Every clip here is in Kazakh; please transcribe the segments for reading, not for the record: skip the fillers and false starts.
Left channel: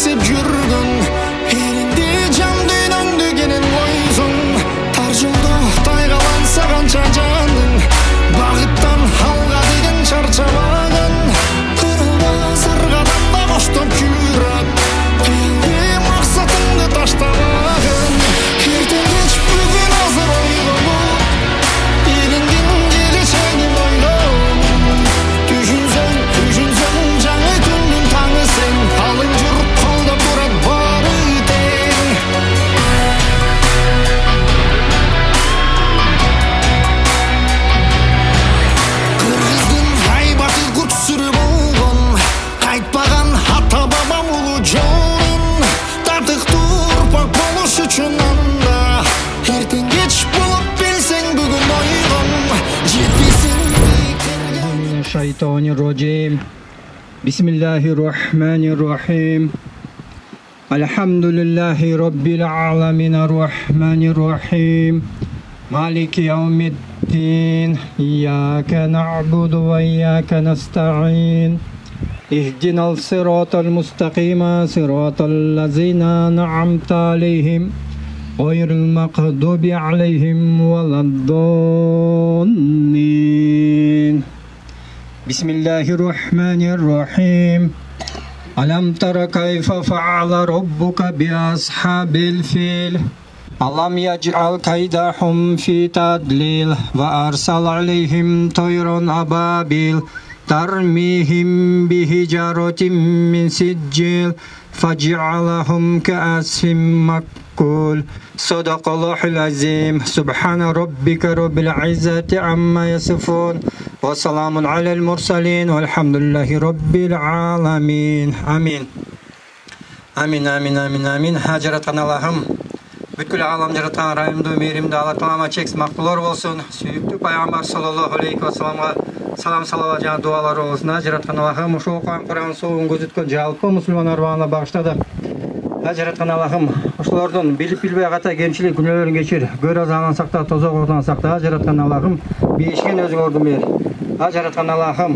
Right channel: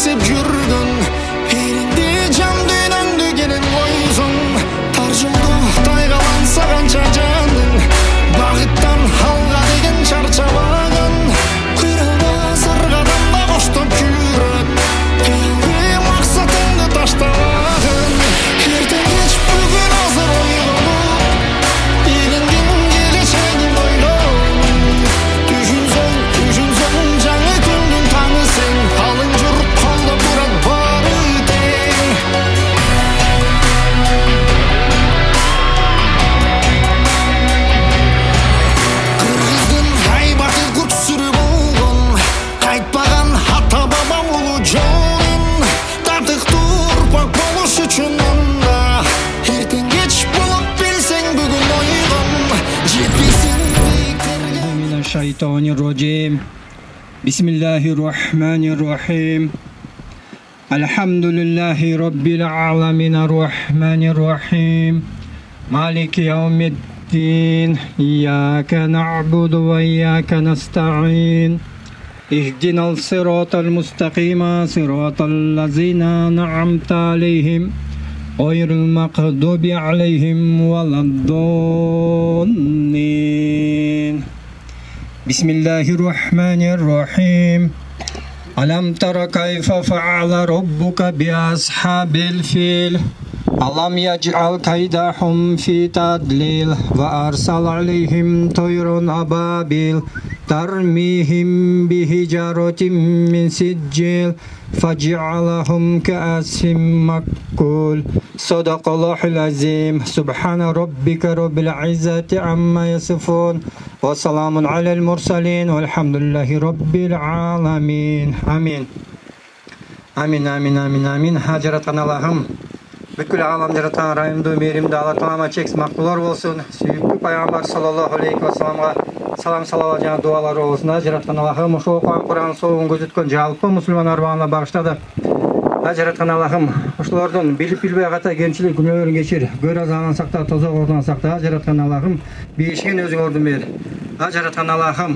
теңсеп жүргөн элиңди жан дүйнөңдү кенен койсоң тар жолдо тайгаланса канча жаның багыттан алга деген чарчабаган кырылбас ар кадамда коштоп жүрөт кыялый максатыңды таштабагын эртең кеч бүгүн азыр ойгонуп илиңдин келечегин ойлоп түшүнсөң жаңы күндүн таңы сен алың журуп колдоп турат баары тең кыргыздын айбаты күрсүрү болгон кайтпаган ата бабам улуу жолун тартыктуу урпак болуш үчүн анда эртең кеч болуп билсең бүгүн ойгон жетпейсиң бииктерге Şeytanirracim. Bismillahirrahmanirrahim. Elhamdülillahi Rabbil alemin. Errahmanirrahim. Maliki yevmiddin. İyyâke na'budu ve iyyâke nesta'in. İhdinal sıratal mustakima. Sıratal lazina na'amta aleyhim. Gayril mağdubi aleyhim veleddallin. Bismillahirrahmanirrahim. Alam tara kayfa fa'ala rabbuka bi ashabil fil. Alam yaj'al kaydahum fi tadlil wa arsal alayhim tayran ababil tarmihim bihijaratin min sijil faj'alahum ka'asfin makul. Sadaqallahul azim. Subhana rabbika rabbil izzati amma yasifun. Ve selamun alel mursalin velhamdülillahi rabbil alamin. Amin. Amin, amin, amin, amin. Ha jaratan Allah'ım. Бүткүл алам жаратқан райымды, мейірімді Алла Тағала чексіз мақтылар болсын. Сүйікті пайғамбар саллаллаху алейхи ва саламға салам салават жаңа дуалары болсын. Жаратқан Аллахым, ошо оқыған Құран соғын көзіткөн жалпы мұсылман арбағына бағыштады. Жаратқан Аллахым, ошолордун билип-билбей ката кемчилик күнөөлөрүн кечир. Көр азабынан сакта, тозок оорунан сакта. Жаратқан Аллахым, бейишкен өзүң ордун бер. Жаратқан Аллахым,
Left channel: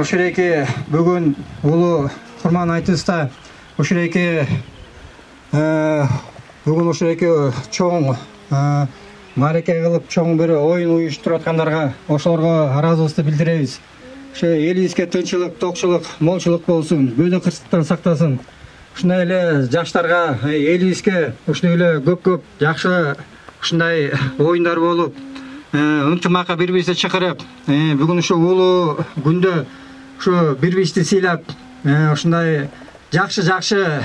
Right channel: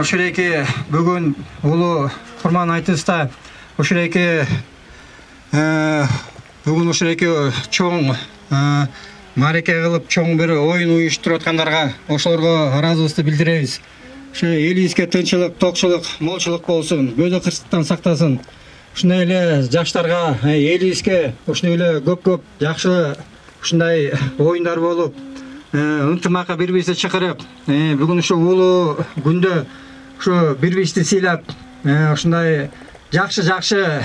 ошолеки бүгүн улуу курман айтыста ошолеки бүгүн ошолеки чоң мареке кылып чоң бир оюн уюштуруп аткандарга ошолорго ыраазыбызды билдиребиз. Ошо элибизге тынчылык, токчулук, молчулук болсун, көзү кырсыктан сактасын. Ушундай эле жаштарга элибизге ушундай эле көп жакшы ушундай оюндар болуп, ынтымакка бири-бирибизди чакырып, бүгүн ушу улуу күндө ушу бири-бирибизди сыйлап, ушундай жакшы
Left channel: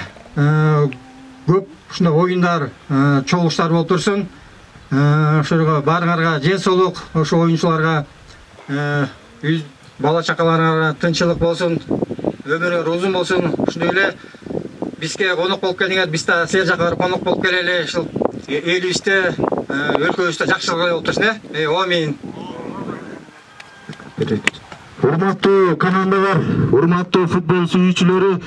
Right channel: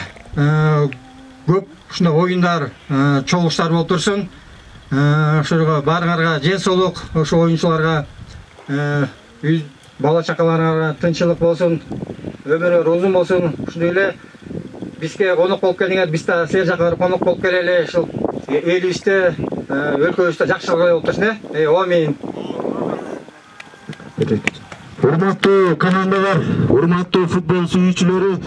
көп ушундай оюндар, чогулуштар болуп турсун. Ошого баарыңарга жен соолук, ошо оюнчуларга бала чакаларга тынчылык болсун, өмүрү узун болсун. Ушундай эле бизге конок болуп келиңер, биз да силер жака барып конок болуп келели. Ушул элибизде, өлкөбүздө жакшылык болуп турсун. Амин. Урматтуу командалар, урматтуу футбол сүйүүчүлөрү,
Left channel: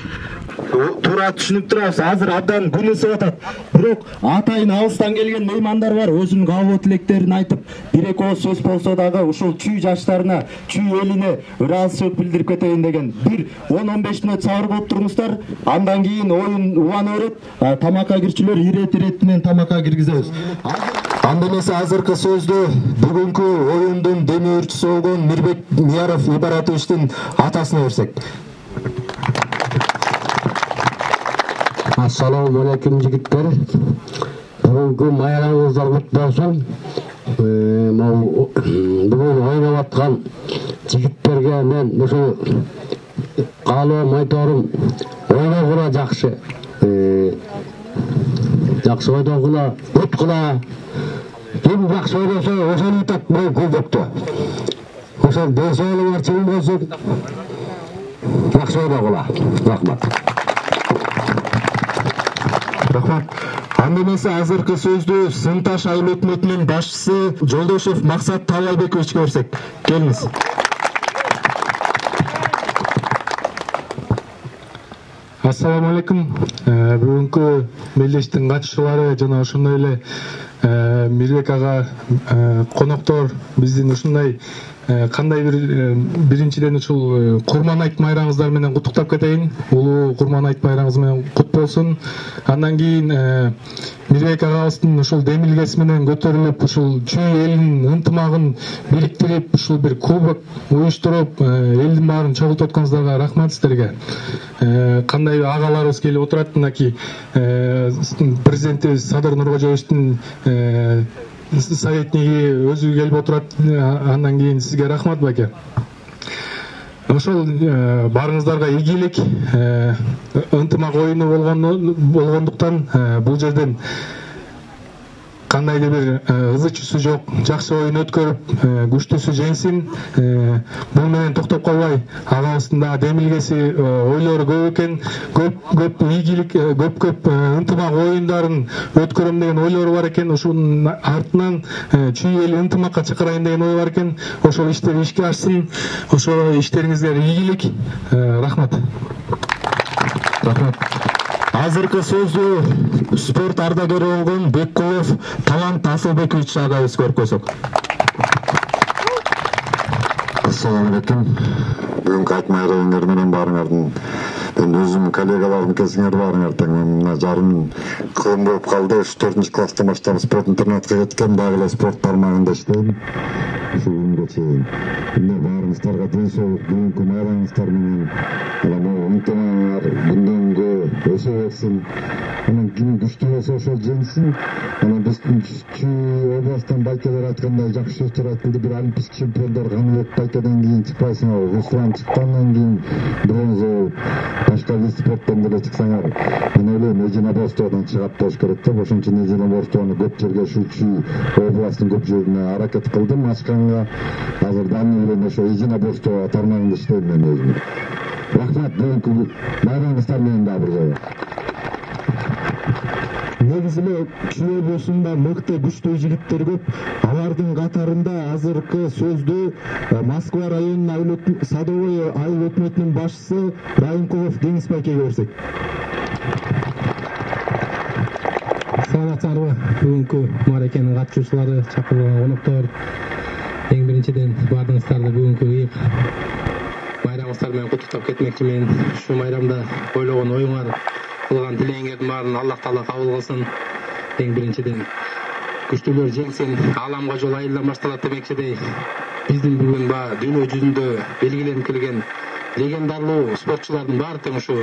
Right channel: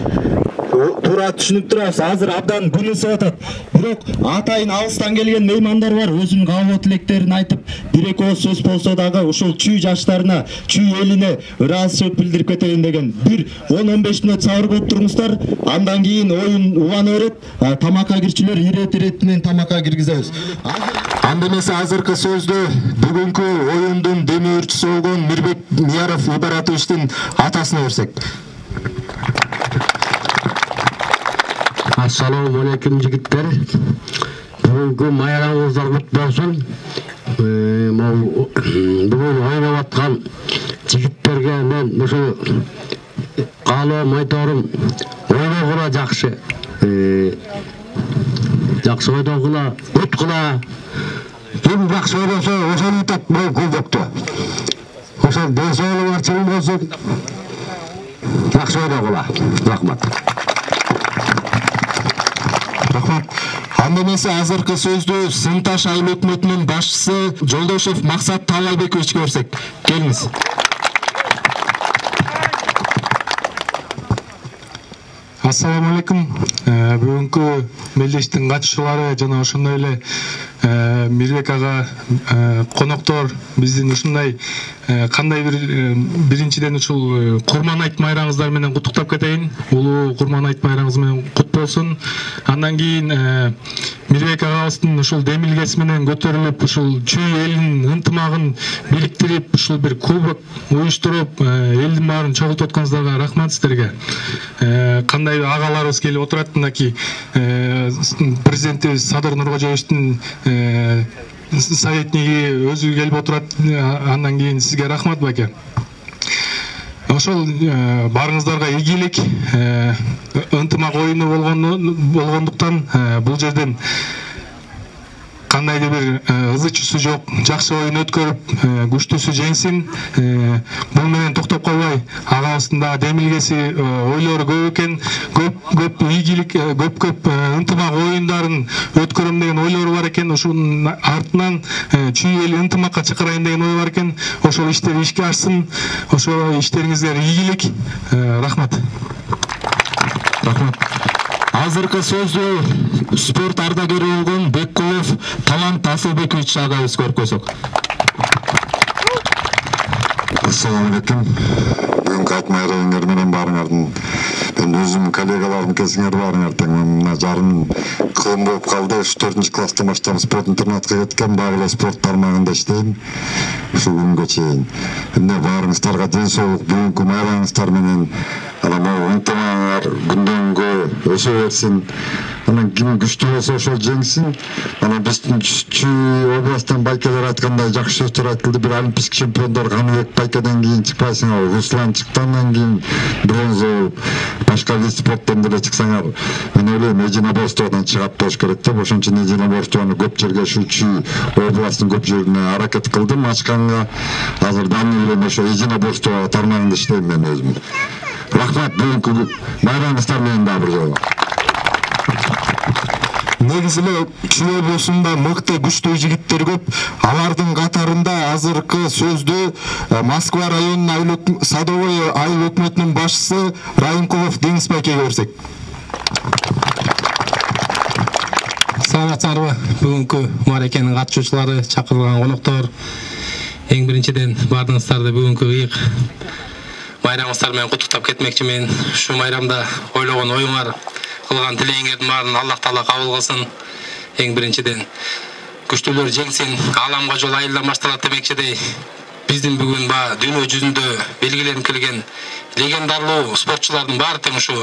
туура түшүнүп турабыз. Азыр абдан күн ысып атат. Бирок атайын алыстан келген меймандар бар. Өзүнүн кабыл тилектерин айтып, бир-эки ооз сөз болсо дагы ушул чүй жаштарына, чүй элине ыраазычылык билдирип кетейин деген. Бир 10-15 мүнөт сабыр болуп туруңуздар. Андан кийин оюн убана берет. Тамакка кирчилер ирет менен тамакка киргизебиз. Анда эмесе азыркы сөздө бүгүнкү оюндун демөөрчүсү болгон Мирбек Мияров Ибаратовичтин атасына берсек. Assalamu alaikum жигиттер. Бүгүнкү майрамыңыздар куттуу болсун. Бүгүн ойноп аткан жигиттерге мен ушул каалоом айторум, ойногула жакшы. Жакшы ойногула, өт кыла. Ким жакшы ойносо ошону утат бул көбөктө. Ошол десоолу бар чын болсун. Жакшы ойногула. Рахмат. Рахмат. Анда эмесе азыркы сөздү Сынташ айыл өкмөтүнүн башчысы Жолдошев Максат Талайбековичке берсек. Келиңиз. Ассаламу алейкум. Бүгүнкү мелдештин катышуулары жана ошондой эле Мирбек ага коноктор биздин ушундай кандай биринчиден ушул Курман айт майрамыңыздар менен куттуктап кетейин. Улуу Курман айт майрамыңыз менен кут болсун. Андан кийин Мирбек агабыздын ушул демилгеси менен көтөрүлүп, ушул чүй элинин ынтымагын бириктирип, ушул бир кубок уюштуруп, элдин баарын чогултуп атканыңыздарга рахмат сиздерге. Кандай агаларыбыз келип отурат, мынакей президентибиз Садыр Нуркожоевичтин советниги өзү келип отурат. Андан кийин сизге рахмат байке. Ошол барыңыздарга ийгилик, ынтымак оюну болгондуктан бул жерден кандайдыр бир ызы-чусу жок, жакшы оюн өткөрүп, күчтүүсү жеңсин. Бул менен токтоп калбай, агабыздын да демилгеси, ойлору көп экен, көп ийгилик, көп ынтымак оюндарын өткөрөм деген ойлору бар экен. Ошонун артынан чүй эл ынтымакка чакырайын деген ой бар экен. Ошол иштер ишке ашсын. Ошол иштериңиздер ийгилик. Рахмат. Рахмат. Азыркы сөздү спорт ардагери болгон Беккулов Талант Асылбекович агабыз көркөзөк. Assalamu alaikum. Бүгүнкү айт майрамыңар менен баарыңардын мен өзүм коллегаларым кезиңер баарыңар тең мына жарым кылым болуп калды. 4 класстан баштап спорт интернатка кеткен, дагы эле спорт тармагында иштейм. Ушул күнгө чейин. Эмне баарыңыздарга ден соолук, бүгүнкү майрамыңыздар менен могу ынтымагыңар күндөн-күнгө өсө берсин. Анан ким күчтүү болсо ошол жеңсин. Анан биздин Чүй областтан байкелер айткандай жакшы сөздөр айтылды. Бир олимпийский чемпиондор Каныбек байкеден кийин чыкпайсыңар, Руслан чыккандан кийин бронза, башка вид спорттон деле чыксаңар. Мен ойлойм единоборстводон чыгат болуш керек деп, ошон үчүн единоборствону көп жерге ушу Чүй областтын көп жерине аракет кылдым. Ачканга азыр дамыл менен ошо единоборство тармагында иштейм мен өзүм. Рахмат, бүгүнкү майрамыңыздар менен дагы бир жолу. Негизи эле Чүй облусунда мыкты күчтүү жигиттер көп. Алардын катарында азыркы сөздү Москва районунун Садовой айыл өкмөтүнүн башчысы Райымкулов Деңиз байкеге берсек. Саламатсыздарбы? Бүгүнкү мааракенин катышуучулары, чакырылган коноктор, эң биринчиден баардыгыңыздарды бүгүнкү ыйык майрамыңыздар менен куттуктап кетмекчимин. Ушу майрамда ойлогон оюңар, кылган тилегиңердин баарын Аллах Таала кабыл кылсын. Эң биринчиден күчтүүлөр жеңсин, ааламга жол айылдан башталат демекчидей. Биздин бүгүн дүйнө жүзүндө белгиленип келген легендарлуу спортчулардын баары тең ушу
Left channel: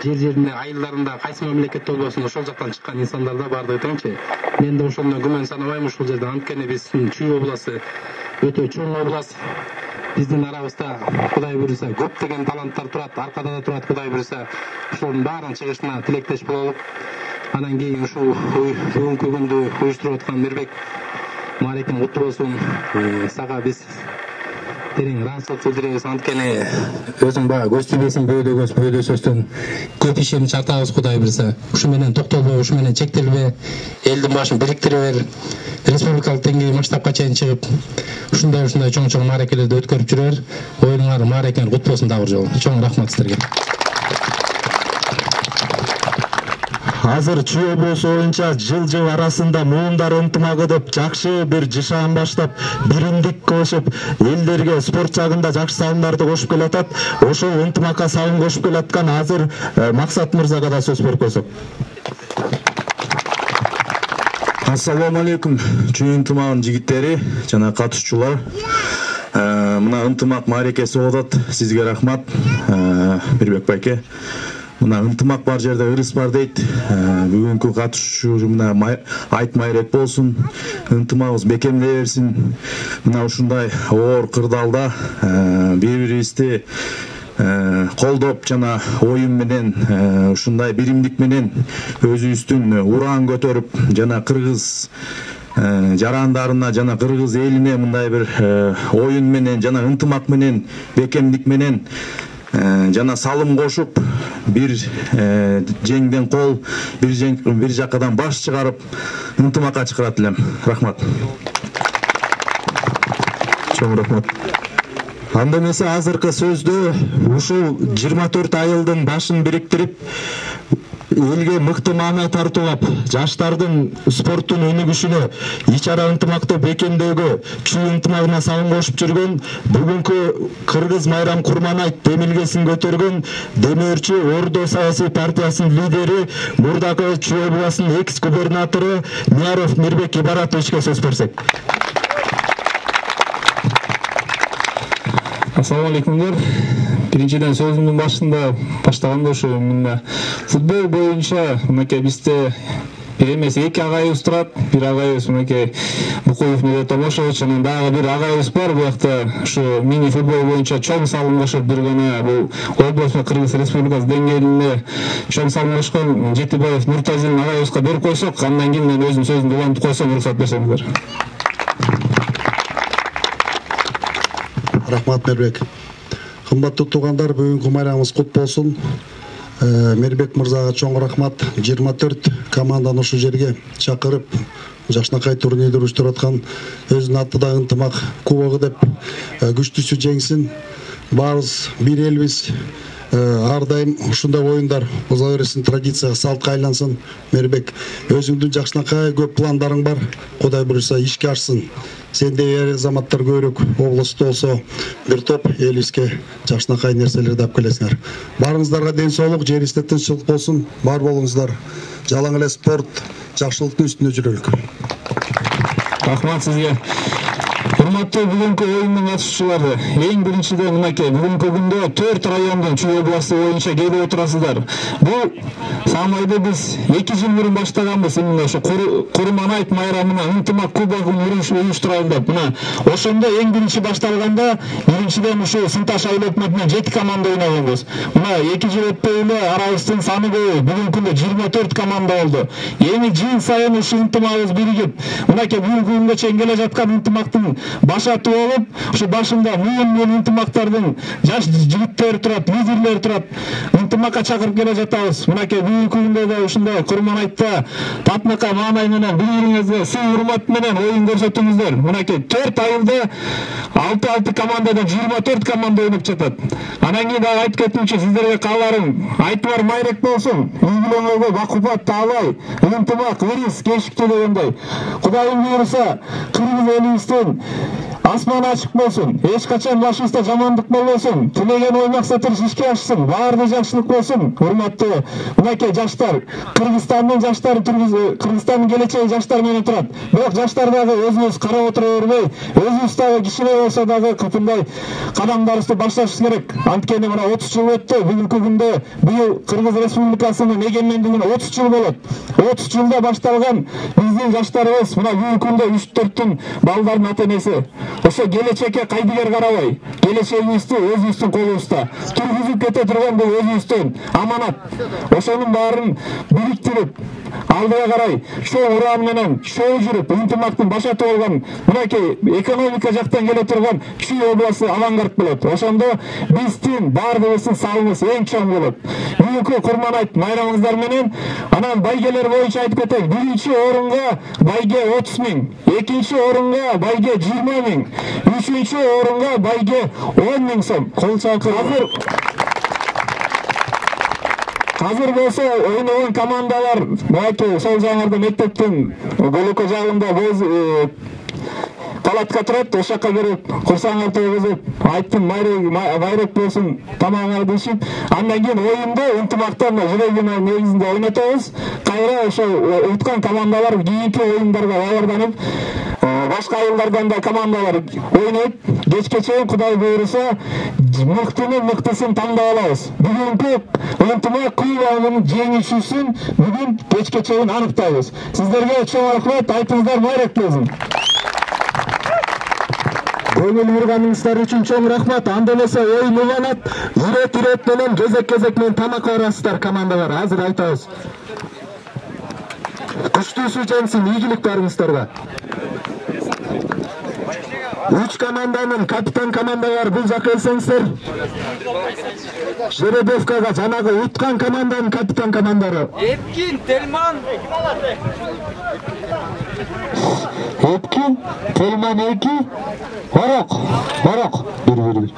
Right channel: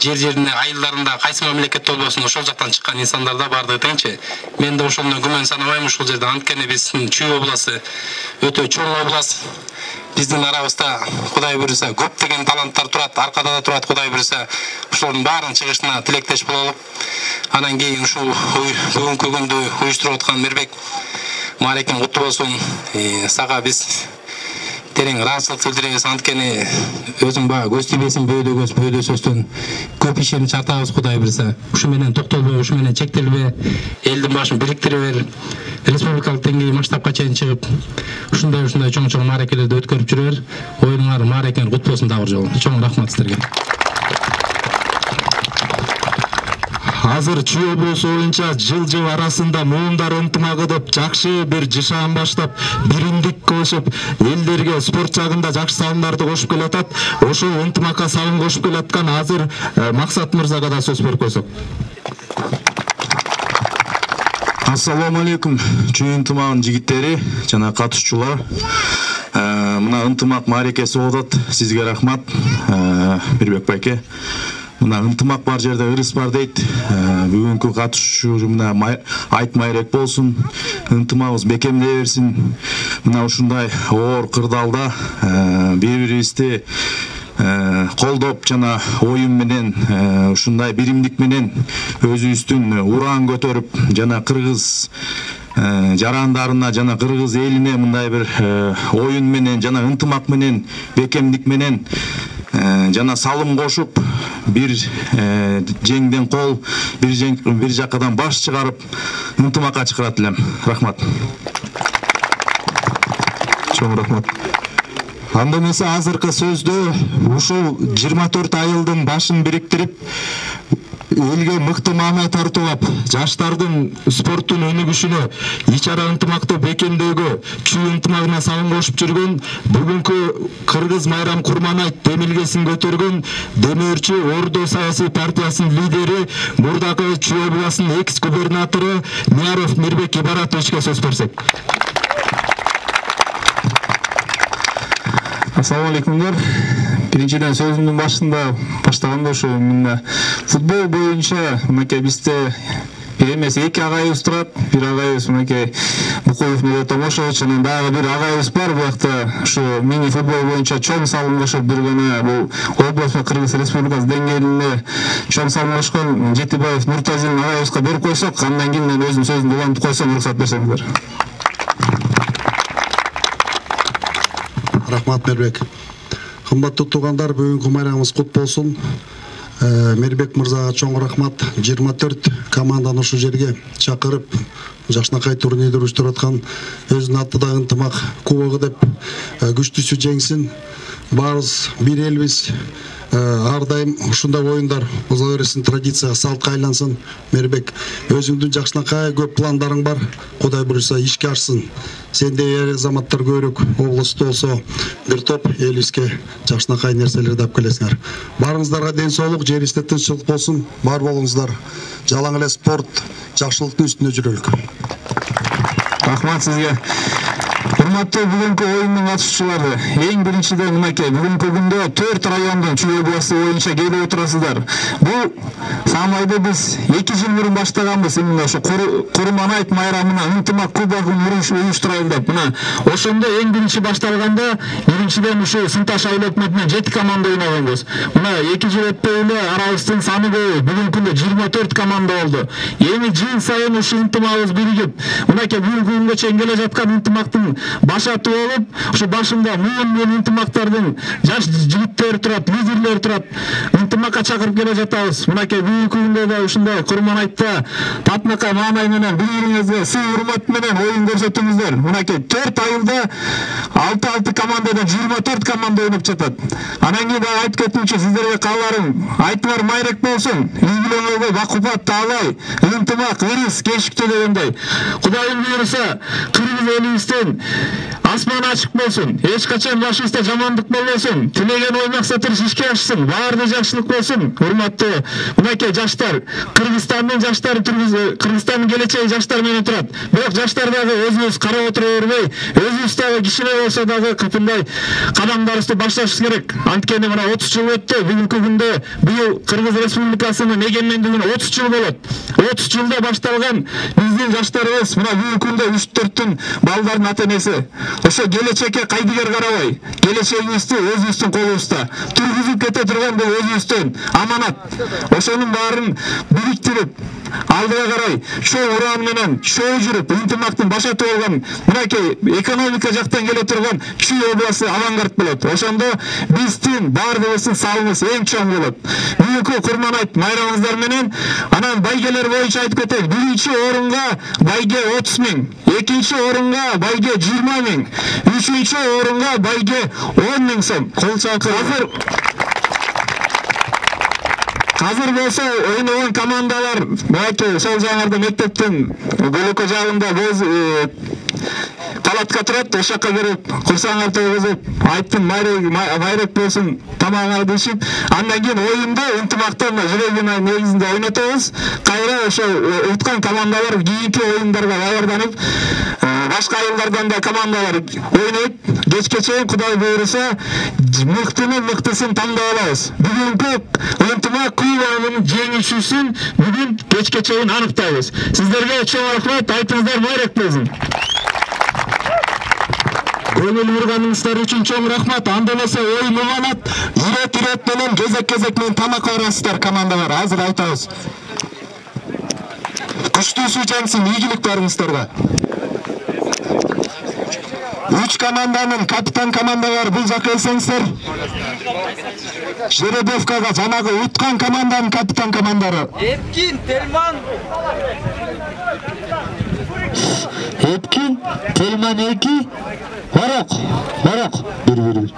жер-жерине, айылдарында кайсы мамлекетте болбосун ошол жактан чыккан инсандарда баардыгы теңчи. Мен да ошондон күмөн санабайм ушул жерде. Анткени биздин Чүй областы өтө чоң область. Биздин арабызда Кудай буйруса көптөгөн таланттар турат, аркада да турат. Кудай буйруса ушулардын баарын чыгышына тилектеш бололук. Анан кийин ушул бүгүнкү күндү уюштуруп аткан Мирбек маарекен куттуу болсун. Сага биз терең ыраазычылык билдиребиз. Анткени өзүң көз тийбесин, бөөдө көз, бөөдө сөздөн көп ишин чартабыз. Кудай буйруса ушу менен токтолбой, ушу менен чектелбей, элдин башын бириктире бер. Республикалык деңгээлде масштабка чейин чыгып, ушундай чоң мааракелерди өткөрүп жүрөр. Оюңар, мааракеңер кут болсун дагы бир жолу. Чоң рахмат сиздерге. Азыр Чүй облусу боюнча жыл арасында муундар ынтымагы деп жакшы бир жашаан баштап, биримдик кылышып, элдерге спорт жагында жакшы салымдарды кошуп келатат. Ошол ынтымакка салым кошуп келаткан азыр Максат мырзага да сөз беркөзөк. Ассаламу алейкум, Чүй ынтымагынын жигиттери жана катышуучулар. Мына ынтымак мааракеси болуп атат. Сизге рахмат, Мирбек байке. Мына ынтымак бар жерде ырыс бар дейт. Бүгүнкү катышуучу мына айт майрек болсун, ынтымагыбыз бекемдей берсин. Мына ушундай оор кырдаалда бири-бирибизди колдоп жана оюн менен, ушундай биримдик менен өзүбүздүн ураан көтөрүп, жана кыргыз жарандарына жана кыргыз элине мындай бир оюн менен жана ынтымак менен, бекемдик менен жана салым кошуп, бир жеңден кол, бир жакадан баш чыгарып, ынтымакка чакырат элем. Рахмат. Чоң рахмат. Анда эмесе азыркы сөздө ушул 24 айылдын башын бириктирип, элге мыкты маана тартуулап, жаштардын спорттун өнүгүшүнө ич ара ынтымакты бекемдөөгө чүй ынтымагына салым кошуп жүргөн бүгүнкү Кыргыз Майрам Курманайт демилгесин көтөргөн Демирчи Ордо саясий партиясынын лидери, мурдакы Чүй областынын экс-губернатору Мияров Мирбек Ибаратовичке сөз берсек. Ассаламу алейкумдар. Биринчиден сөзүмдүн башында баштаганда ушу футбол боюнча мынакей бизде бир эмес эки агайыбыз турат. Бир агайыбыз мынакей Букуев Медет Томошович, анан дагы бир агайыбыз бар. Буякта ушу мини футбол боюнча чоң салым кошуп жүргөнү бул областка Кыргыз Республикасы деңгээлинде чоң салым кошкон Жетибаев Нуртазин агайыбызга берип койсок, андан кийин мен өзүм сөзүмдү улантып койсом, уруксат берсеңиздер. Рахмат, Мирбек. Кымбаттуу туугандар, бүгүнкү майрамыбыз кут болсун. Мирбек мырзага чоң рахмат. 24 команданы ушу жерге чакырып, жакшынакай турнирди уюштуруп аткан өзүнүн атында ынтымак кубогу деп күчтүүсү жеңсин. Баарыбыз бир элбиз. Ар дайым ушундай оюндар оза берсин, традицияга, салтка айлансын. Мирбек, өзүңдүн жакшынакай көп пландарың бар. Кудай буюрса ишке ашсын. Сендей эр азаматтар көбүрөөк областта болсо, бир топ элибизге жакшынакай нерселерди алып келесиңер. Баарыңыздарга ден соолук, жерибизде тынччылык болсун. Бар болуңуздар. Жалаң эле спорт, жакшылыктын үстүндө жүрөлүк. Рахмат сизге. Урматтуу бүгүнкү оюндун катышуучулары, эң биринчиден мынакей бүгүнкү күндө 4 райондон Чүй областы боюнча келип отурасыздар. Бул самайды биз 2 жыл мурун баштаганбыз. Мына ошо Курманайт майрамына ынтымак кубогун уюштуралы деп. Мына ошондо эң биринчи башталганда биринчиден ушу Сынташ айыл өкмөтүнөн 7 команда ойногонбуз. Мына 2 жыл өтпөй эле арабыздын саны көбөйүп, бүгүнкү күндө 24 команда болду. Эми жыл сайын ушу ынтымагыбыз биригип, мынакей бүгүнкү күнгө чейин келе жаткан ынтымактын башаты болуп, ушу башында муун ынтымактардын жаш жигиттер турат, лидерлер турат. Ынтымакка чакырып келе жатабыз. Мынакей бүгүнкү күндө да ушундай Курманайтта татынакай маанай менен бири-бириңизге сый урмат менен оюн көрсөтүңүздөр. Мынакей 4 айылда 6 командадан 24 команда ойноп жатат. Анан кийин дагы айтып кетимчи, сиздерге кааларым, айтыңар майрек болсун. Ийгилеңерге бакубат, таалай, ынтымак, ырыс, кечиктүү дегендей. Кудайым буйруса, Кыргыз элибизден асман ачык болсун, эч качан башыбызда жамандык болбосун, тилеген ой максаттар ишке ашсын, баарды жакшылык болсун. Урматтуу мынакей жаштар, Кыргызстандын жаштары, Кыргызстандын келечеги жаштар менен турат. Бирок жаштар дагы өзүбүз карап отура бербей, өзүбүз дагы кичине болсо дагы кыпындай кадамдарыбызды башташыбыз керек. Анткени мына 30 жыл өттү, бүгүнкү күндө быйыл Кыргыз Республикасынын эгемендигине 30 жыл болот. 30 жылда башталган биздин жаштарыбыз мына бүгүнкү күндө 3-4 балдардын ата-энеси. Ошо келечекке кайдыгер карабай, келечегибизди өзүбүздүн колубузда. Тургузуп кете турган бул өзүбүздүн аманат. Ошонун баарын бириктирип, алдыга карай чоң уран менен чоң жүрүп, ынтымактын башаты болгон мынакей экономика жактан келе турган Чүй областы авангард болот. Ошондо биздин баардыгыбыздын салымыбыз эң чоң болот. Бүгүнкү Курманайт майрамыңыздар менен анан байгелер боюнча айтып кетет. Биринчи орунга байге 30 000, экинчи орунга байге 20 000, үчүнчү орунга байге 10 000 сом. Кол чакыр. Азыр болсо ойногон командалар мынакей сол жаңырда мектептин бөлөкө жагында палатка турат, ошакка берип курсаңар тогузуп, айттым майрек болсун, тамагыңарды ичип, андан кийин оюнду ынтымактан жүрөгүнүн негизинде ойнотобуз. Кайра ошо уткан командалар кийинки оюндарга даярданып, башка айылдардан да командалар ойнойт. Кечке чейин Кудай буйруса мыктысын тандап алабыз. Бүгүнкү ынтымак кубогунун жеңүүчүсүн бүгүн кечке чейин аныктайбыз. Сиздерге чоң рахмат, айтыңыздар майрек болсун. Көңүл бурганыңыздар үчүн чоң рахмат. Анда эмесе оюн уланат. Ирет менен кезек менен тамак барасыздар командалар. Азыр айтабыз. Күчтүүсү жеңсин, ийгилик барыңыздарга. 3 команданын капитан командалар бул жака келсеңиздер. Жеребевкага жанагы уткан команданын капитан командары. Эпкин, Телман. Эпкин, Телман 2, Барок. Бир.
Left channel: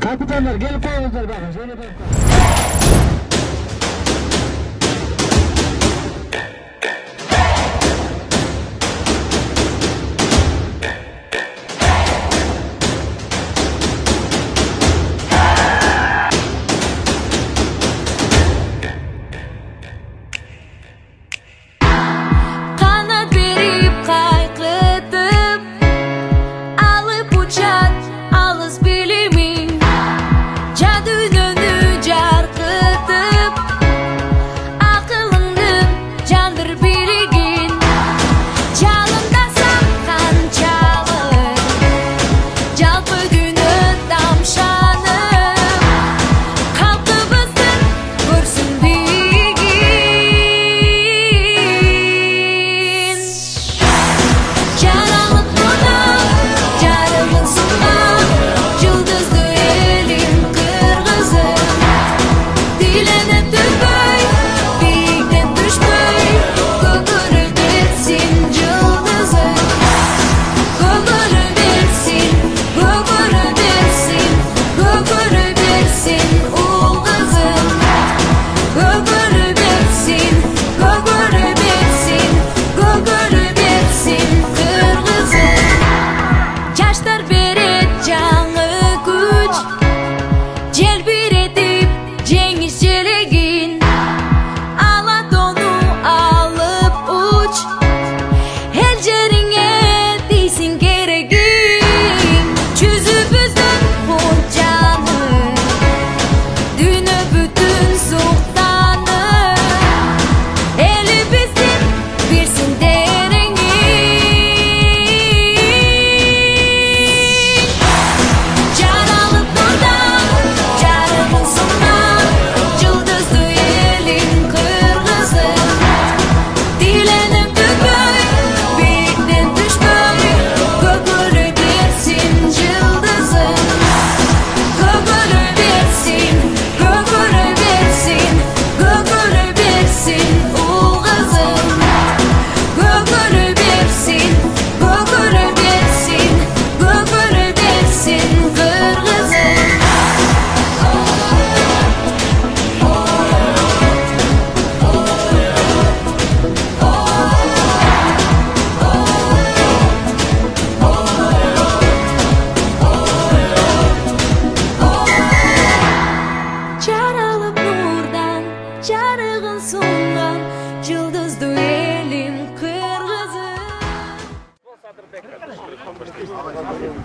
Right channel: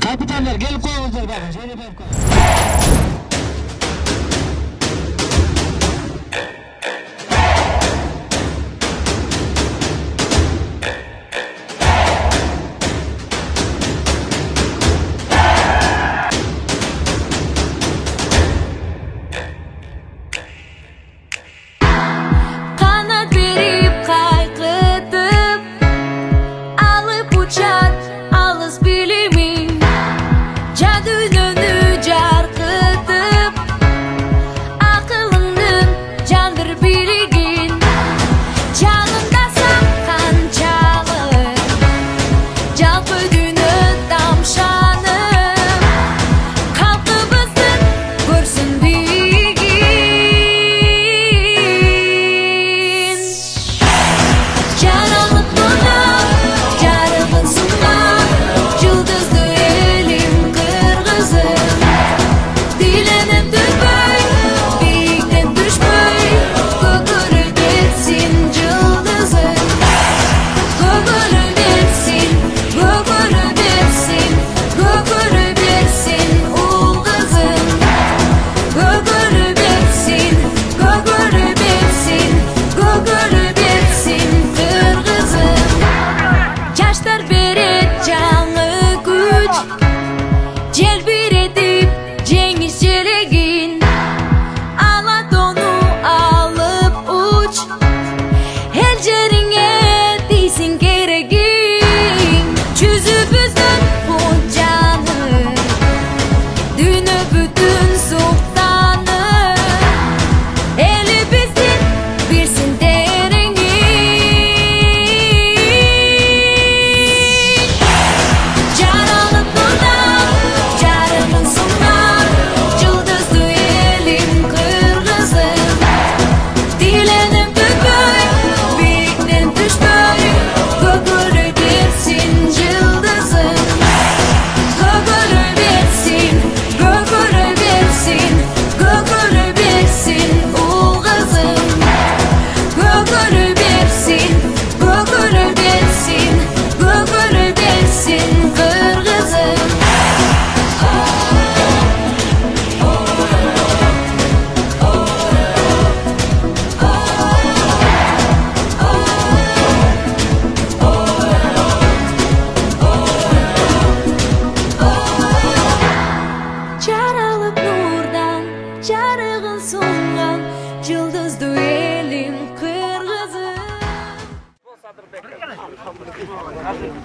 Капитандар келип коюңуздар багы.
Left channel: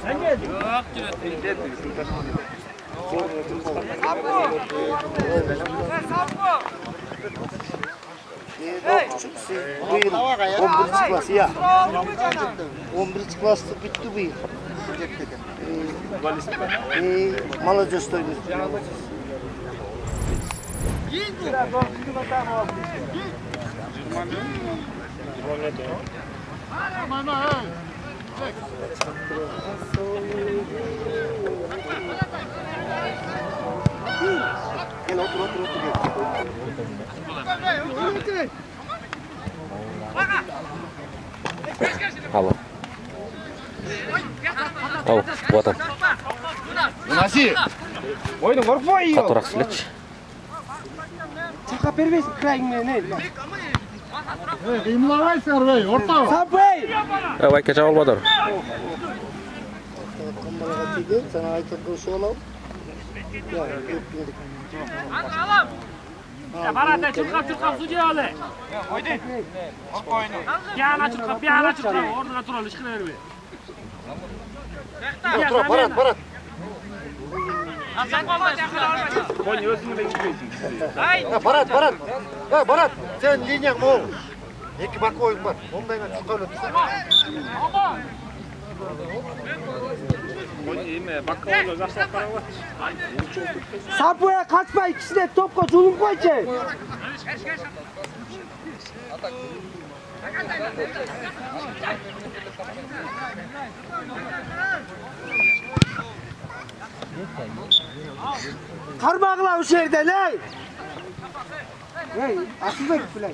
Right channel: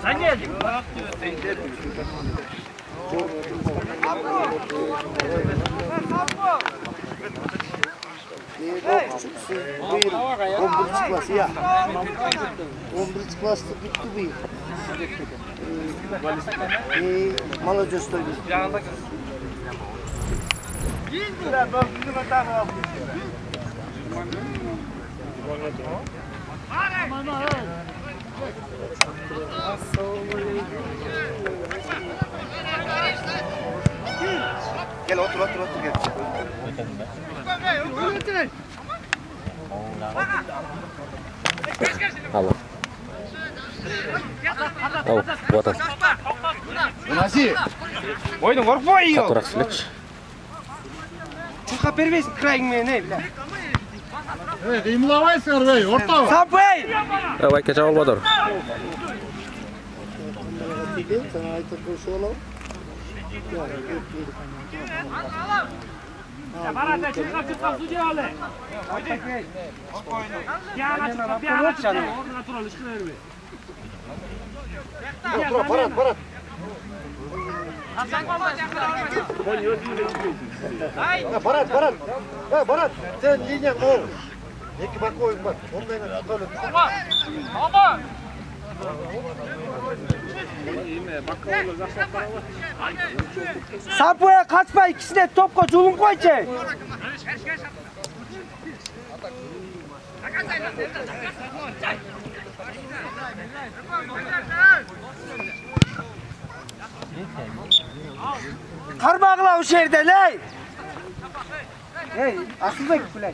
Sen geldin. Bu yıl 11. klas ya. 11. klasta bitti bu yıl. Молодежь Gel otur gel. Алло. Ау, вот он. Наси. Ойдың қорқпай үй. Қатырақ сөйлетші. Чуқа бербейсің крайыңмен, Қимылабайсыңдар бей, ортау. Сапай! Байке жауыл бадыр. Sana ayta koşu olalım. Barata çıkıp su diyorlar. Oydu. Bir ana çıkıp orada duralım çıkıyor be. Otur Barat. Barat. Barat, sen linyan mı oğlum? İki bak oyun var. Ondan çıkalım. Baba. Sapoya kaçma, ikisine topla culum koyacak. Karmağla o şehirde ne? Hey, aslında gittiler.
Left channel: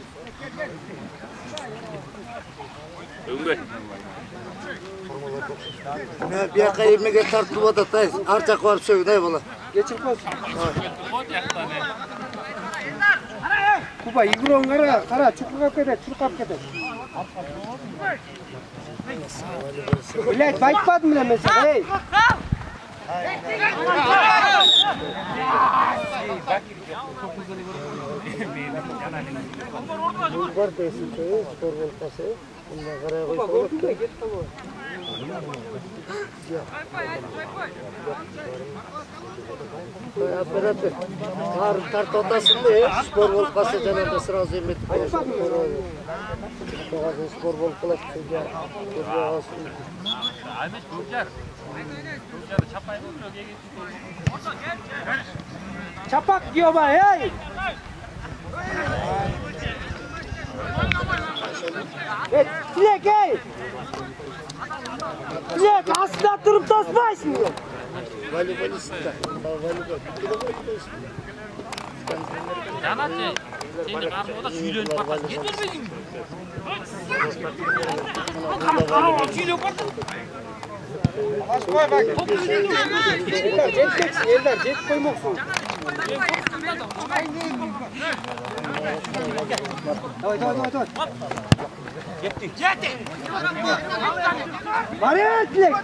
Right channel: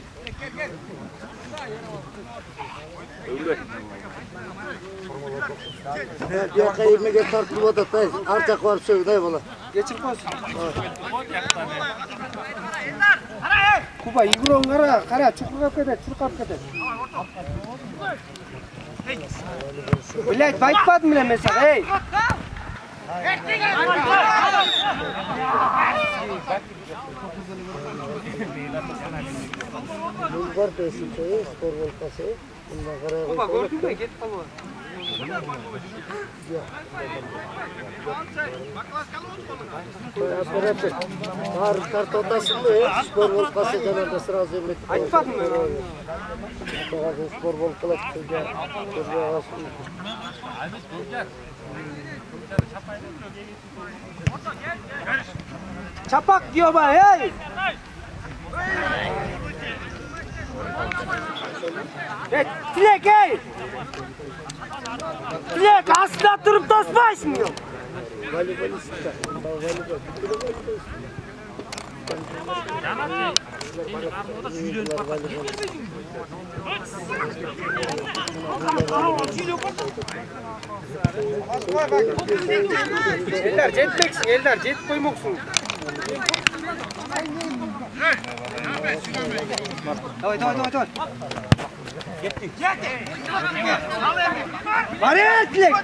Bir yaka 20'ye tartılıp atatayız. Arcak var söyle ne bala. Geçin koysun. Kuba yigron kara çukur keder, çurkap keder. Bilet baytmadı mı mesela hey? Bulgar desite spor volkası. Bundan karaya koyup Beraber. Var kart odasında spor volkası genelde sırası emrettik. Ayıpmadın mı? Spor volkası çocuğa. Çapak diyor bana hey! Dilek hey! Dilek aslında durup tosmayısın diyor. Voleybolista. Canat şimdi o da sürüyor bak. Elder jet koymuşsun. Давай. Баретлик!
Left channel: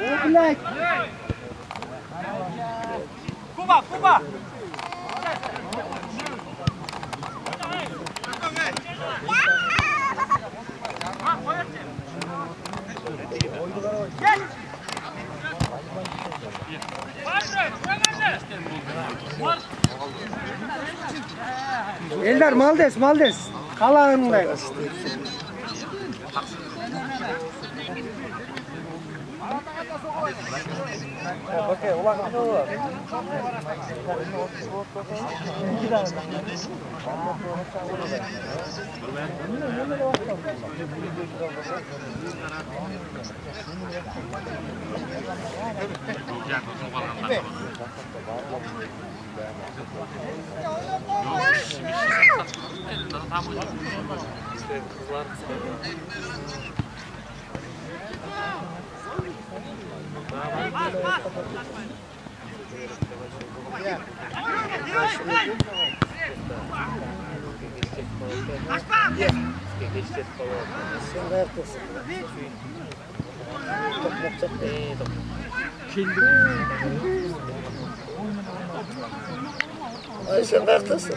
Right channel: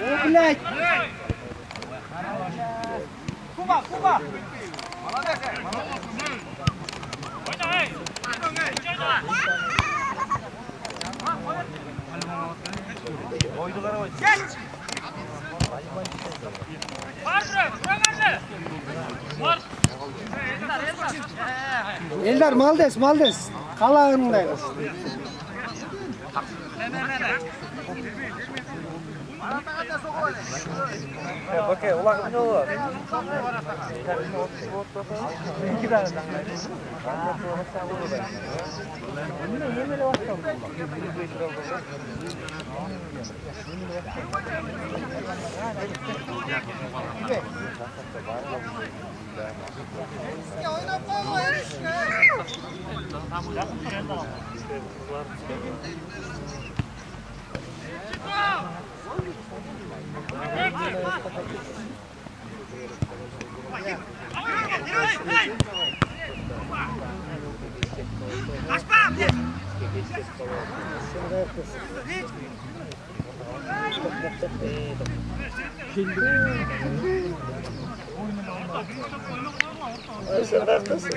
О, блядь! Kuba! Eldar Maldes. Kalağındayız. Okey, ulan ne olur? Sen de haklısın.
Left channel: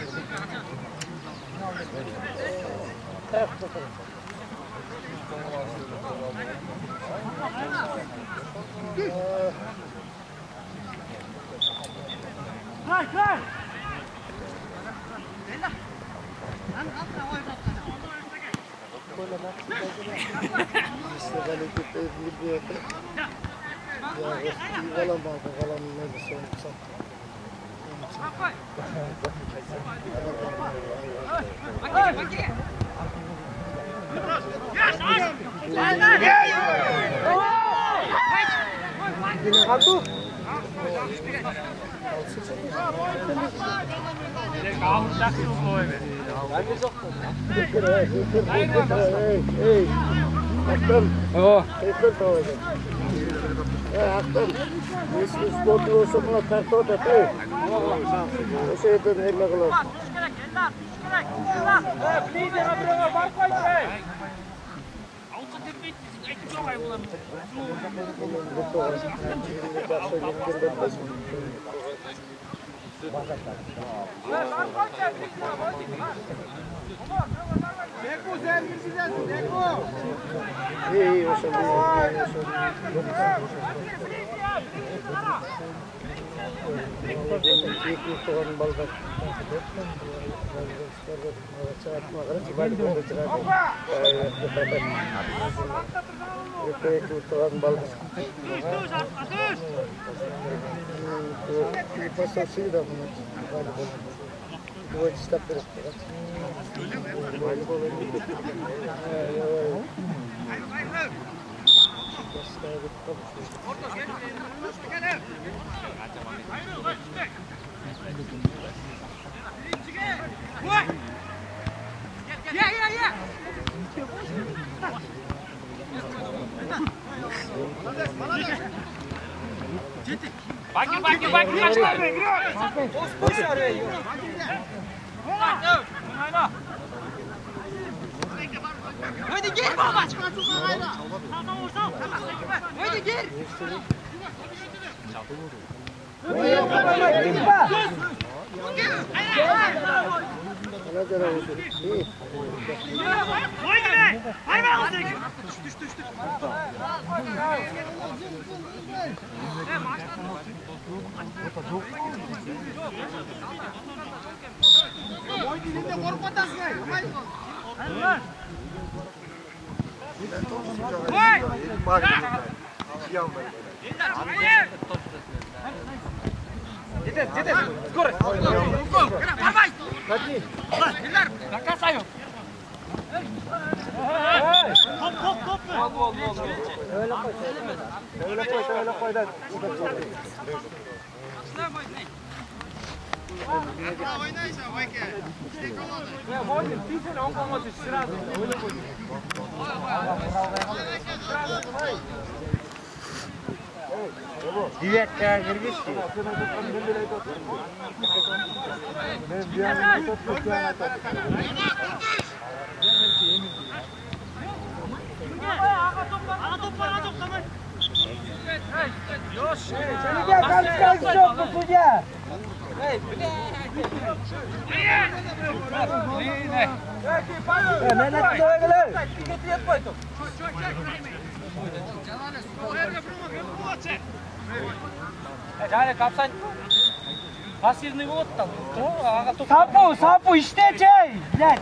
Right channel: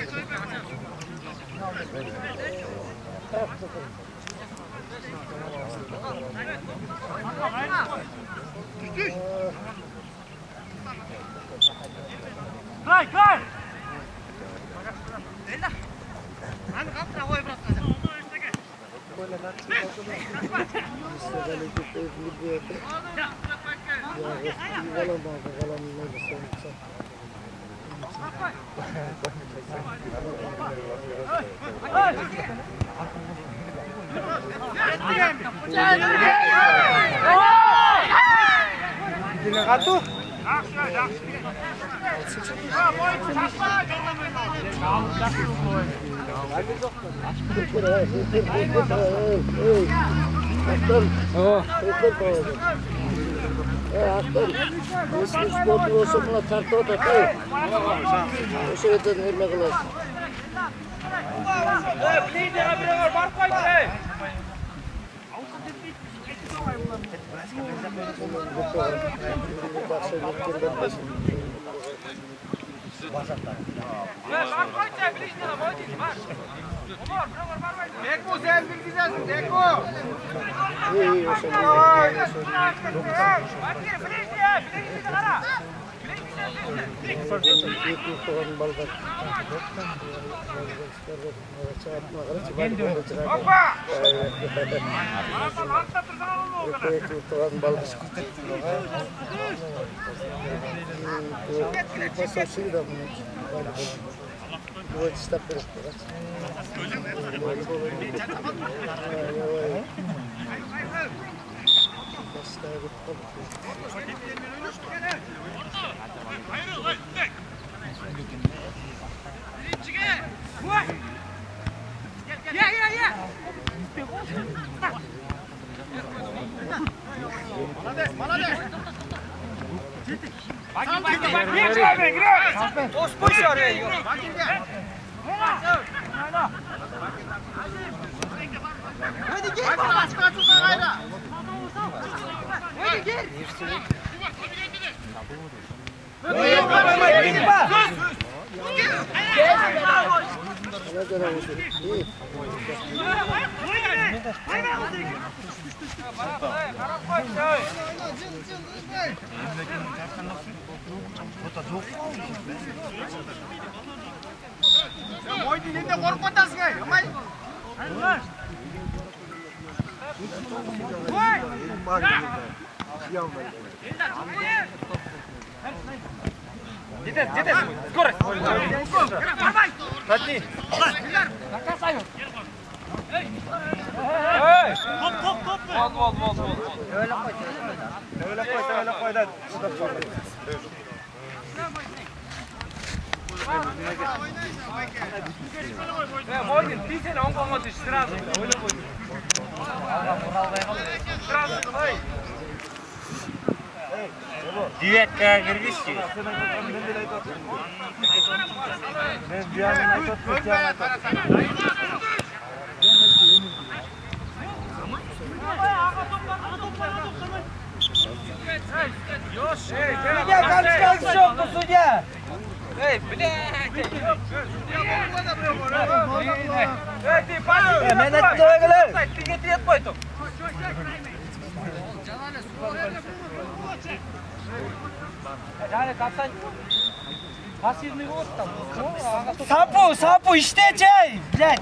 Сапу, иштечей, блядь.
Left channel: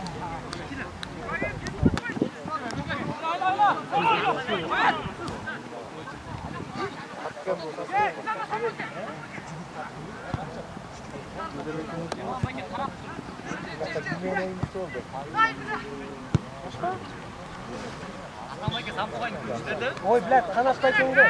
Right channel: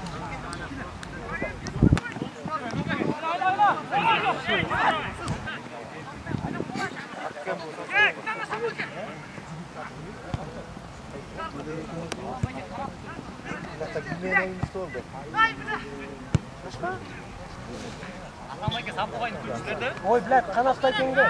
Ой, блядь, қанаттай кеңді.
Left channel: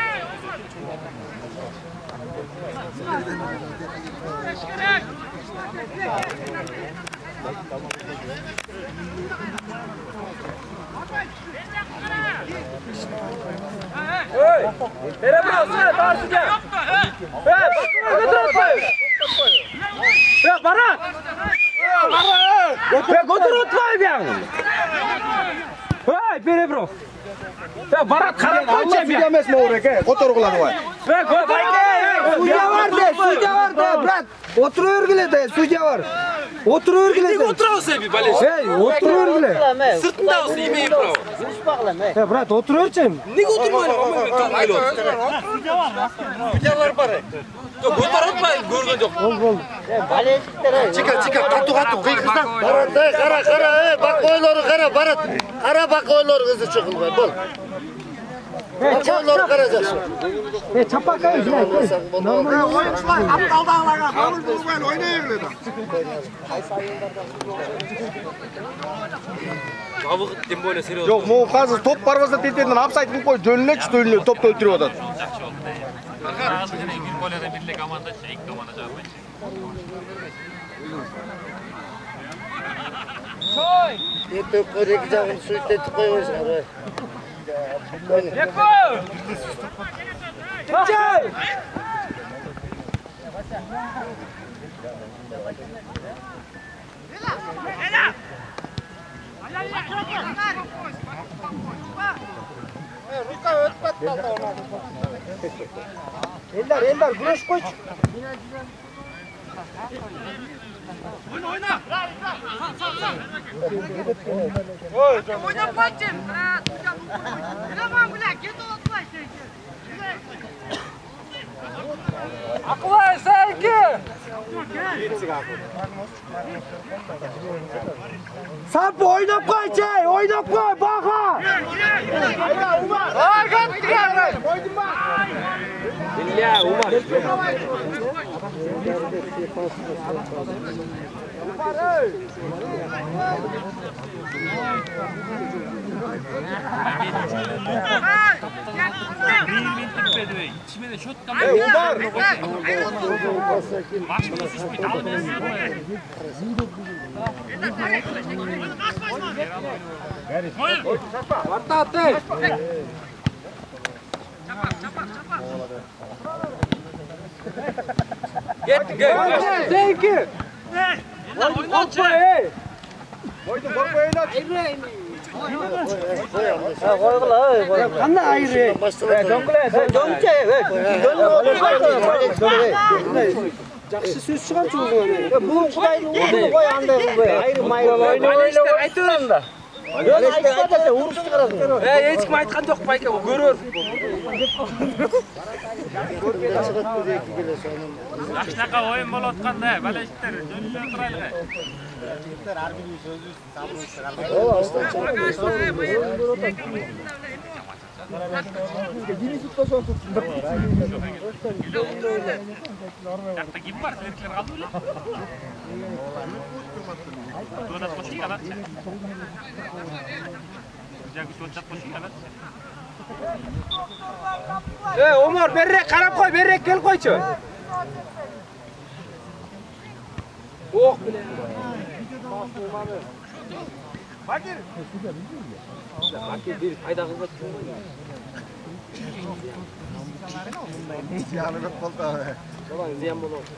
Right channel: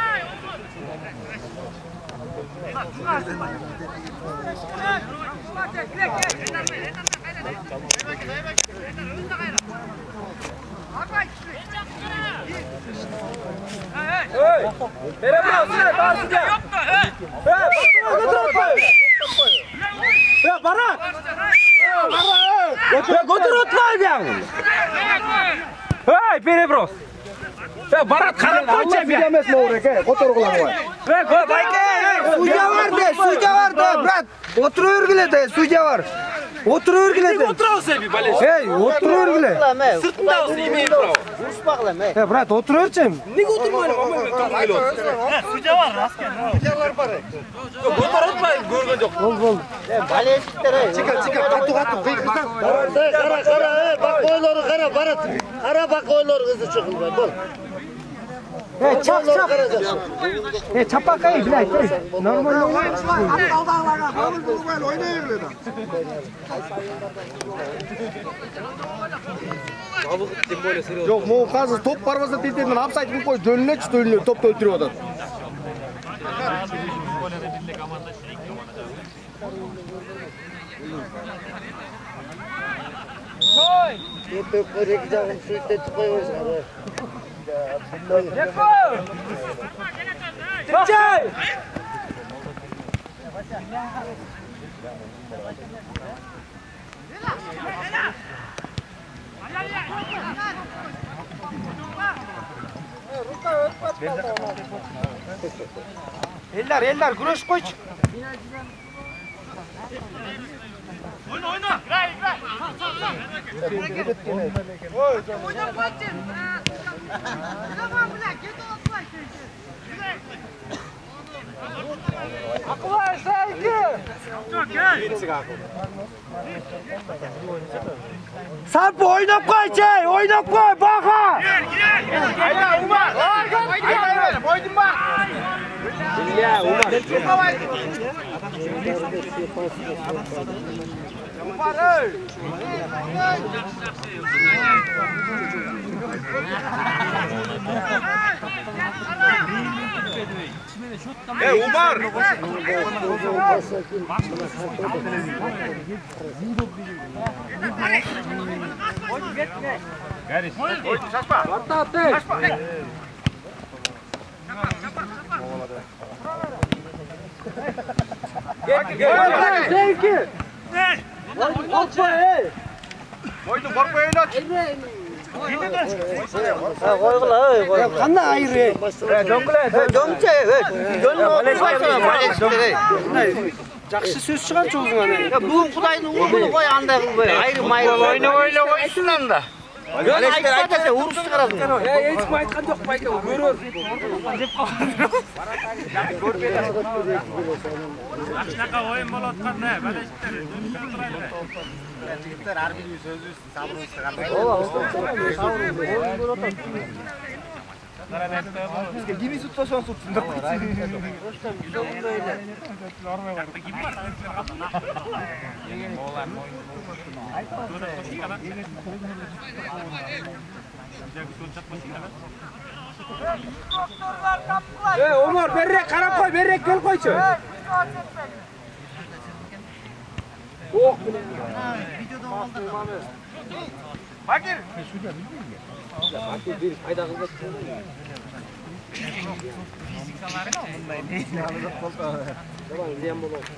Переброс. Барат қарап қойшы бе. Отыр құлағы бар. Судья бар, брат. Отыру өргіледі, судья бар. Oturuvergile. Nega o'tirasan bir balash? Hey, oturuvergile. Sirtda o'zi yemeği bravo. Hey, brat, oturuverchi. Nega o'tirmayman? Videolar bor. Yo'q, o'tiribman, ko'rgan yo'q. Bo'ldi. Baleshiklar. Chika, qatu, qiyg'izdan. Qara, bakoylari qara, barat. Qara bakoylari qizni chiqilmay, bo'l. Hey, çap. Hey, çapakay, bilay. Normal. Aptaldağlarga qabul bo'lmaydi, o'ynayveradi. Yo'q, bu hozir top parvozda tez-tezdan offside qilib qo'y, jo'nlech to'yni topda o'tiryapti. Koy! To'p qo'yib jag'ini suitetib qo'yasiz, qarang. Leko! Jay! Eller, güreş qo'ychi. Oyna. Oyna bacım. Tamam bırak, git otur. Akıllı sevgi. Sen bu oynap qo'ychi, oynap qo'y, baqa. Ya, Umar. Umar. Sevgi. Qanday ayri? Yaxshi so'z chiqarchi o'zingga. Bu Xudoyning o'g'li qo'y anda bu ayri-mayri. O'yna aytdimda. Yo'q, aytsa urib chiqaradi. Hech kim aytgan yo'q, bayka ko'rur. Shunaqa o'yin bo'layotganda, balashlar o'tiradi. Harbiyning so'zi sabr Bizga gimiz tutsasan tutsin deb. Ey, Umar, berrek qarab qo'y, berrek kel qo'ychi. O'q bilan. Fakir. Fakir bir qayda qilmoqchi. Yalnız qoldi. Tamam, ziyan bo'ladi.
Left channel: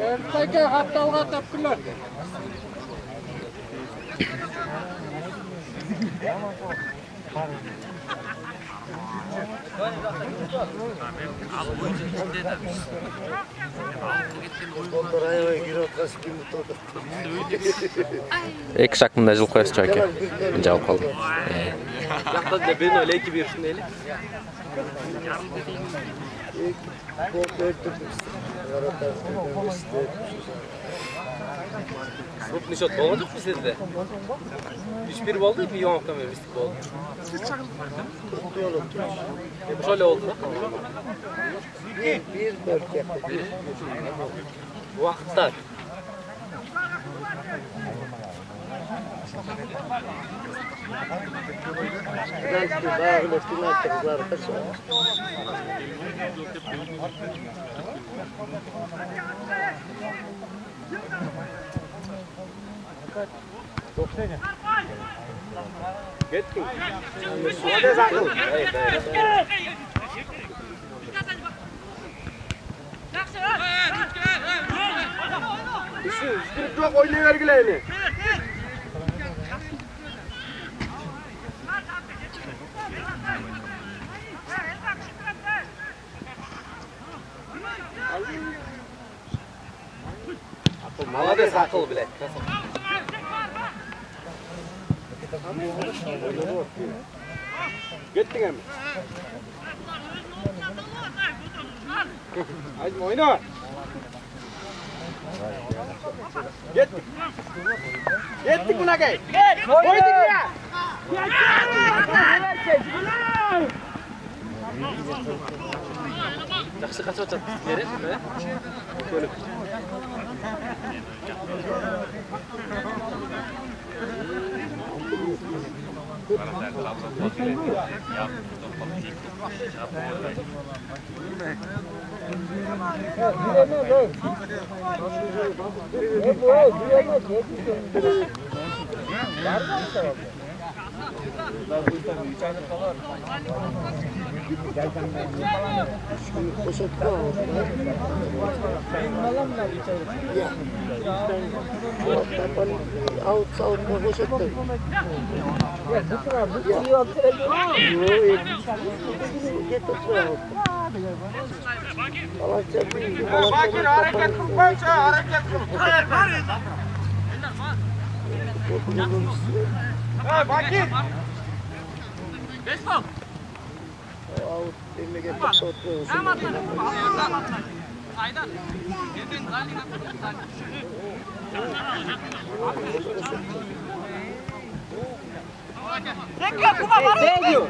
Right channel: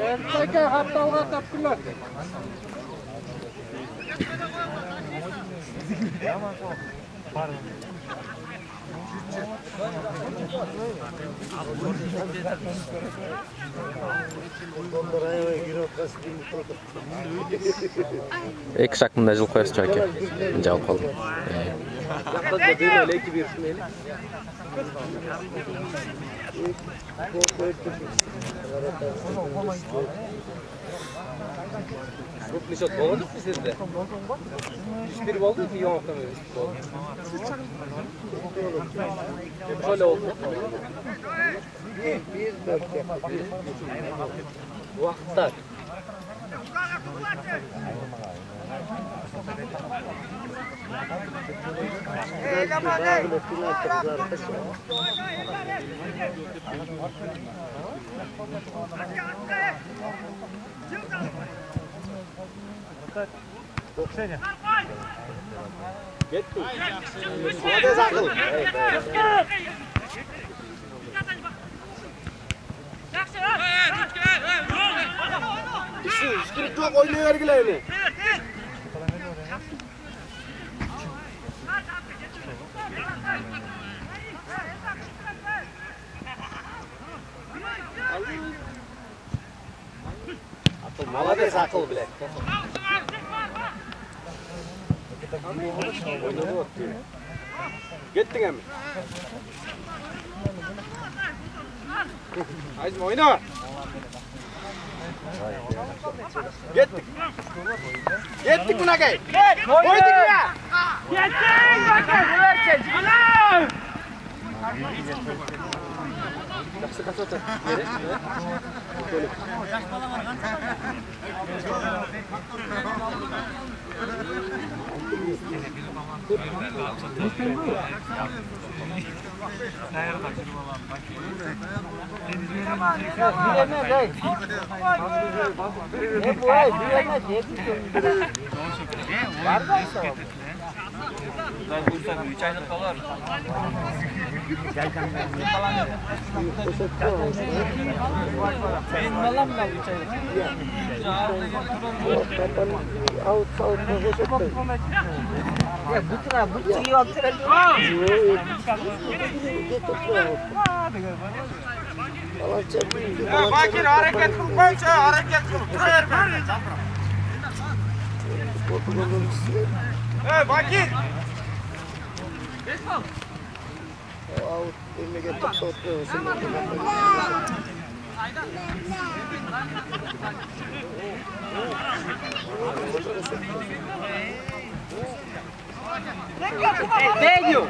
Ertaga haftalga topdilar. Ek şaklında jıl koyası çöke. Cevap aldım. Yaxda da bir öyle iki bir şuneli. Bu nişot olacak mı sizde? Hiçbir oldu mu? Yok da mı oldu? Şöyle oldu. Vakitler. Ketdik. Молодец, Ақыл. Işkirip жоқ, ойнай бергіле ені. Ақыл, молодец, Ақыл, блядь. Kеттің әмі. Айзым, ойна. Kеттік. Kеттік мұнакай. Ойдың я. Жақсы қачы отыр. Bakir hareket kılıp koysa hareket kılıp durar bari. Hey Bakir. Out eline getirip topluyorsun. Değiyor.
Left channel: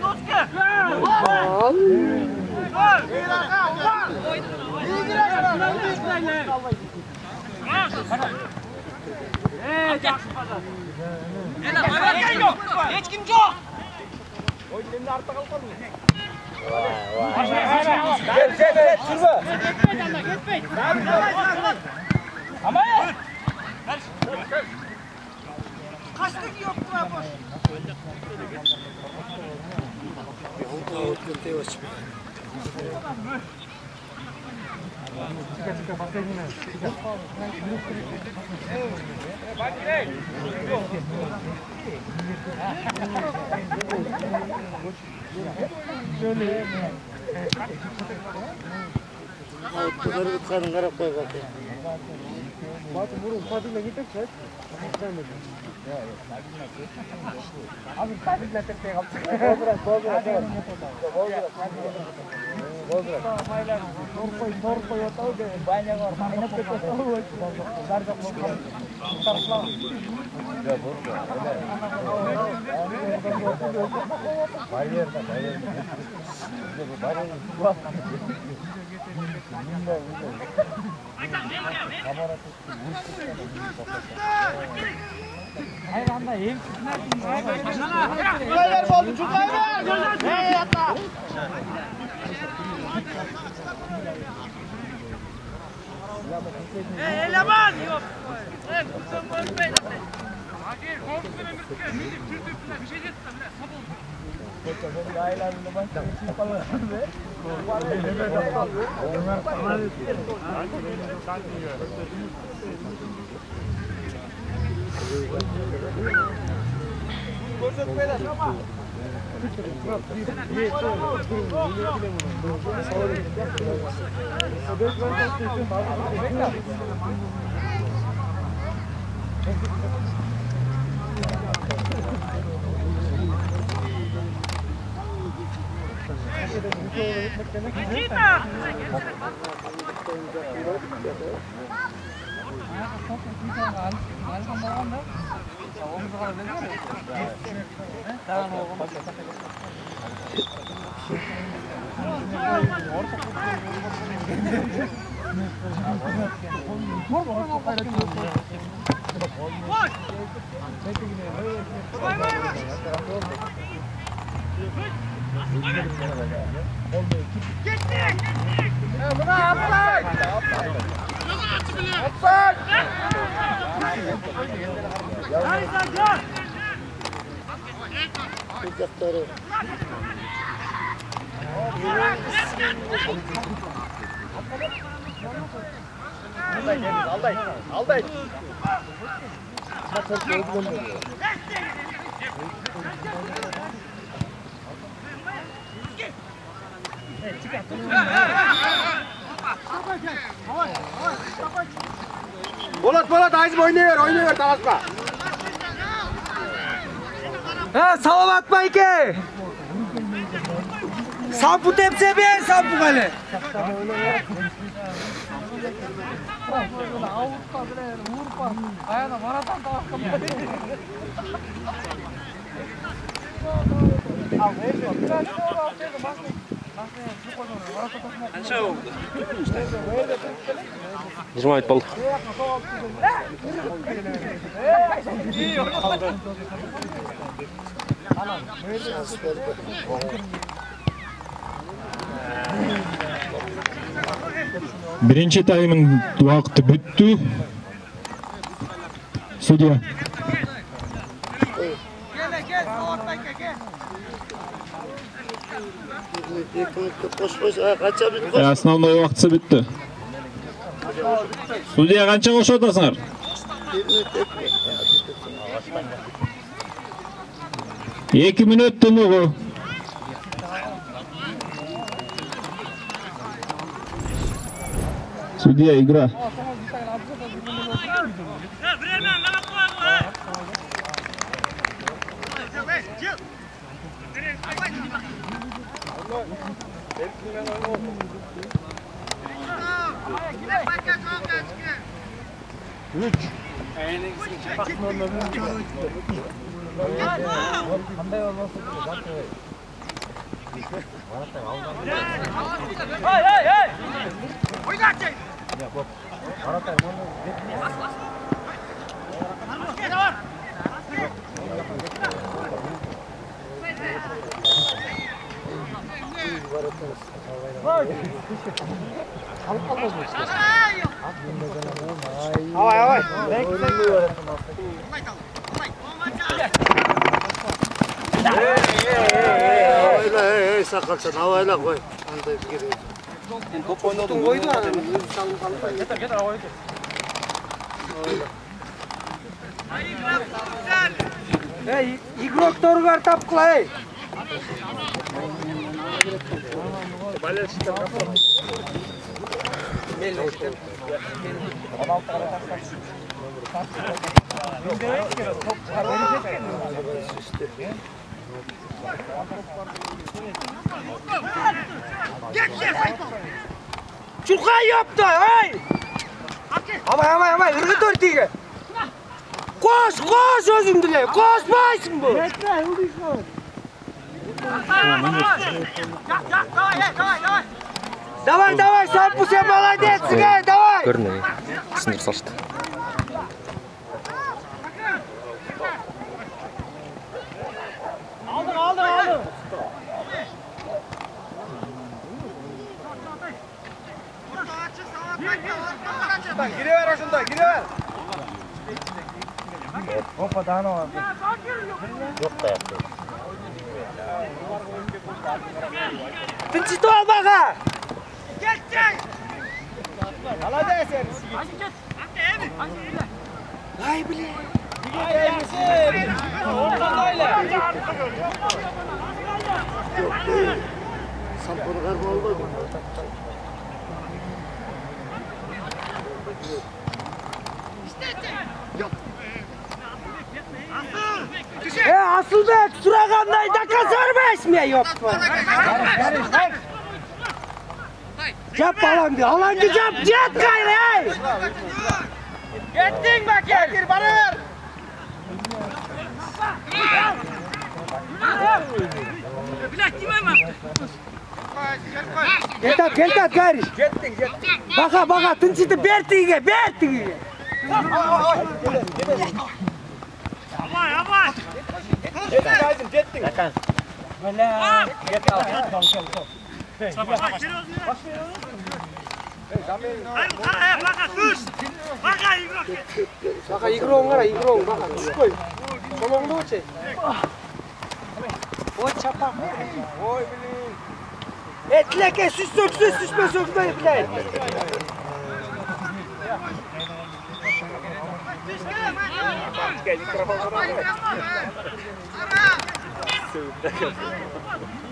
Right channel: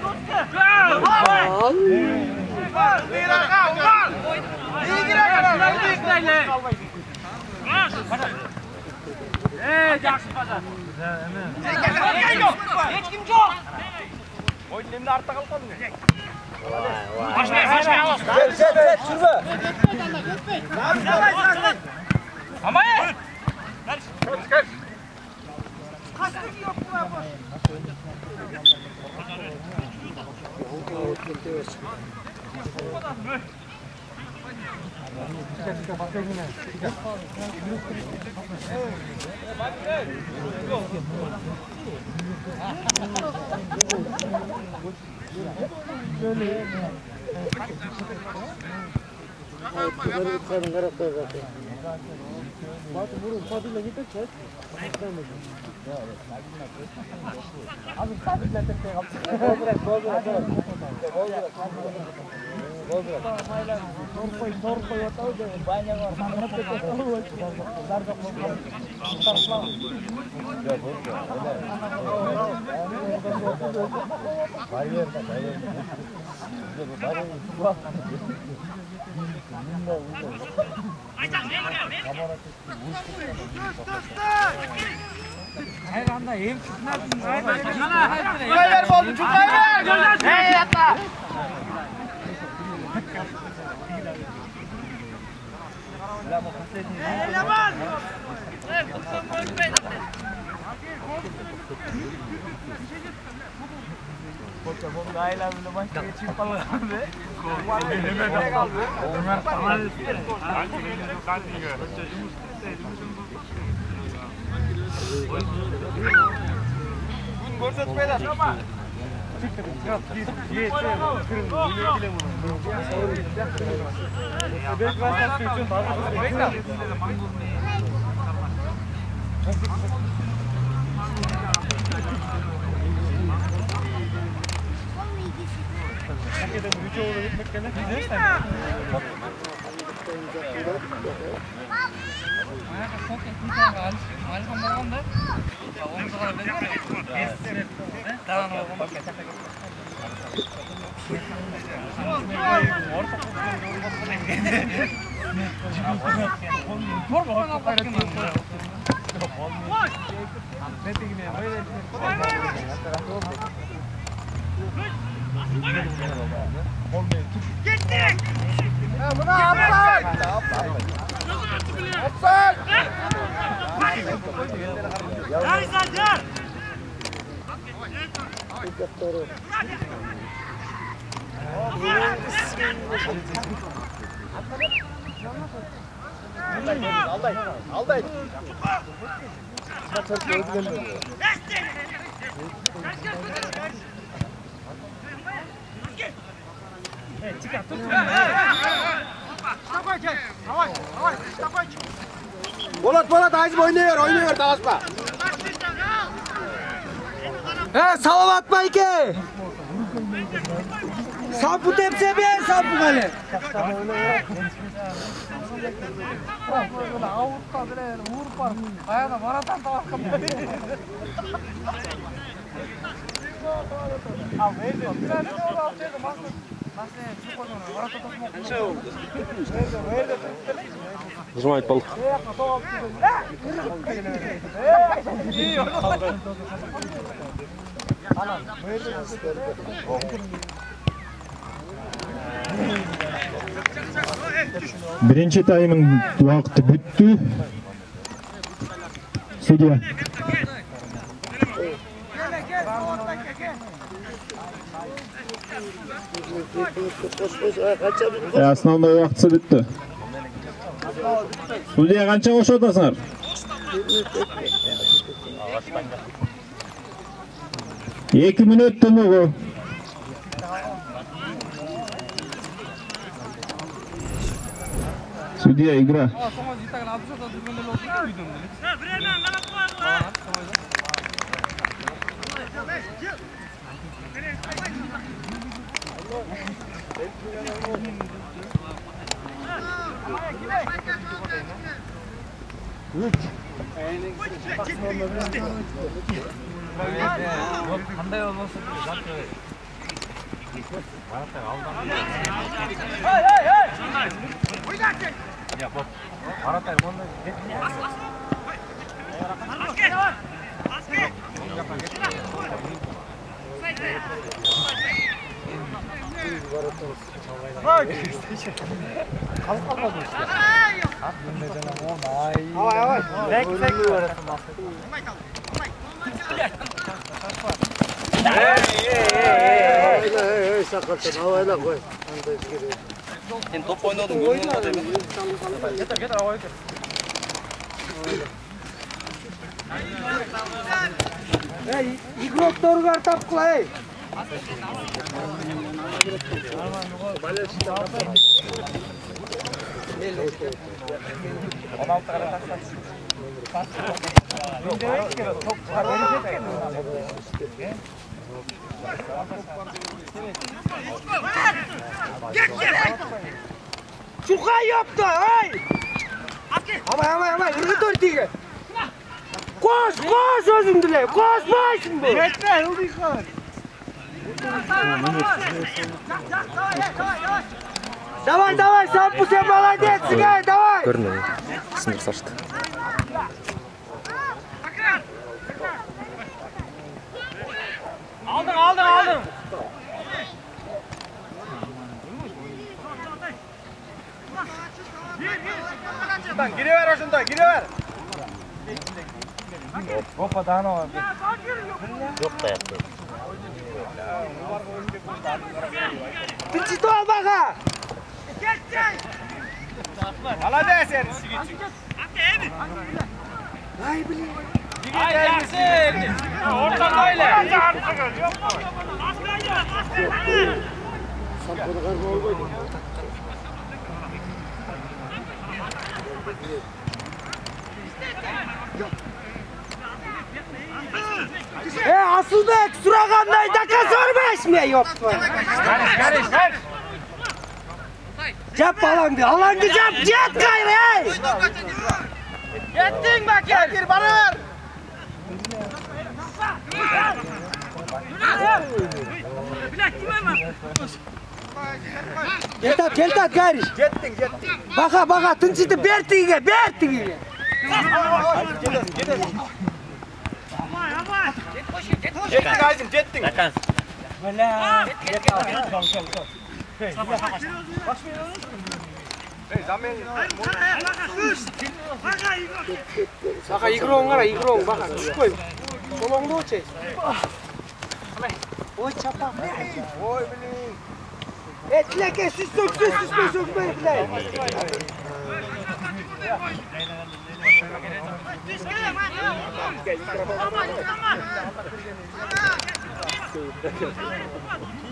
Hiç kim yok. Oyunun artta kalkalım. Başlayın. Get, şurada. Geçmeyin. Ama ye. Kaçtık yok bu yapar. Çıkar, başka yine. Çıkar. Şöyle. Bunları uçarın karakter zaten. Batı vurun, Fatih'le gidip çek. Abi Fatih'le tekte yaptı. Bozdurak. Torpoy atau de banyak orang mana kita tahu darga program tarplang ya bos bayar hayır anda hem bayar bol bayar hey ata Eleman yok. Kursan var be. Gittik! Buna yapmayın! Alday. Bolat Aziz oynuyor Tağaspa. Salavat Mayke. Sampu tepse ben sampu kale. Нажимает пол. Birinchi tayımın vaqti bitdi. Судья. Основной vaqti bitdi. Судья qancha qo'shib o'tasizlar? Ikki minut tumuğu. Судья, игра. Sakalsan havayla koy. Sen top oynadın. Getir havayı. Игрок торгар тапқылай. Çulqa yaptı, ay! Ama, ırgı törtüge. Koş özündüle, koşmaysın bu. Yetme, ıldıysan. Давай, Сампу, sen молодец, давай. Görünmedi. Sınır saçtı. Aldın. Giriver aşında, giriver. Hoppa daha ne var? Yok da yaptı. Pinçito al baka. Alacağız sen. Ay bile. Oradan öyle. Sen bunu karma olmadı. Asılbek Suragan'day dakika sormuş mu? Yok. Cep alancı cep gayrı. Gittin bak gel. Bana ver. Bilek kime mi? Gel gayrı. Baka tınçıtı bertiğe. Jettin. Böyle. Baka igro ngara igro baka skoy. Tolong lu cek. Oy çapa. Oy bilin. Etleke süs sökme etlek.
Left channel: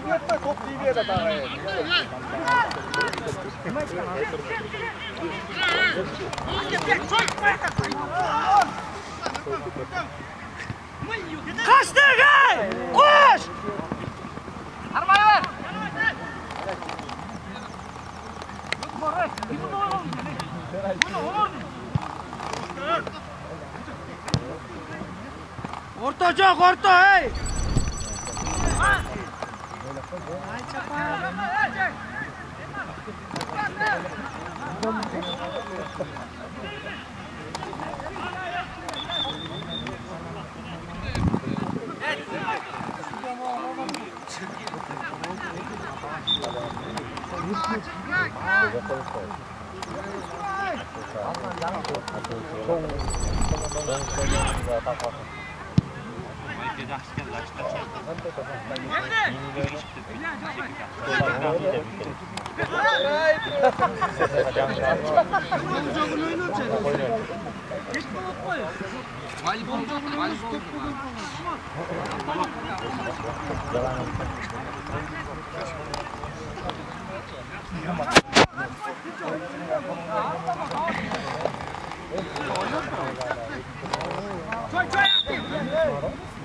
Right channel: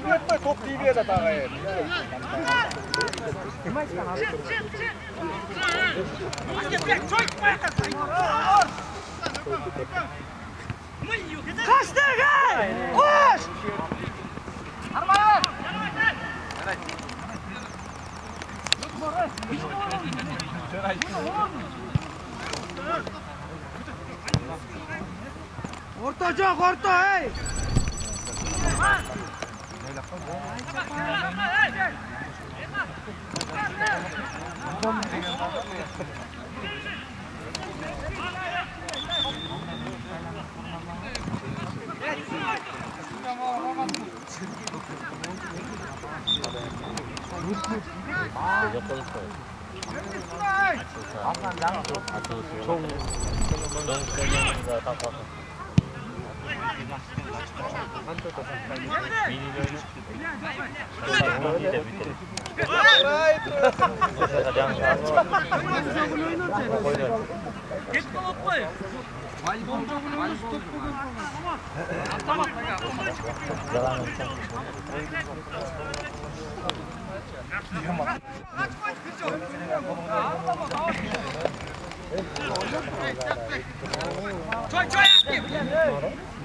Yeter top gidiyor da daha. Kaçtı gel! Koş! Arabaya ver! Orta çok orta hey!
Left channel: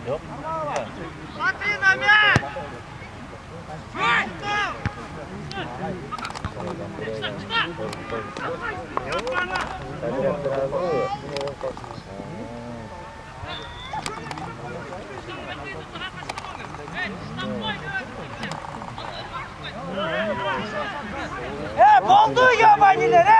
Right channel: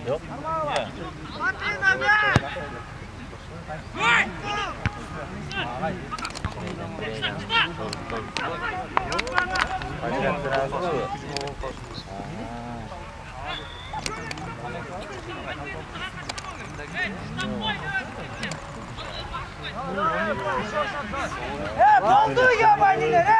Yok. Смотри на мяч! Ой! Oldu yabaniler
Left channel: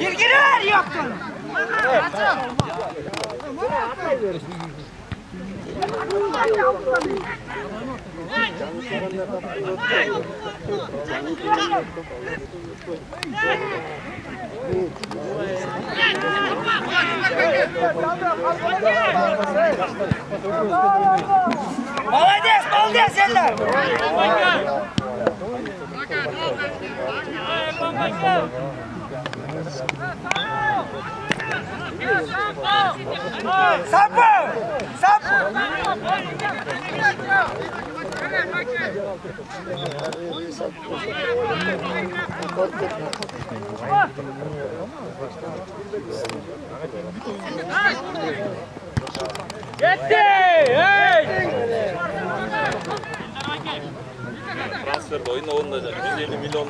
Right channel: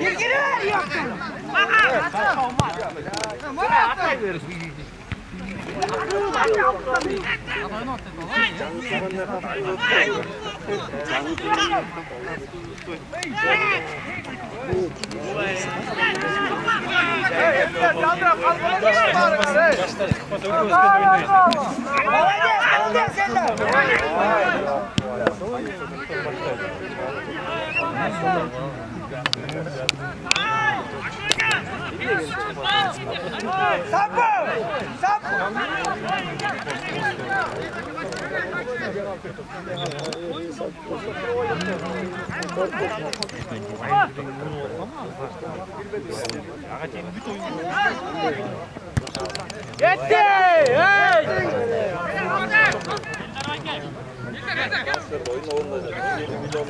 Girgiler yaptın. Молодец, Эльдар! Сапу! Transfer oyun olunacak. 150 milyon.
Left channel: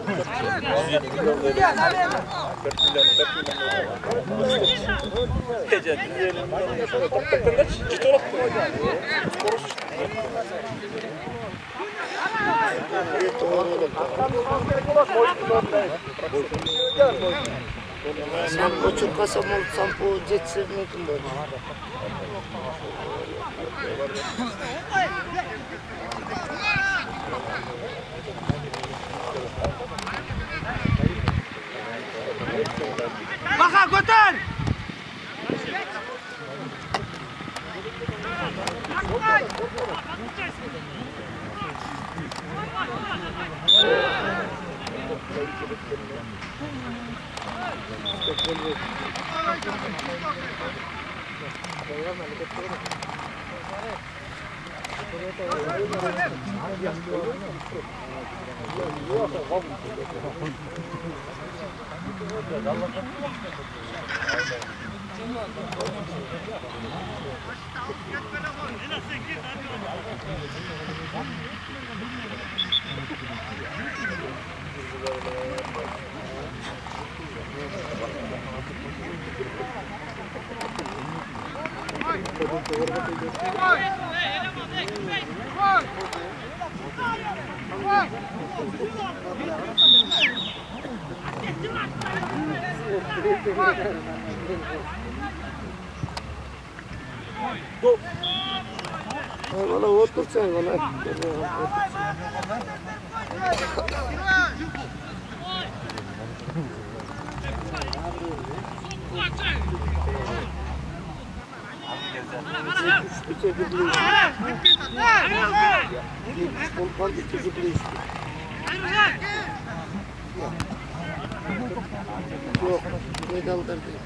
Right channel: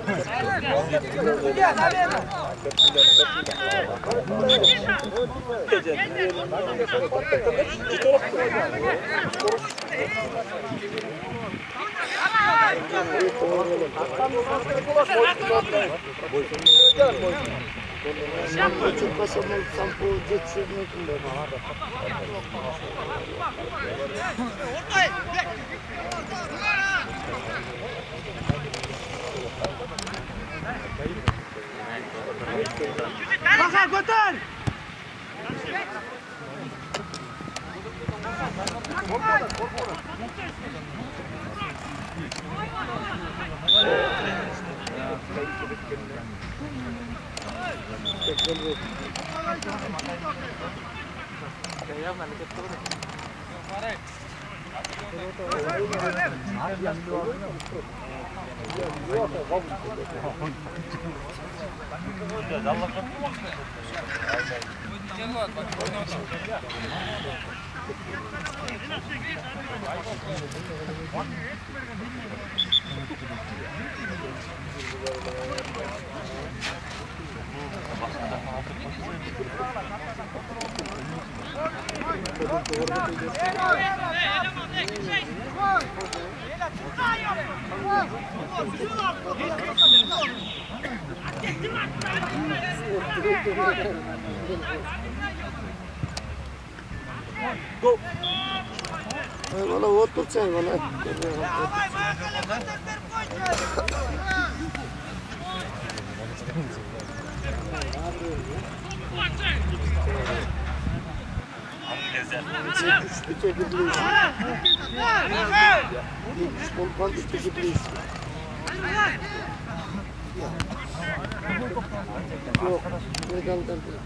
Sampo çok kasamol, sampo jetsin Baha götür! Valla otur sen valla. Yok, medaldan değil.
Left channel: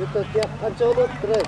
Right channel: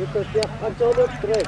Itu tiap kacau trek.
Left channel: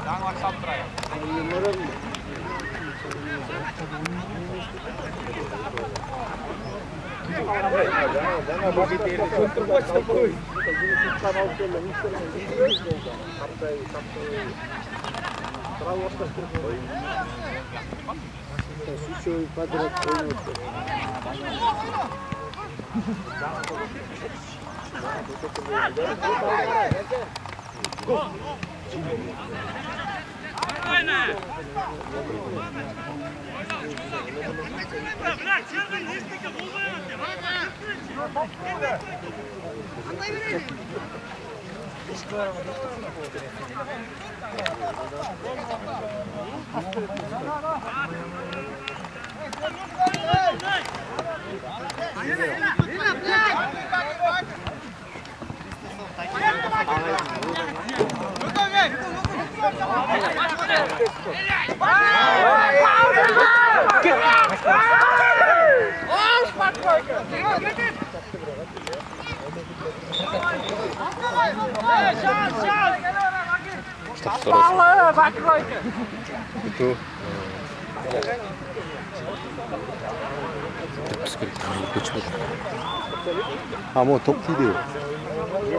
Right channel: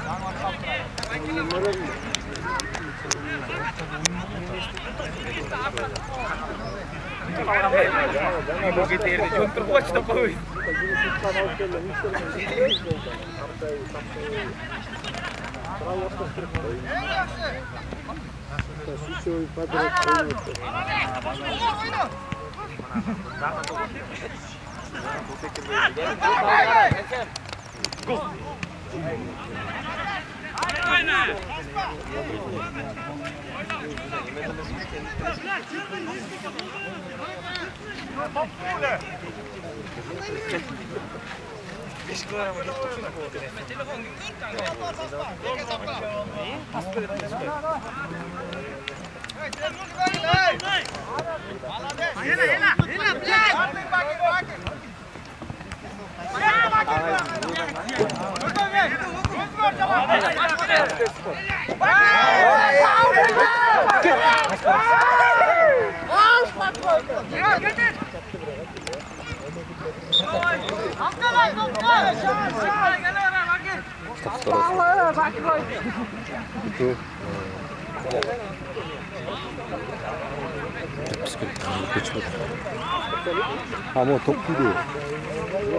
Ama top değil.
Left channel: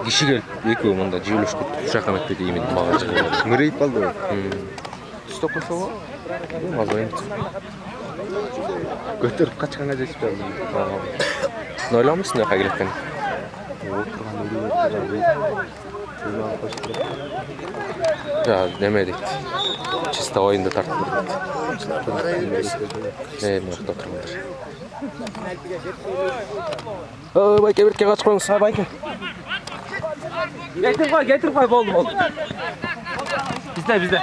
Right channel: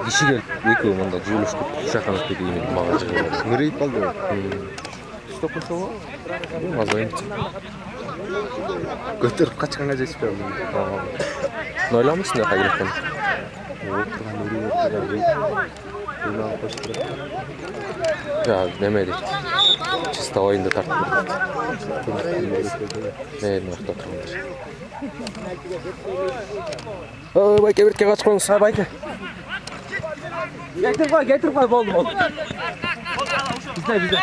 Dişi gelip iki umunda jülüştü şakanak dedi yemin mağaza oldu. Ngırayıp kaldı. Stopun çoğu. Mazayım. Götürüp kaçkana cesip aldım. Noilamışsın ya kaygılıktan. Ya demedik. Çista oyunda tarttırdık. Ne mıhtı oturmadır. Bayke bir kere kaç koyun sağ bayke. Getir koy oldu. Bizde.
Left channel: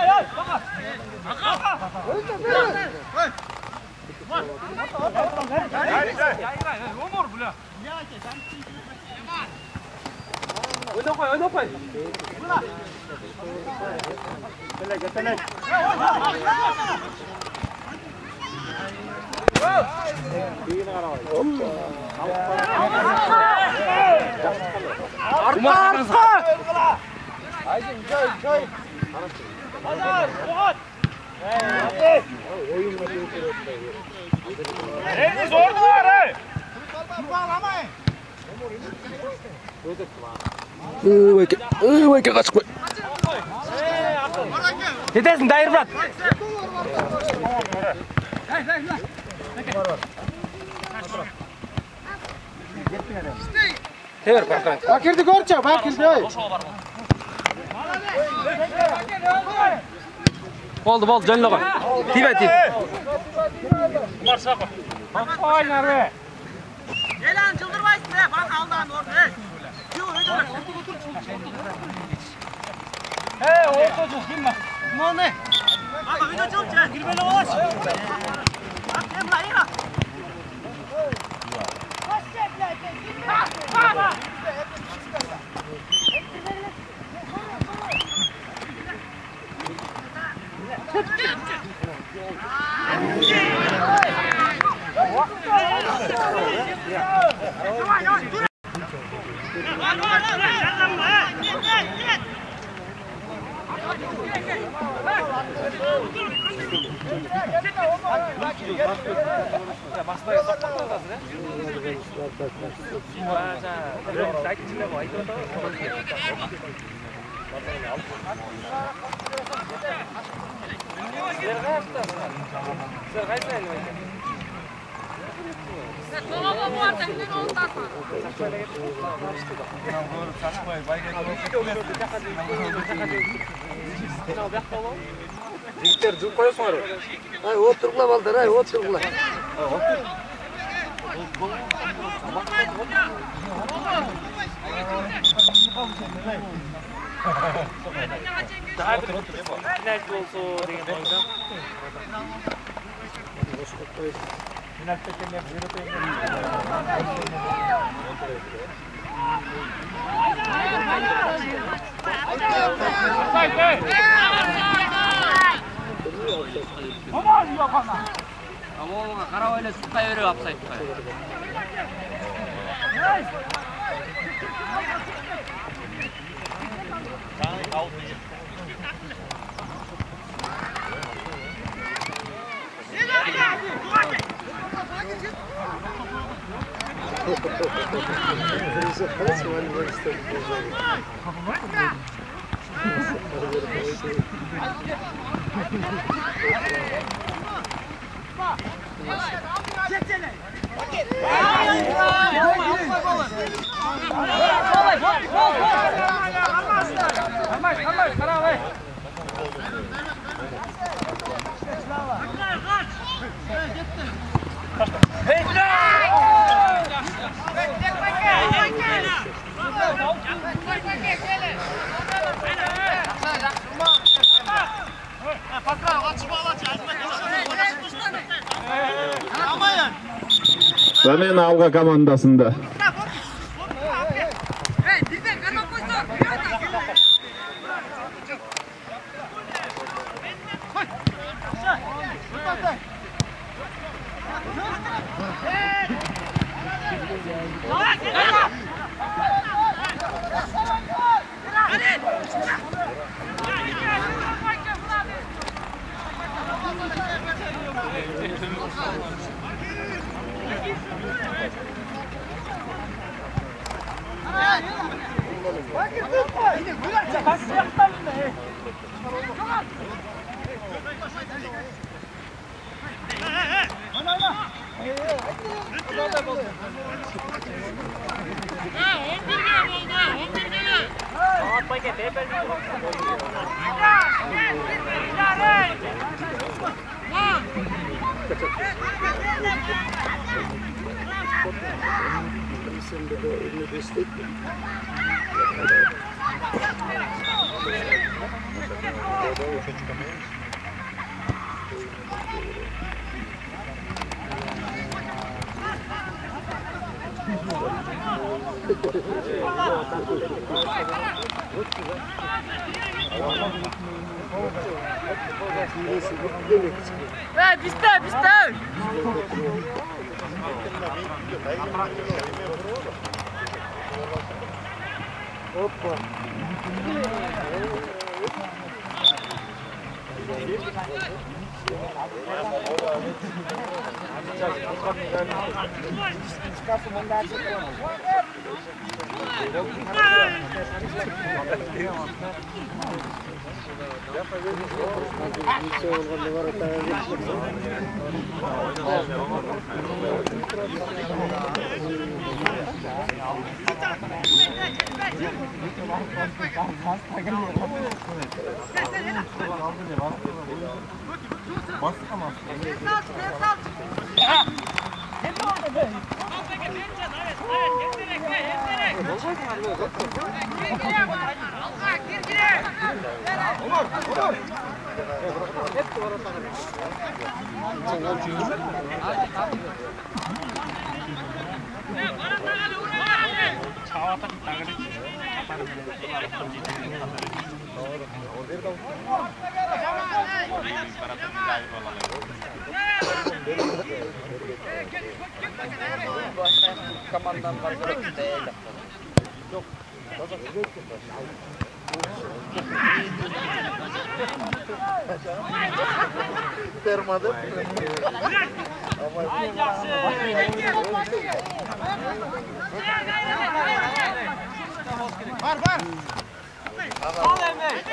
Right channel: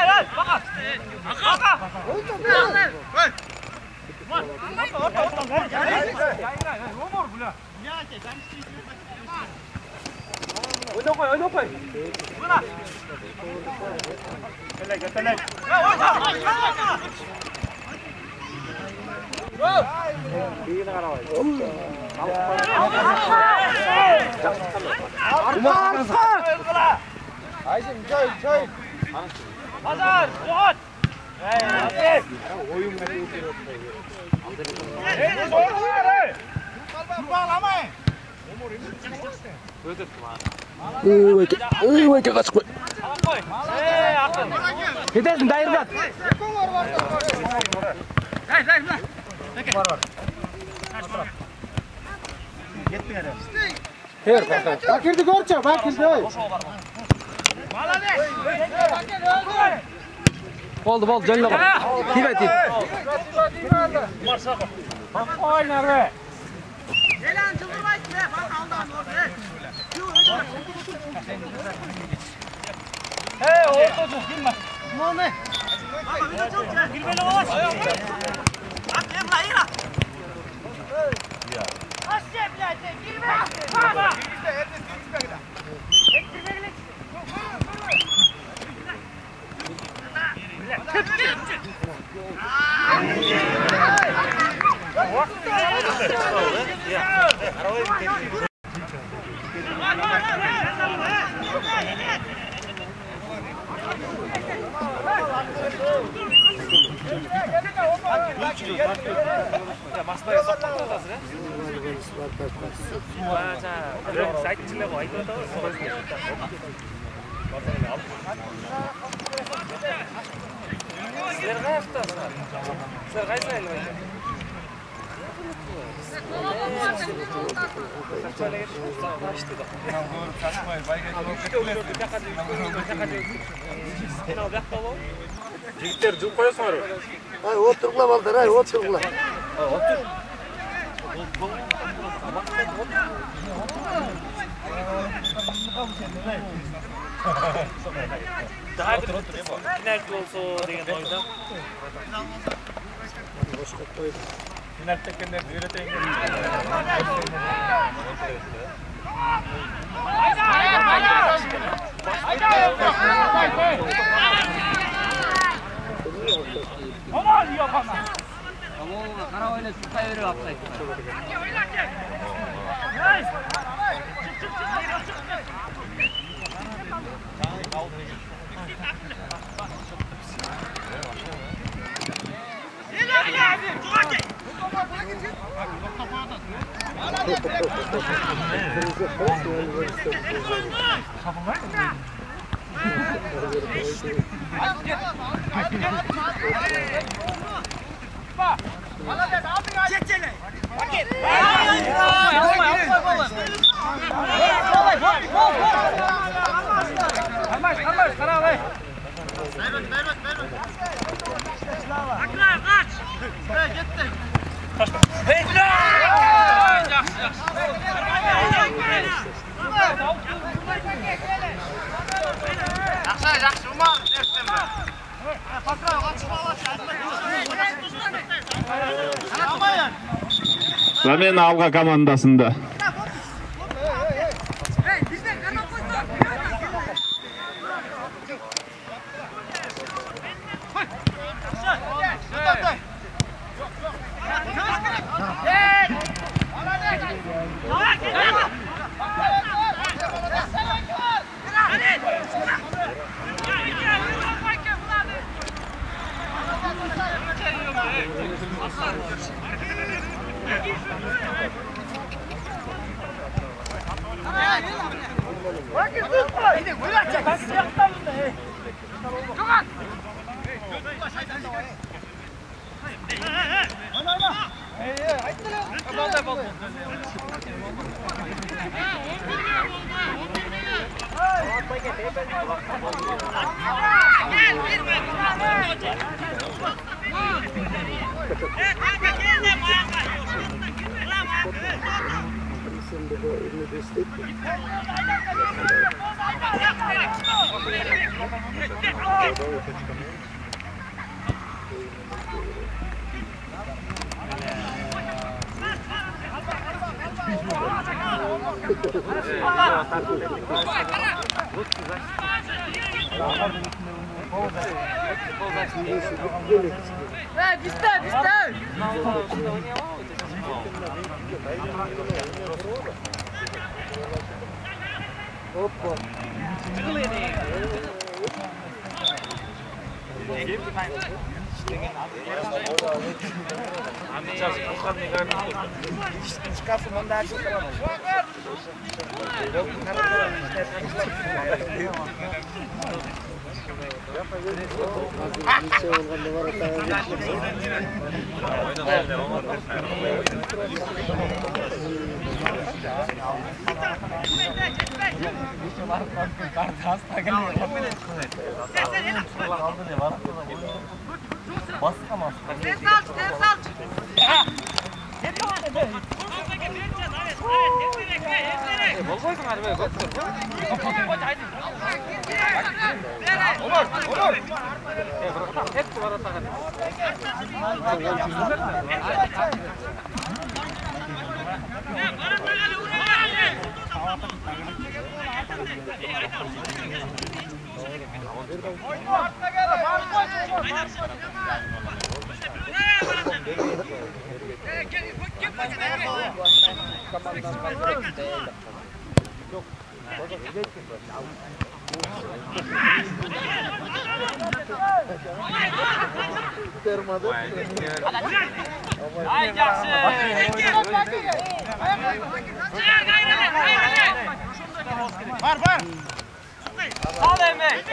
Oyna koy. Telek. Öykü kaçık koy. Yetersin dayır bırak. Bakirdi görçe, bakirdi. Oldu, canına bak. Tibet. Oynar be. Yalan çıldırmayın be. Bak Allah'ın orada. Hey, ortacı girme. Ne? Baba video çok. Girmeli olaş. At emla ira. Aşağı bile girme. Baba. Jigitler jum qo'yasizlar. Ay, o'tiringlar balдар, ay, o'tiringlar. Daha bir penalti olsa degan oyda. Final tekenler öğreteyim. Aman yapama. Tamam, karavayla sıkta yürü yapsaydı. Zamen Alga komandasında. Hoppa. Termadı. Ay yaxşı. Var. Al emek.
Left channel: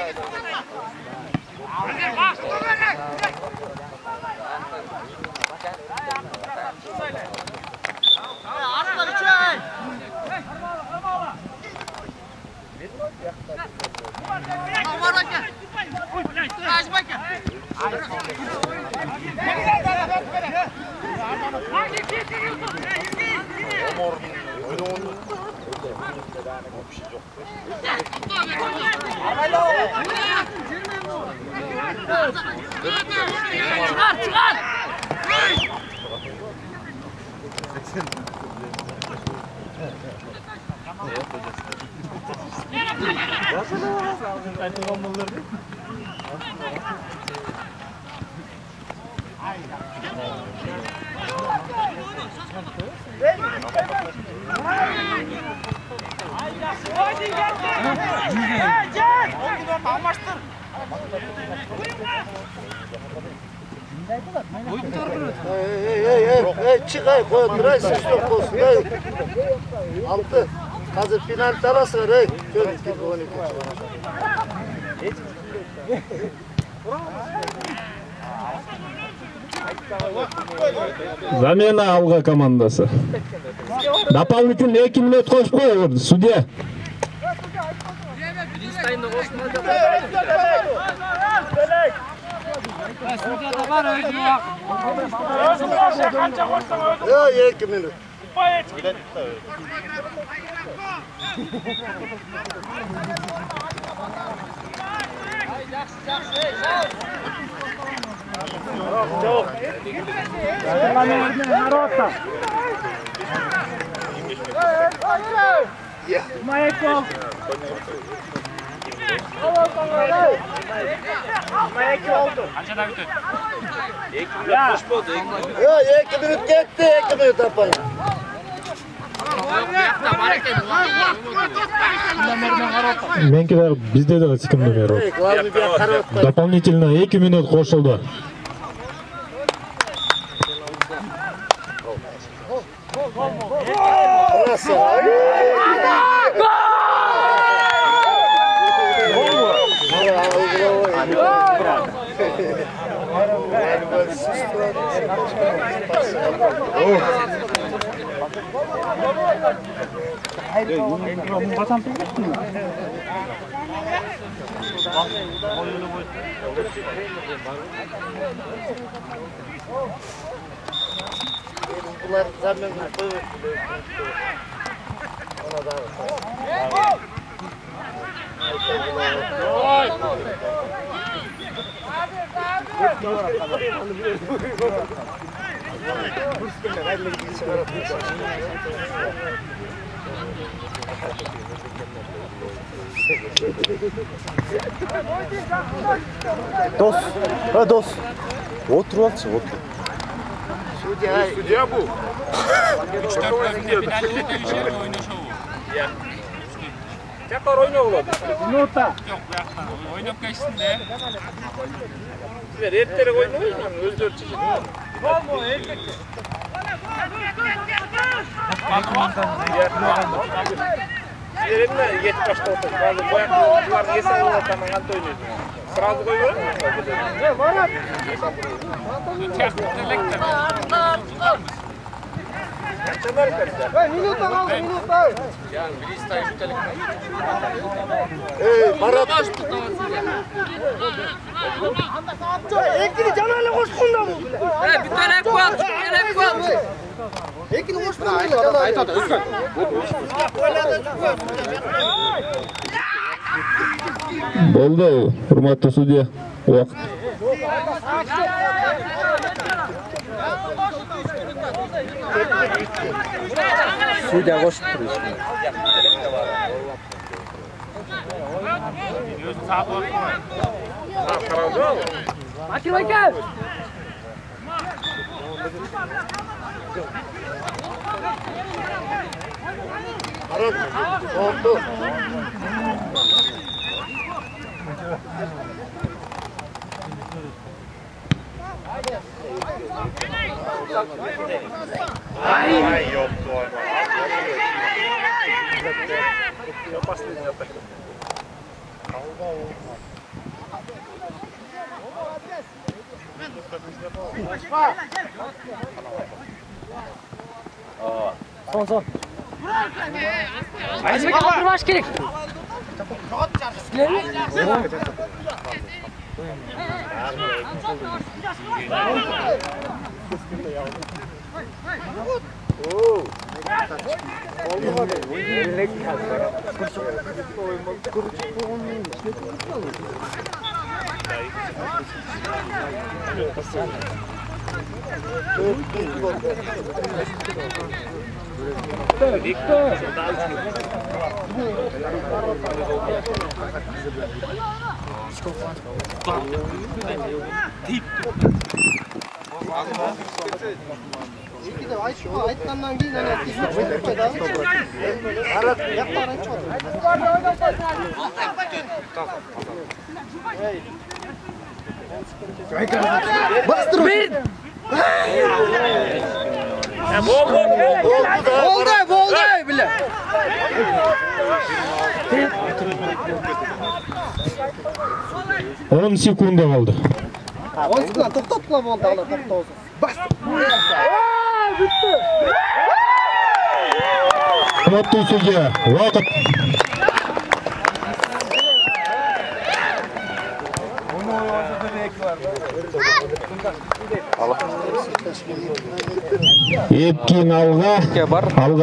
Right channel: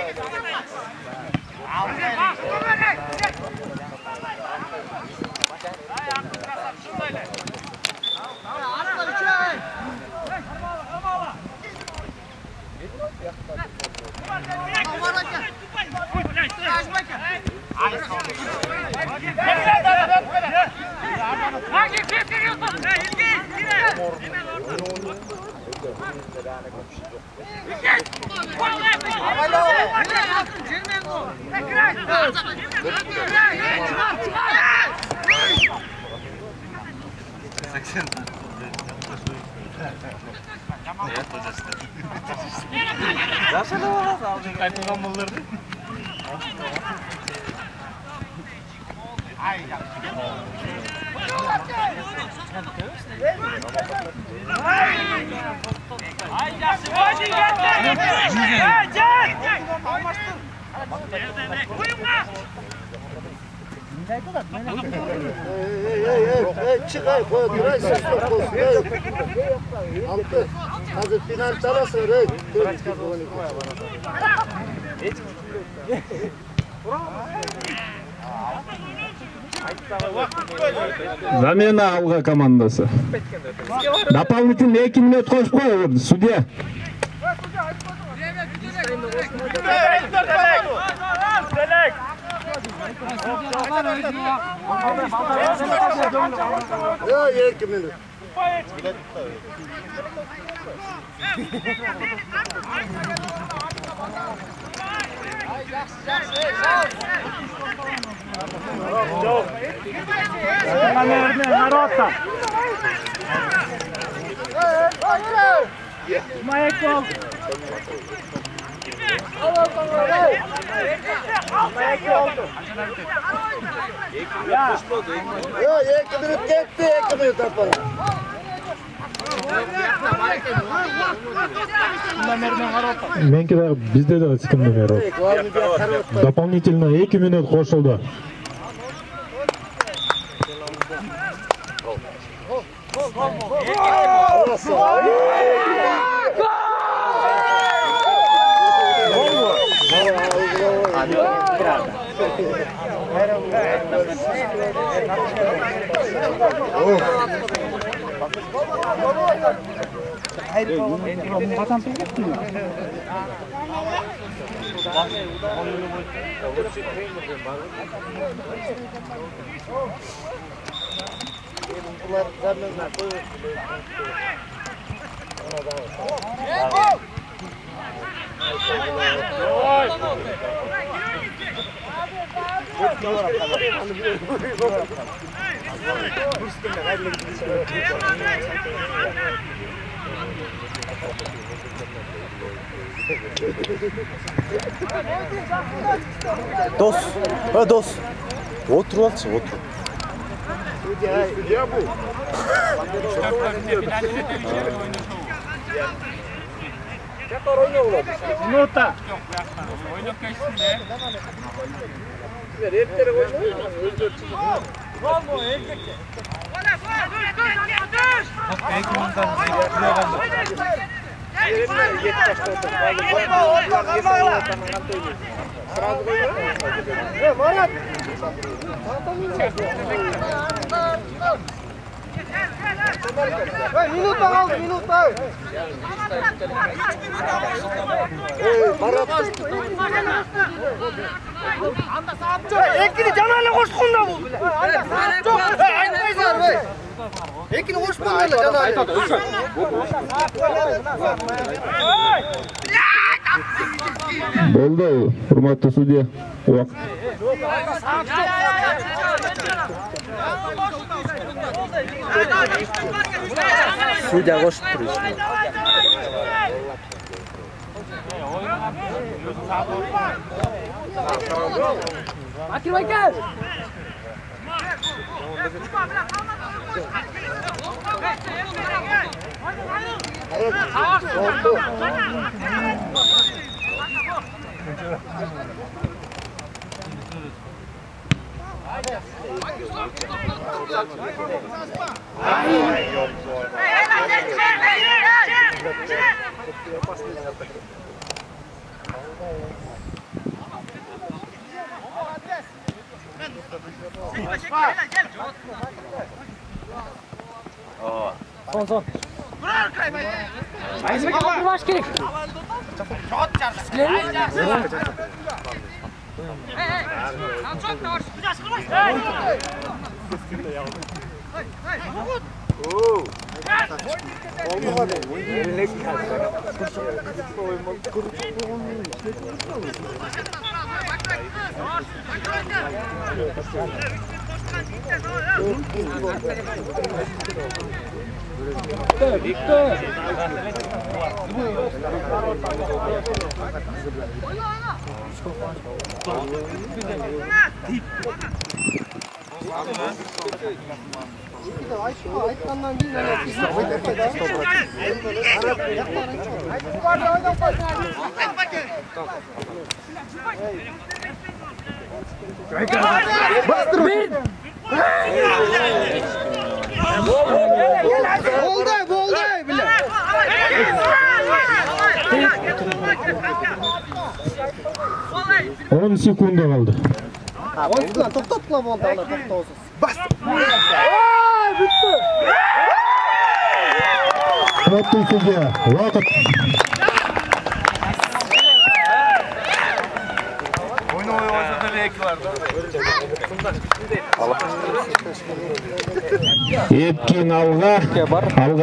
Çıkay koy, duray ses yok olsun. Altı. Hazır final tarası var. Замена Алга командасы. Дополнительный 2 минут qo'shib qo'ydi sudya. Yo, 2 minut. Yo, 2 minut ketdi, 2 minut yapalım. Menki de bizde de çıkımda var. Дополнительно 2 minut qo'shildi. Дос. Дос. Otur alçı, otur. Судья bu. Çakar oyna ulan. Minuta. Yok bu yaştan. Oynayıp geçsin de. Erkekler oynuyor. Özür dilerim. Gol mu erkek? Yerine 70 oldu. Sırası koyuyor. Ne Marat? Minut al, minut al. Marat. Ekini canına koşkunda bu. Ekini koşkunda canına. Oldu, hurmatlı sudya. Vaqt. Sudya koşup duruyor. Bakir bakir. Son. Kaldırmaş gerek. Victor. Aytkandan keyin bastır bir. Oldu bile. 10 sekunda kaldı. 10 sekunda to'xtatla bo'ldi, ana to'xtasiz. Bas. Bitti. Hurmatlı sudya, vaqt. Epkin alga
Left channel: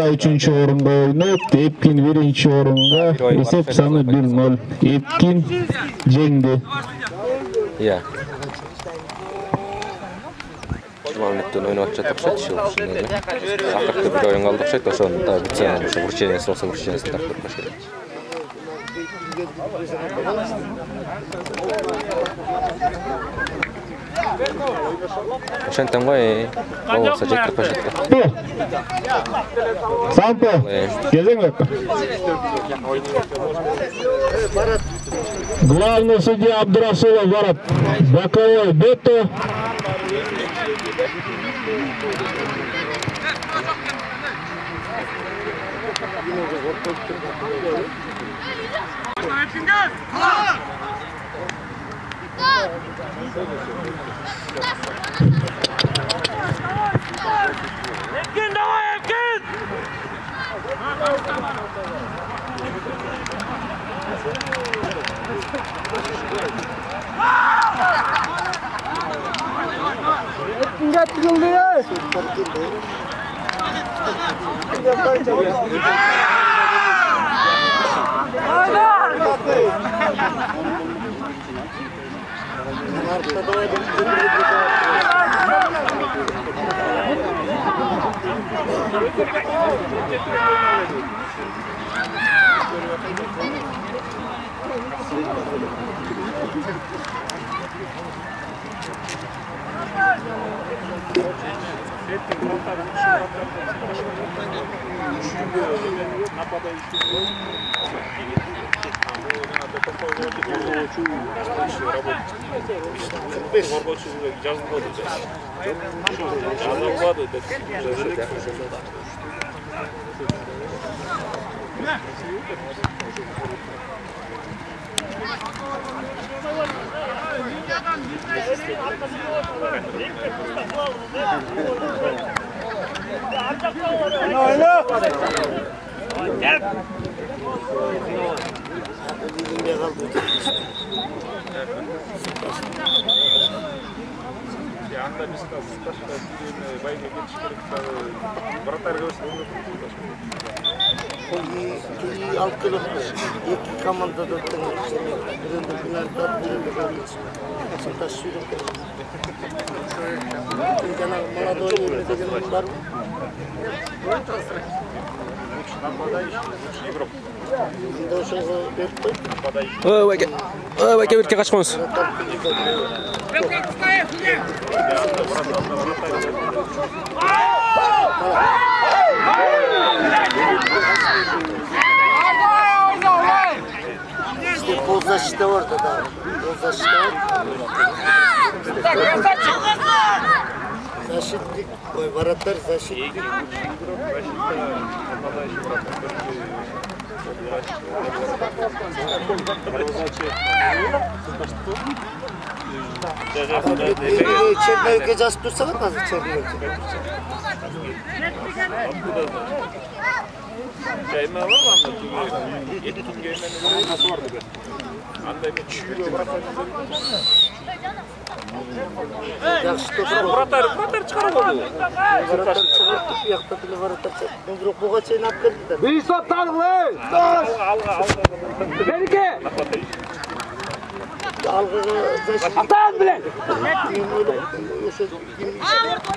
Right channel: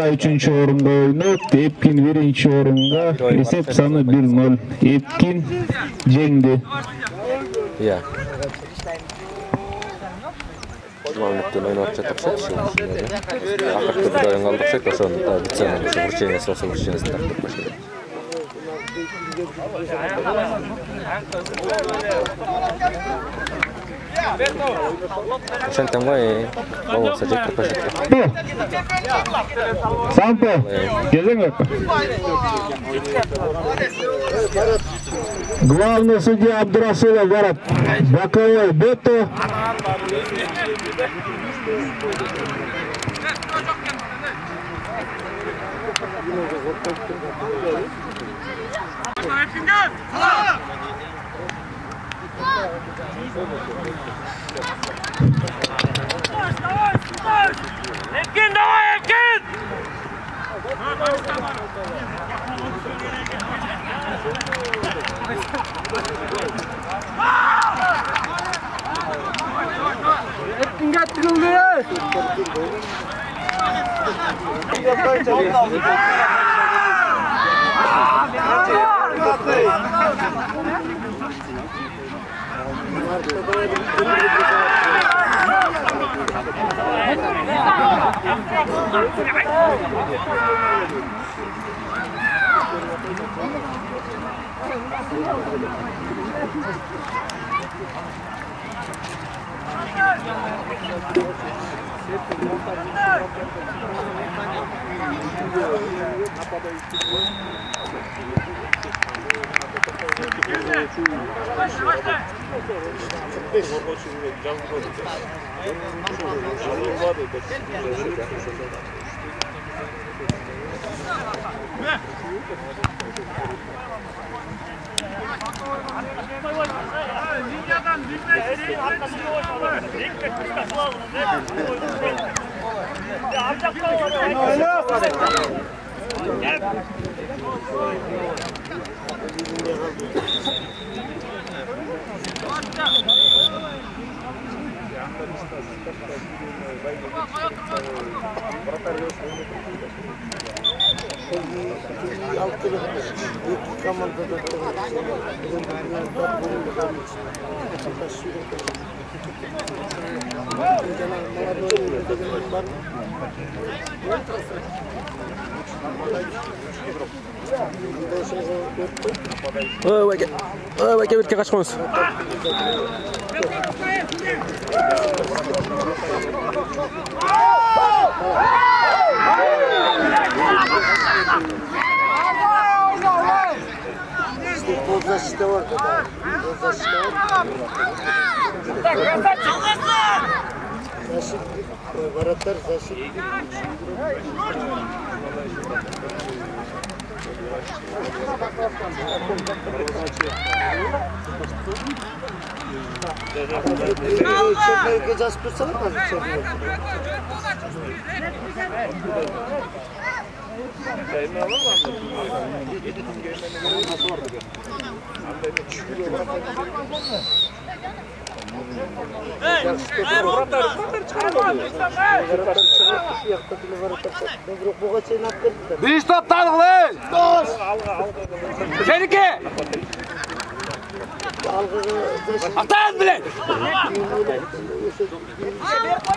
3-cü orunda oynayıp, Epkin 1-ci orunda, esep sanı 1-0. Epkin jengdi. Ya. Журналистер ойнап жатып шат иши ушундай эле. Акыркы бир оюн калдык шат, ошону да битсе ошо вручениясы болсо вручениясын тартып коюш керек. Ошентем ғой, болсо жетирип коюшат. Сампо, кезеңек. Главный судья Абдурасулов барат. Боковой Бето. Ekin, давай, Ekin! Ekinga tikildi. Ваке бетке качконуз. Ползащита orada da. Ползащита защитник, вратарь защитник. Çekmeyi жазып тұрсаң қазір çekmeyi. Bir stop tanıqlı. Dost. Senike. Atan bilen.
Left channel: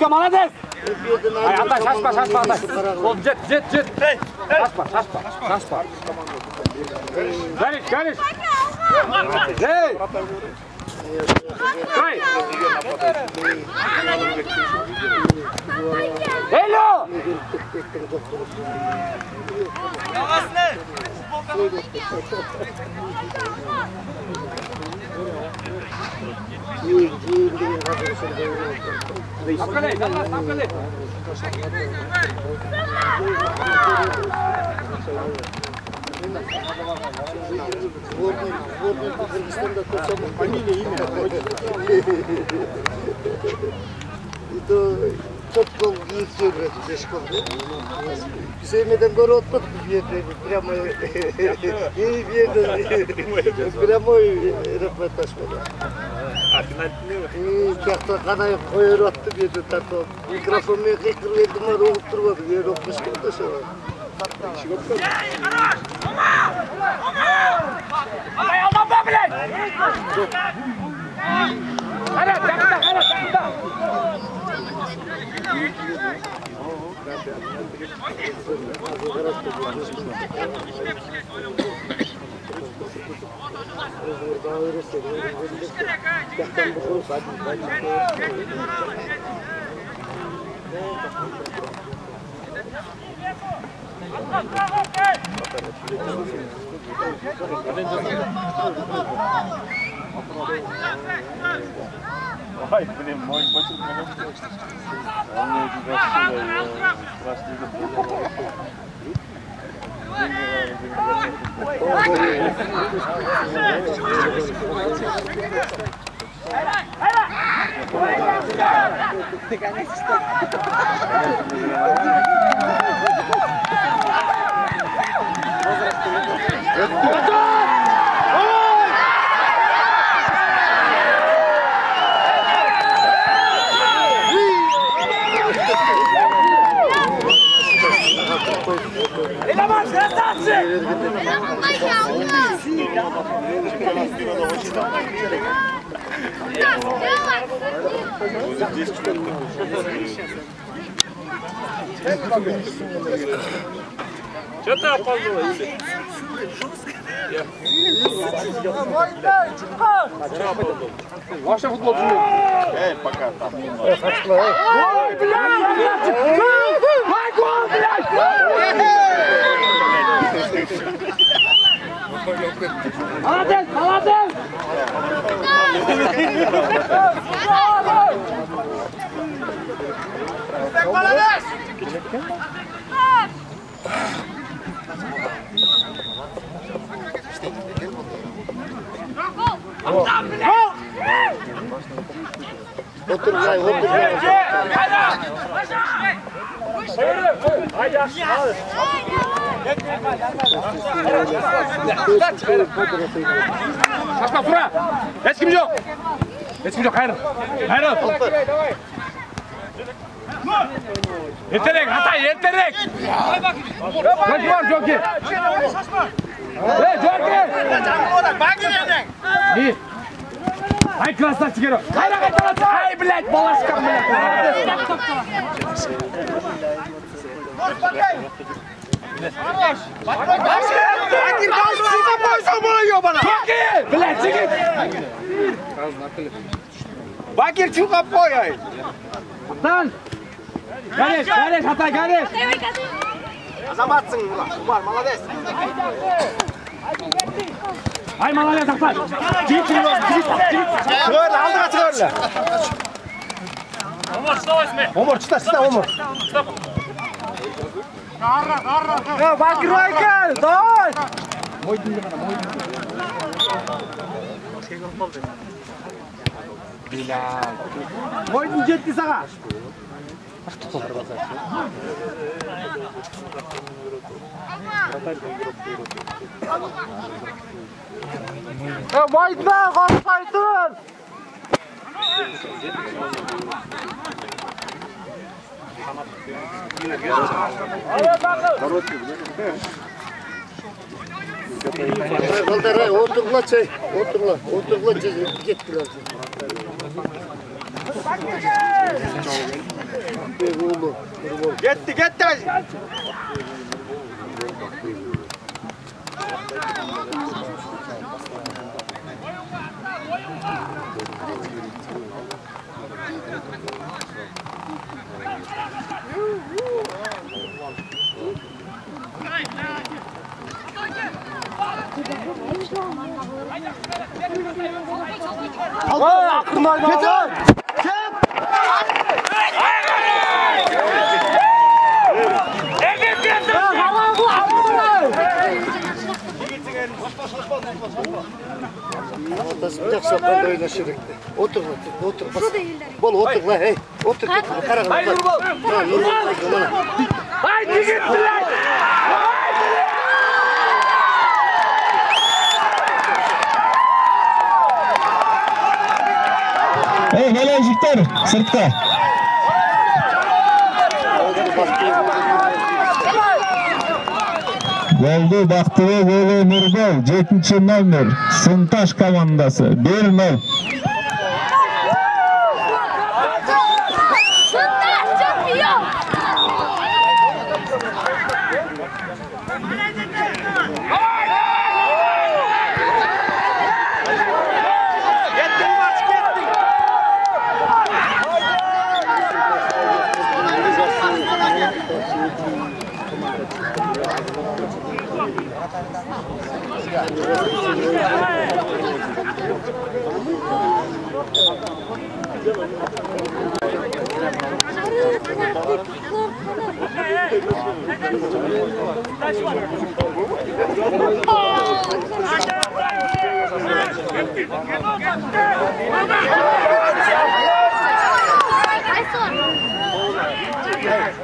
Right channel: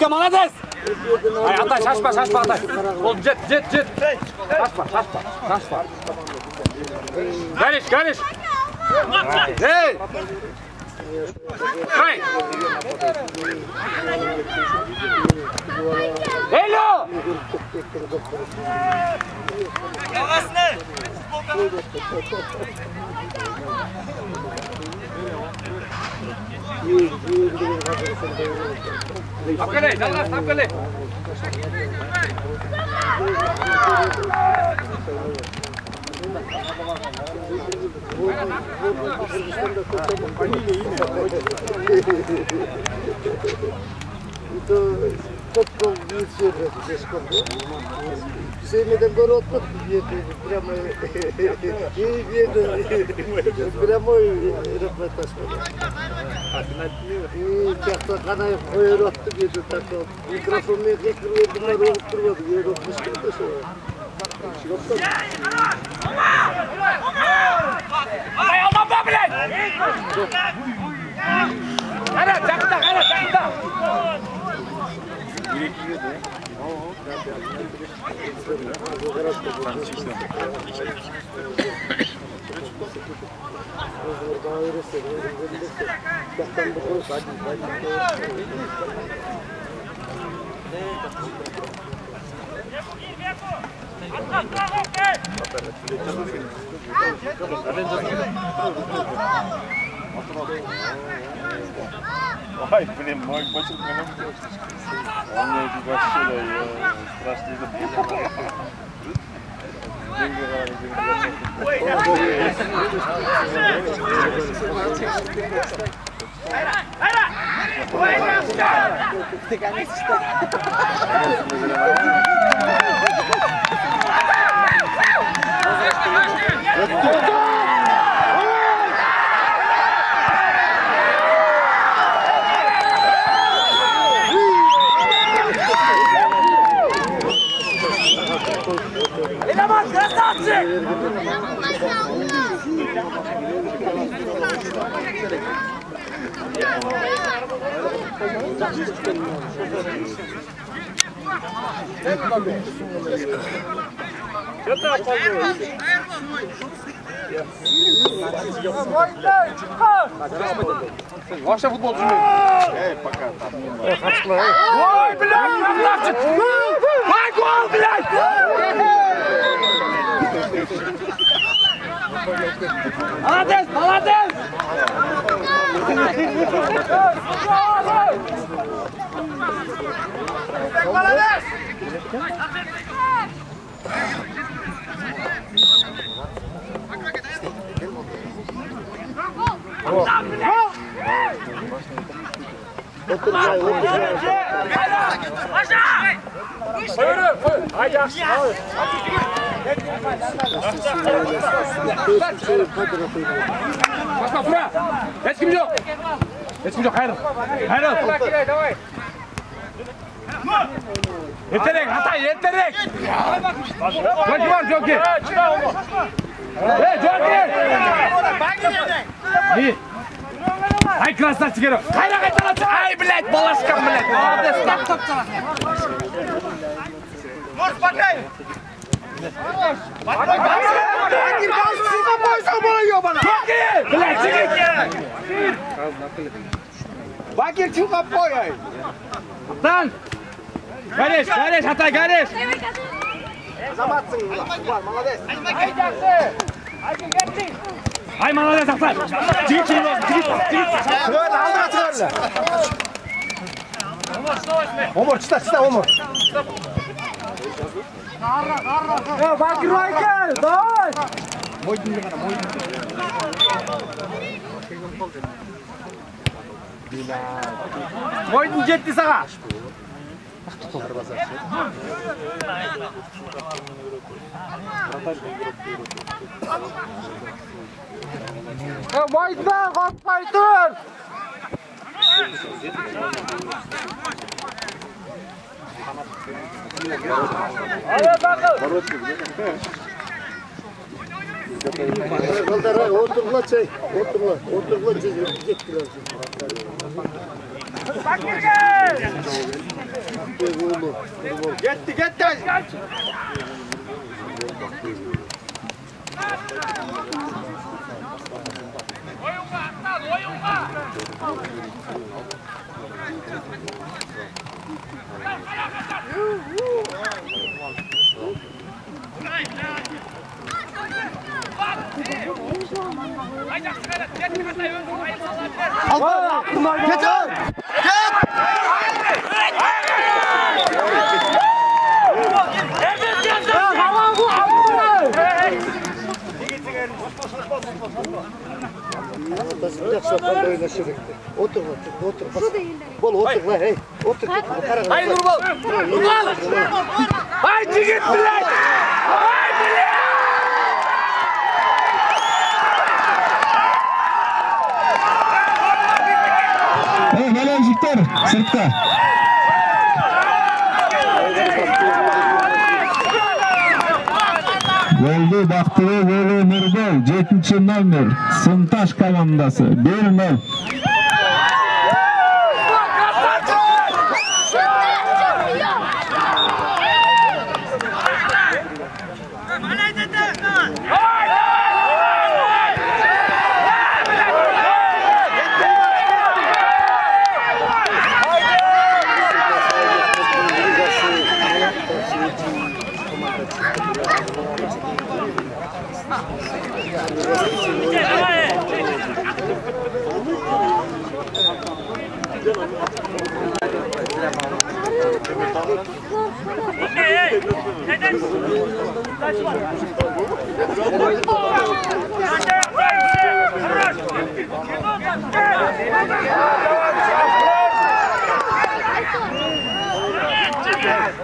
Молодец. Ay ata şaşma ata. Ol jet. Şaşma. Geliş. Hey. Hey. Hello. Yavaşla. Akale. Futbol yüzüyor Ceşkov'da. Sevmeden gol attık прямо прямой репортаж болды. Жақта қанайып қойыр атты деді тартып. Микрофонмен қиқыр берді ма роғып тұрмады. Ер оқып шықты сол. Ay aldan be bilen. Hadi takta. Ой, блин, мой почерк не может быть. Он мне эти Что ты опоздал? Ваша футболчу. Пока. Ой, блядь! Гол, блядь! Молодец, молодец! Молодец! Oturmay, oturmay. Haydi aşağı. Kaçma Fura. Hiç kim yok. Hiç kim yok. Hayır. Hayır. Yeterek Hatay yeterek. Joki var Joki. Hey Joki. İyi. Ay klaslar çıkarıyor. Kayra kaytalasın. Ay bled balaşkan bled. Dur bakayım. Bakir bled çıkın. Bakir çıkın boy ay. Lan. Kardeş Hatay kardeş. Zamatsın ulan. Молодец. Ay malaya Hatay. Çık. Böyle aldıra çıkarlar. Omur çıta Omur. Ya Bakir Aykel, дай. Moydun bir kana, moydun. Moydun jetti sana. Moydun, korkmayın. Kaldır, oturla çay. Oturla gittiler. Gitti. Otur. Bol otur la hey. Otur. Haydi Nurbal. Haydi gittiler. Hey, Melejikler, sırtta. Goldu Baktığı golü Nurbal, 7. номер, Sıntaş komandası, 1-0.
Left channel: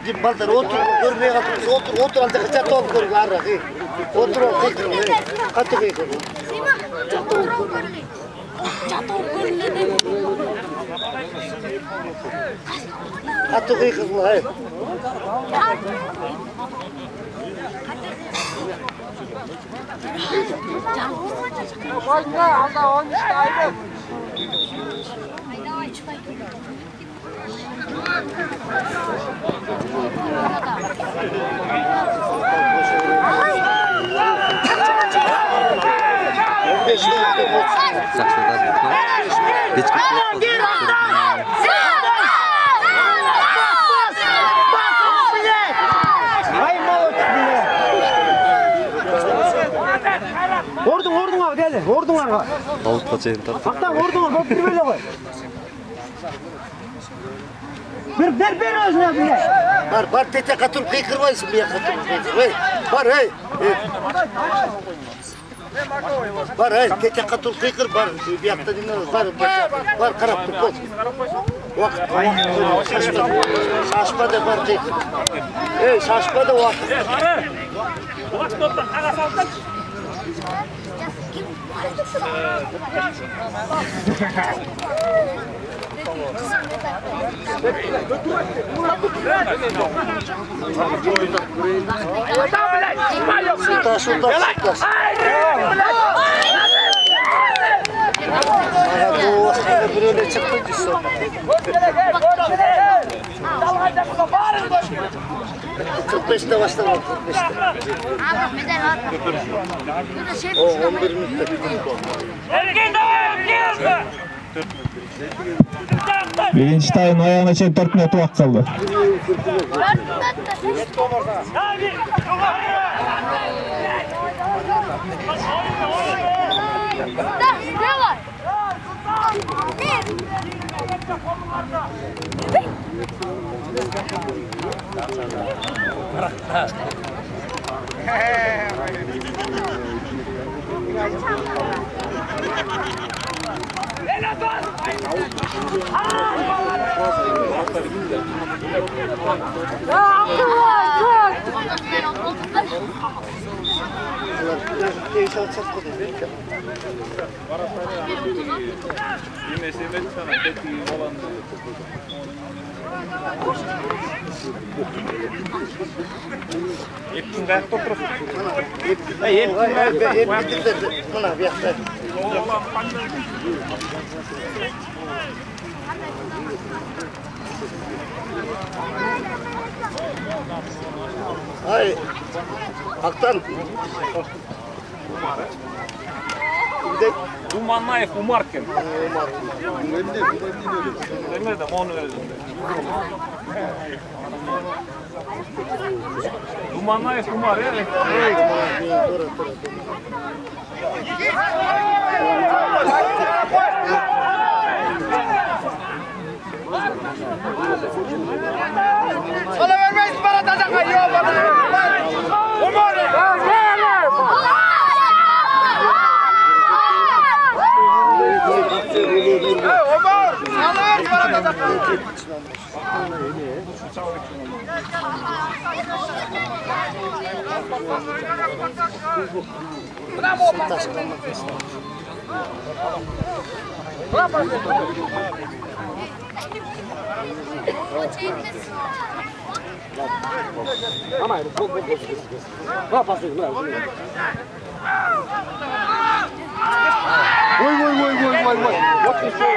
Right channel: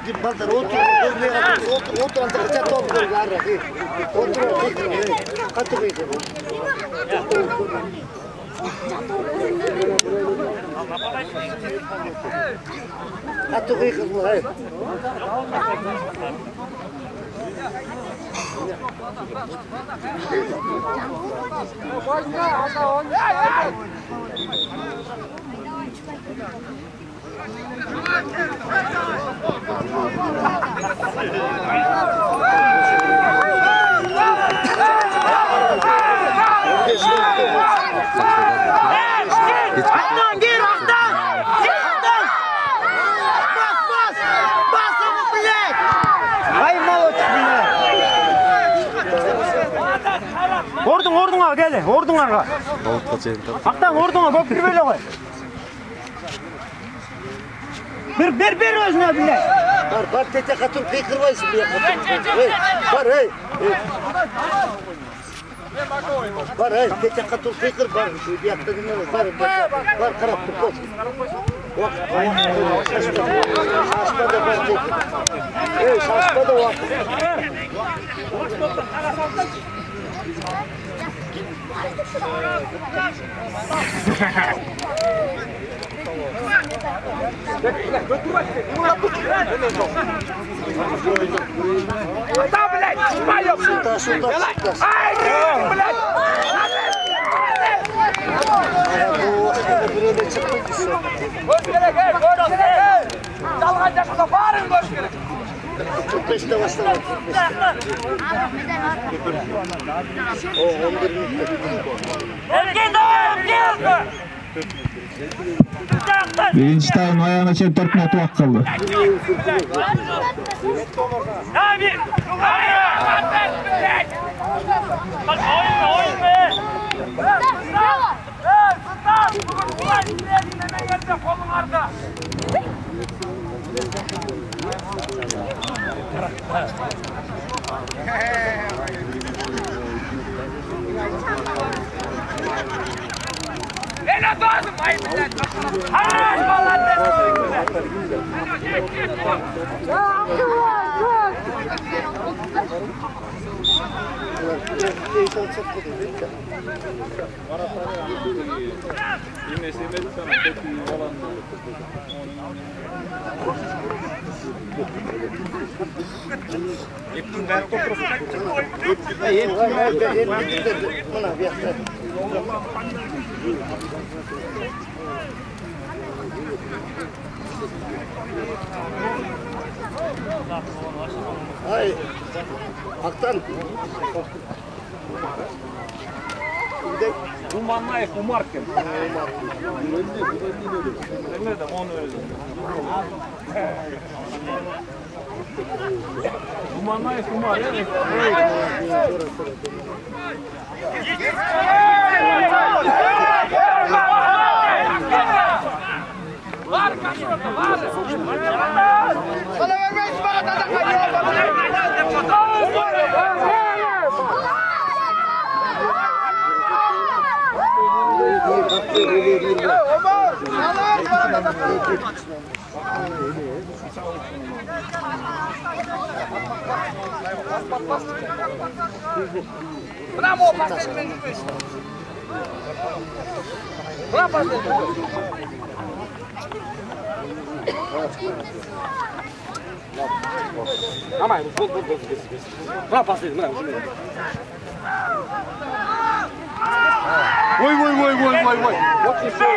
Git baldır otur. Otur anda kaçat ol garra. Otur. Katı koy. Katı koy kızım hay. Ордуңа келе, ордуңарға. Ауытқа чейін тартып. Ақтан ордуңа көп кірбелі ғой. Бер өзіне біле. Бар, тете қатып қиқырбайсың, бия қатып қиқырбайсың. Бар, Бар, тете қатып қиқыр, бар. Бияқта dinlemez, бар, қарап тұр болсын. Уақыт, шашпады, бар қиқыр. Шашпады уақыт. Beşte başlamak. O 11 minut. Birinci tayın ayağına çeyip 4 minut vakit kaldı. Ay, Aktan. Думанаев Умаркин. Bilmedim onu öyle. Думанаев Умар, evet. Bana vermeyiz bana tadak kayıyor. Omar! Alır bana tadak kayıyor. Bravo! Bravo! Ama gol. Vá passei, não. Oi. What the show?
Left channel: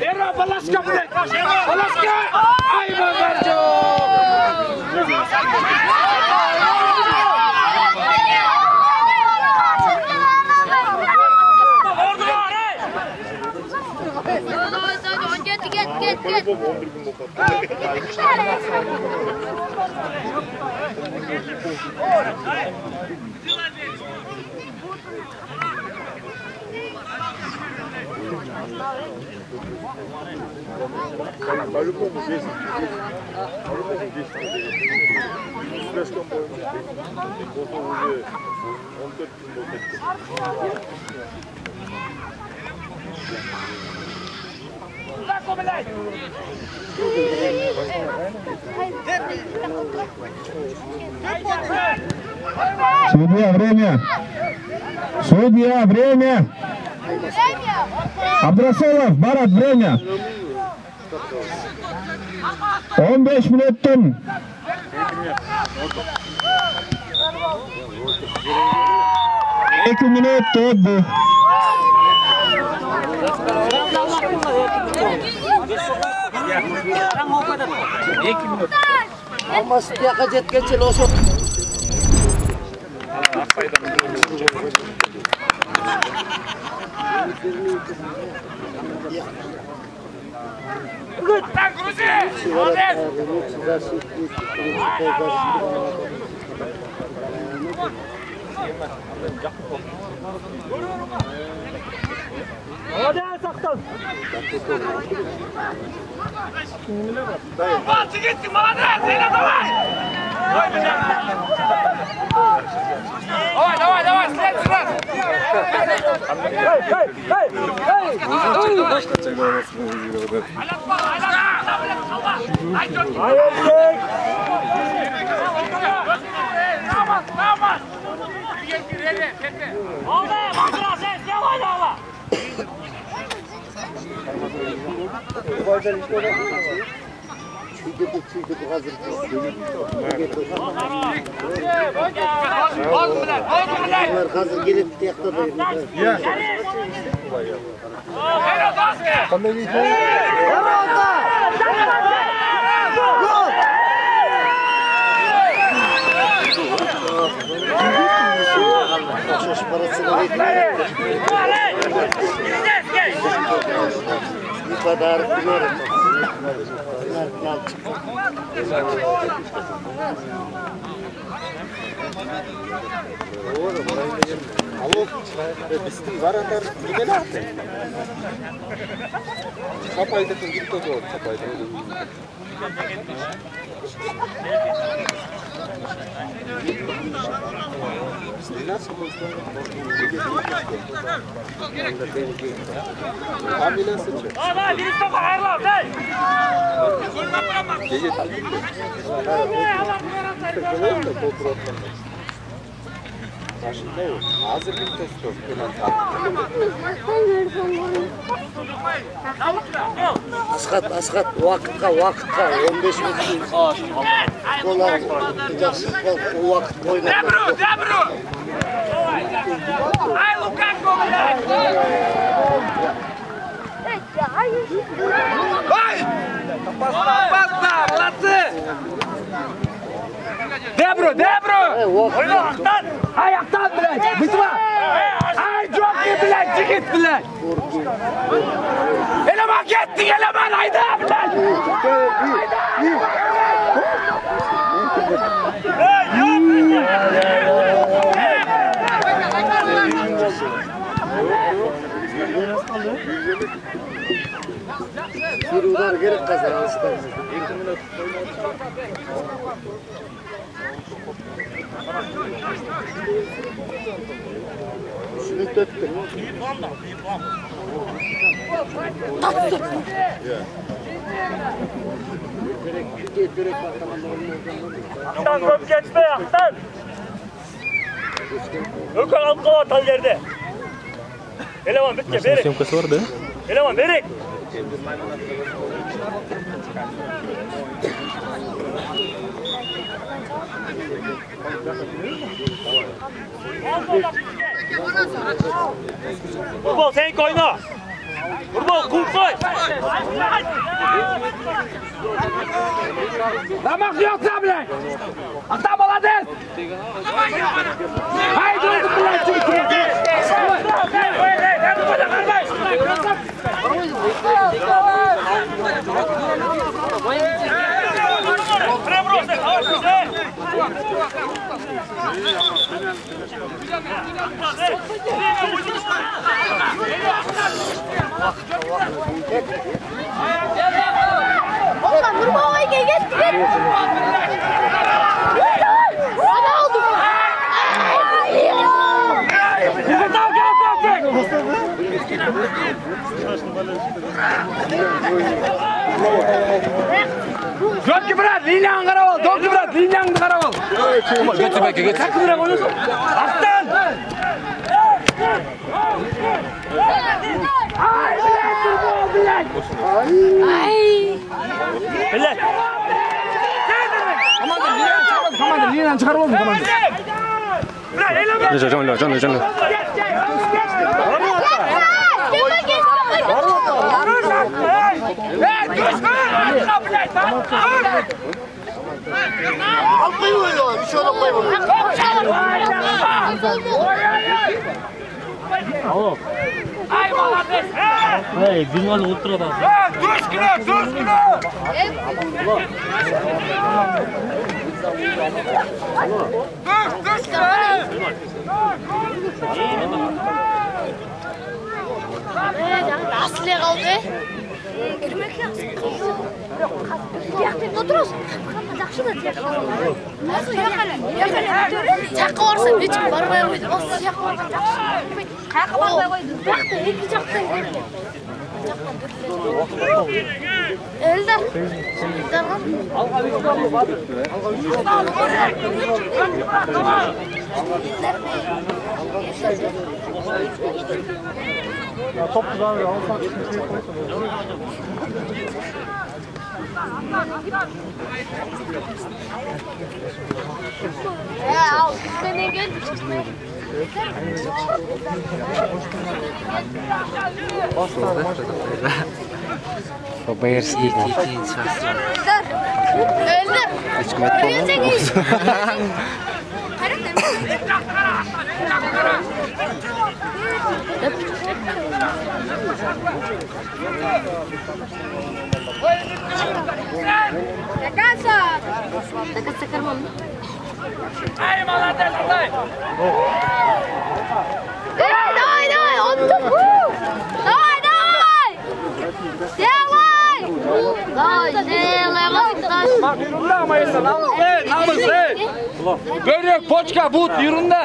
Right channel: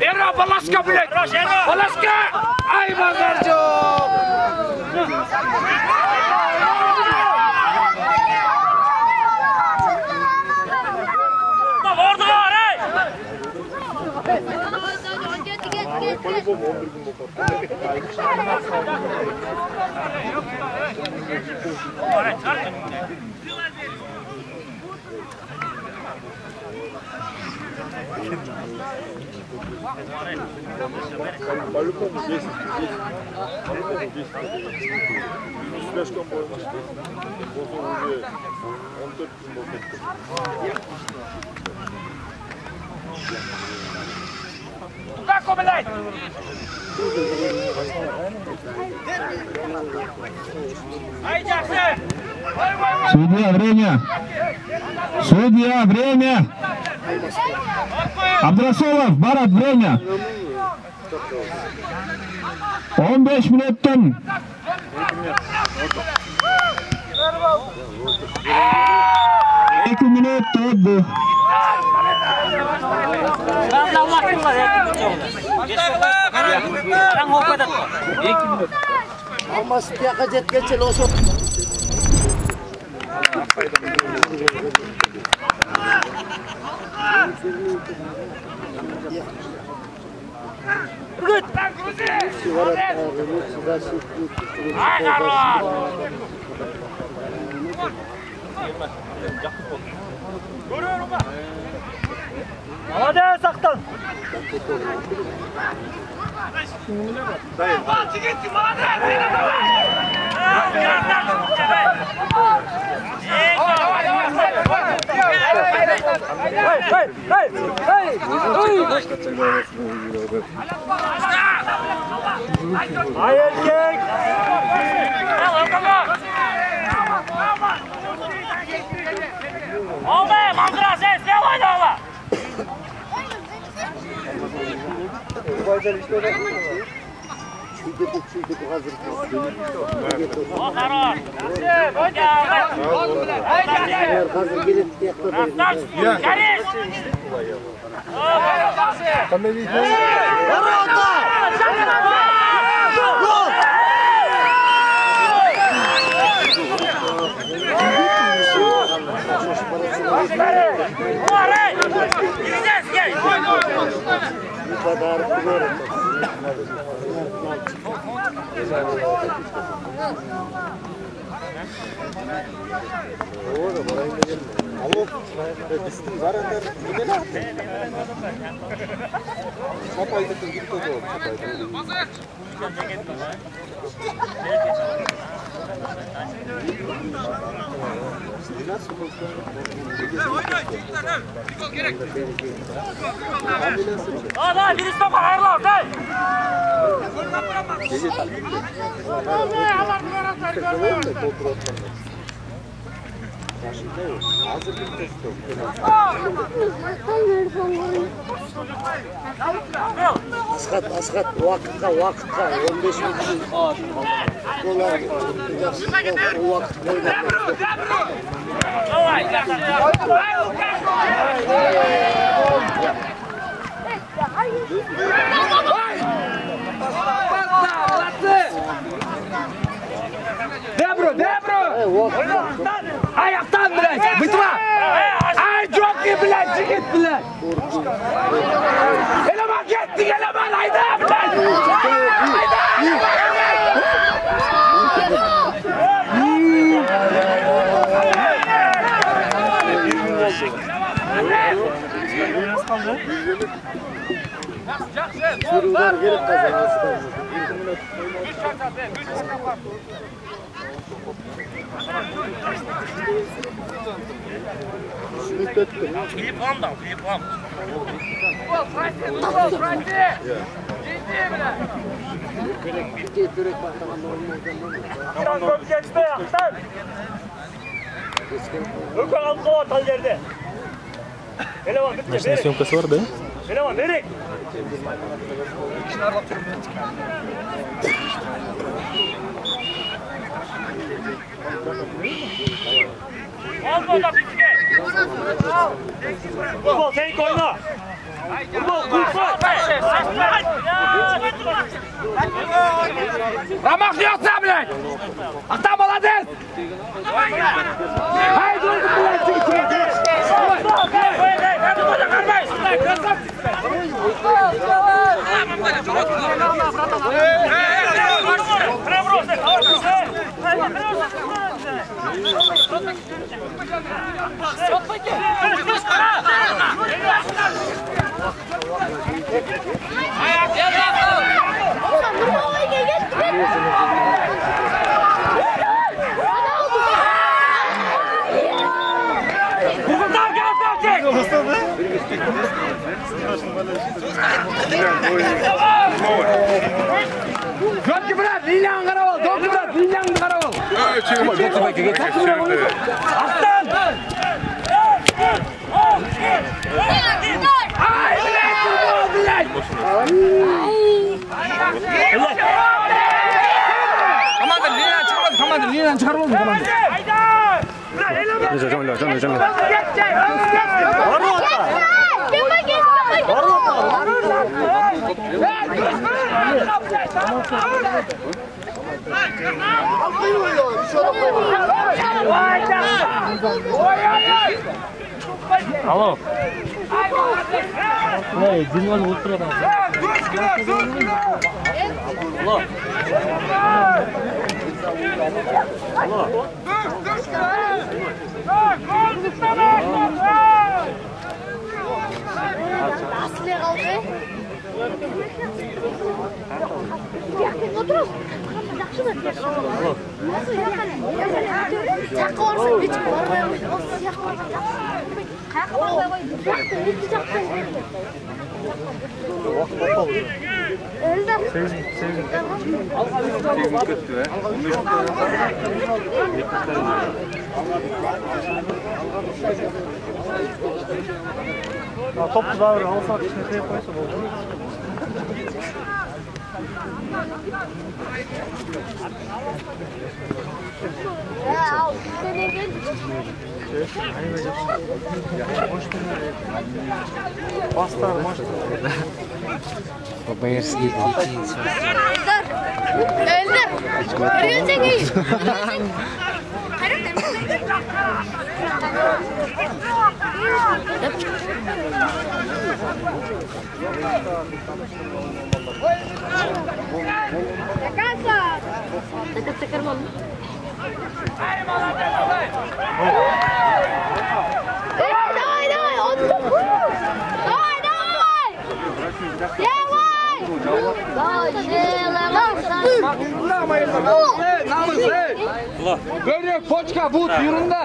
Era Balaska Black. Balaska! Ay Mazarjo! По-любому 10. По-любому 10. Слишком боимся. Уже 14 минут. Судья, время! Абдрасолов, Барат, время! 15 минуттан 2 minut oldu. 2 minut. Almas tiyaka jetkençe olsun. Hadi saktan. Çüydü bu hazır. Hazır gelip yakladı. Ya. Hadi birisi topa ayırlar. Askat vakıtka 15 metre dolar o vakit oynadı. Debro! Ayaktan bile! Bitme! Ay çok iyi bile! Çıkıt bile! Eleman gitti! Eleman! Haydi bile! Haydi! Sürüler gelip kazanır. 2 minut Şunu döktür. Börek bakalım Aktan top geçme Aktan. Ökal altı var tal yerde. Eleman bitti. Maşina syomkası var da. Eleman berek. Futbol sen koyma. Futbol kul koy. Ramak yoksa bile! Aktan молодец! Haydi oldu bile! Çıkıt! Dokki bırak, lilan karaval, dokki bırak, lilan karaval. Dokki bırak onu. Aslan! Ay, bilek, bilek. Komandır, lilan çıkarmaz, komandır, lilan çıkarmaz mı komandır? Canlı. Alo. Hey, bingal ultra da. Aslı kaldı. Yakın oturuyorsun. Жақсы да тек. Осы жаққа барсаң бүйтіп бармай қойды. Осы жаққа барған жақсы. Қаяққа бармай қойды. Жақта екі жақта. Элдар. Toplu da alsak şimdi koysa olur. Ya, sen ne gördün? Bayarız git. Elдар. Elдар. Nereye gidiyorsun? Dekat sekarang. Давай, отдых. Давай. Görüyor poçka but yüründe.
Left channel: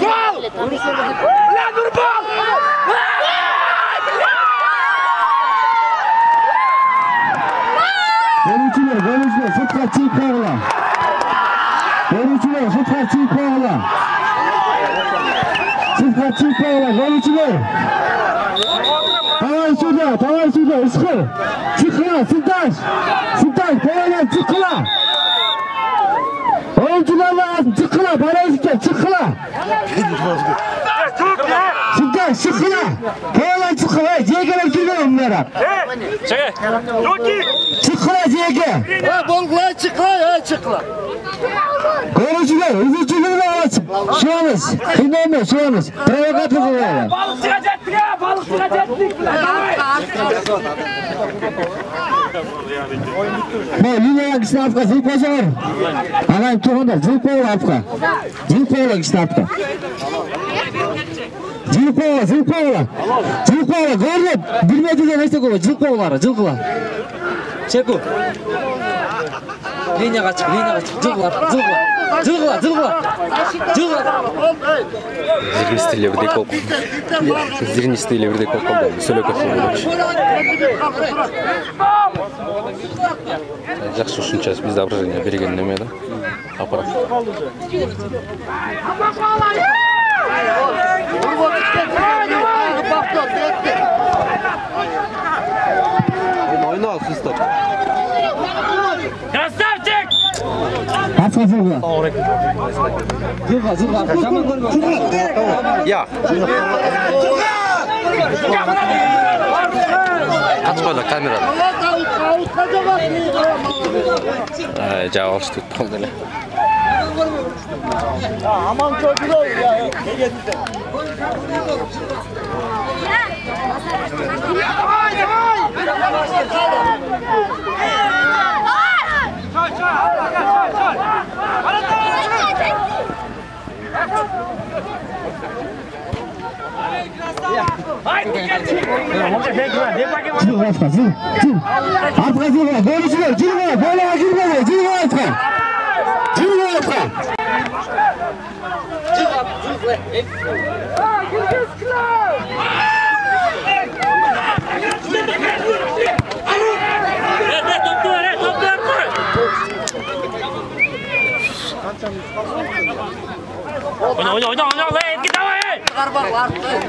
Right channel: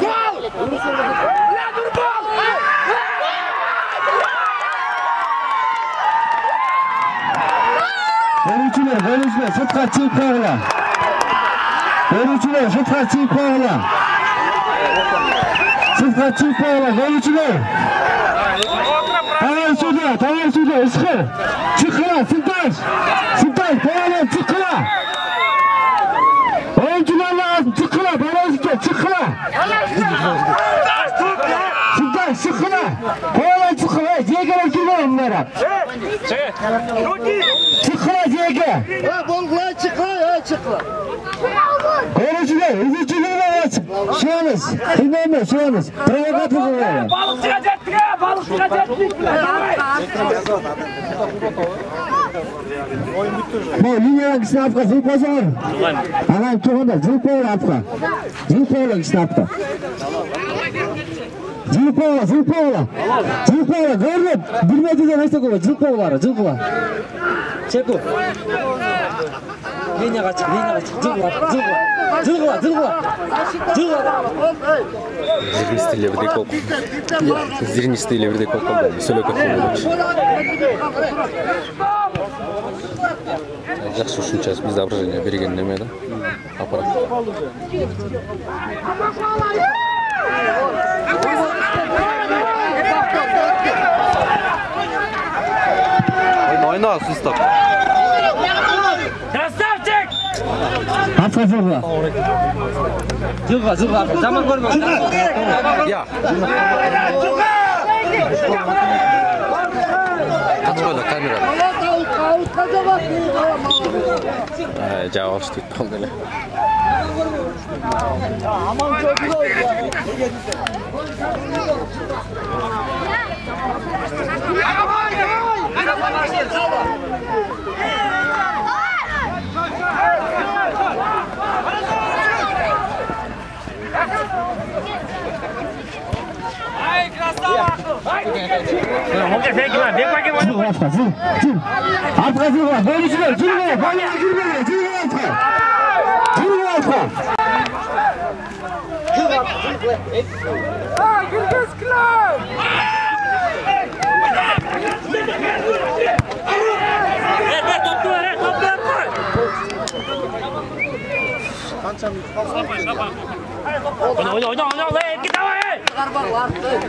Gol! La dur bal! Golücüler, sırtlar çiğ koyla. Golücüler, sırtlar çiğ koyla. Sırtlar çiğ koyla, golücüler. Tamam şurada, ıskır. Çıkıla, Sırtaş, koyla, çıkıla. Oyuncular lazım, çıkıla, barajike, çıkıla. Sırtaş, çıkıla. Koyla, çıkıla, yegeler girme onlara. Çıkıla, yege. Çıkıla. Oyuncular, üzücülüğüne açık. Şuanız, kıymayma, şuanız. Provokatör oluyorlar. Balıkçıya cettik ya, balıkçıya cettik. Bu linyalar kişinin afka, zil koşar. Anam tuğunda, zil koğla afka. Zil koğla kişinin afka. Zil koğla. Görüyor, bilmediğine neyse koğla, zil koğla. Çeku. Linyaga çık, zil koğla. Зернистый левый коп. Зернистый левый коп, да, солёка фигуруч. Жақсы ушунча бизде ображение берген неме да. Аппарат. Ойна сустап. Красавчик! Afka zilga. Zilga. Zaman görme. Ya. Kaçmadı kamera. Cevap tuttum böyle. Aman çocuğum ya. Oyna, git давай!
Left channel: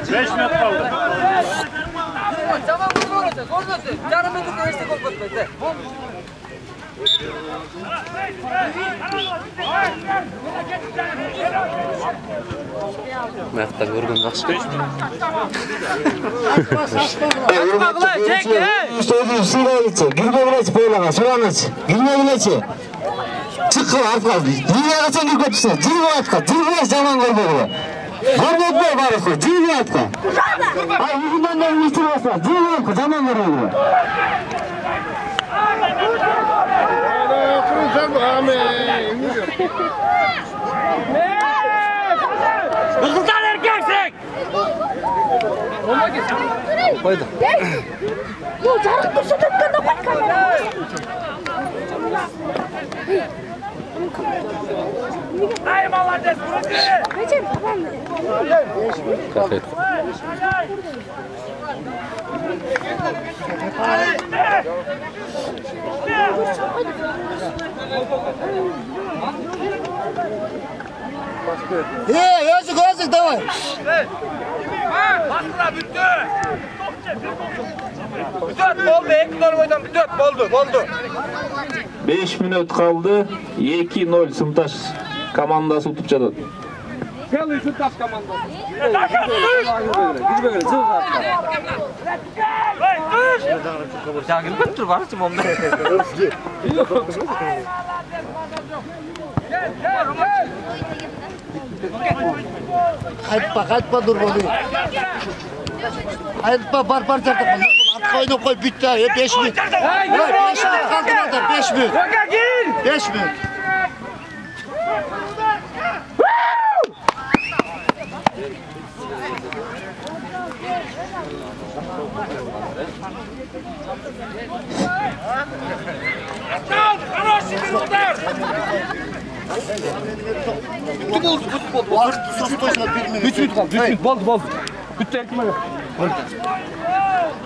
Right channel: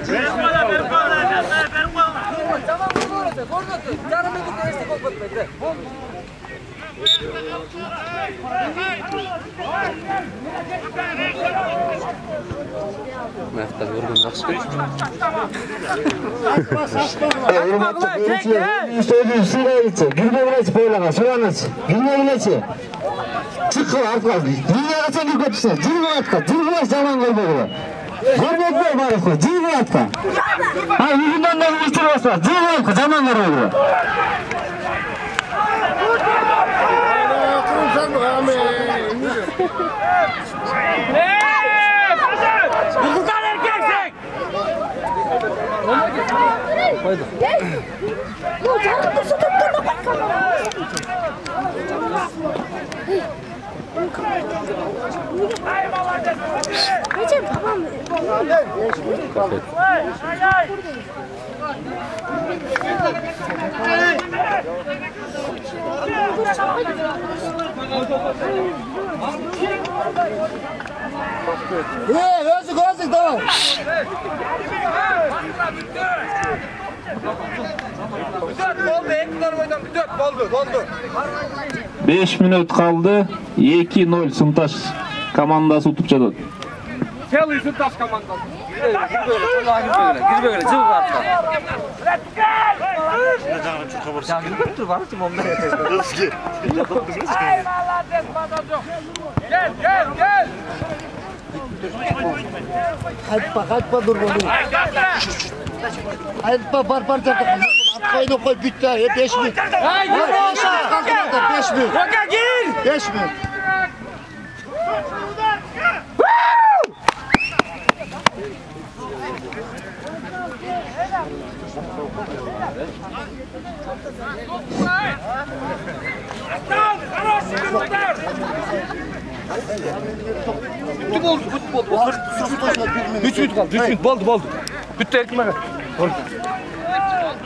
5 minut kaldı. Tamam, vurma orası. Yarım metre koyarsa gol batmaydı. Ayakta görgün жақсы. Çıkın artık. Dünyaya kaçan gibi götürsün. Cilve atka. Cilve zaman koymadı. Görmek boy barısı. Cilve atka. Hayır, yüzünden de müşteri basma. Cilve atka. Zaman koymadı. Kızıldan erkeksek! Koydu. Bu jarık dursa tutkanda koy kamera. Recep tamam mı? Kaset. Yazık давай. 5 minut kaldı. 2-0 Sıntaş komandası tutup жатат. Целый Сынташ командасы. Gizbe göre, cıvı var. Ya gülüp dur var mı onda? Gel. Qaytpa dur bunu. Qaytpa bar çarptı. At koy bitti. 5 minut. 5 minut. 5 minut. Bitti oldu. 3 minut kaldı. 3 minut oldu. Bitti erkime ver.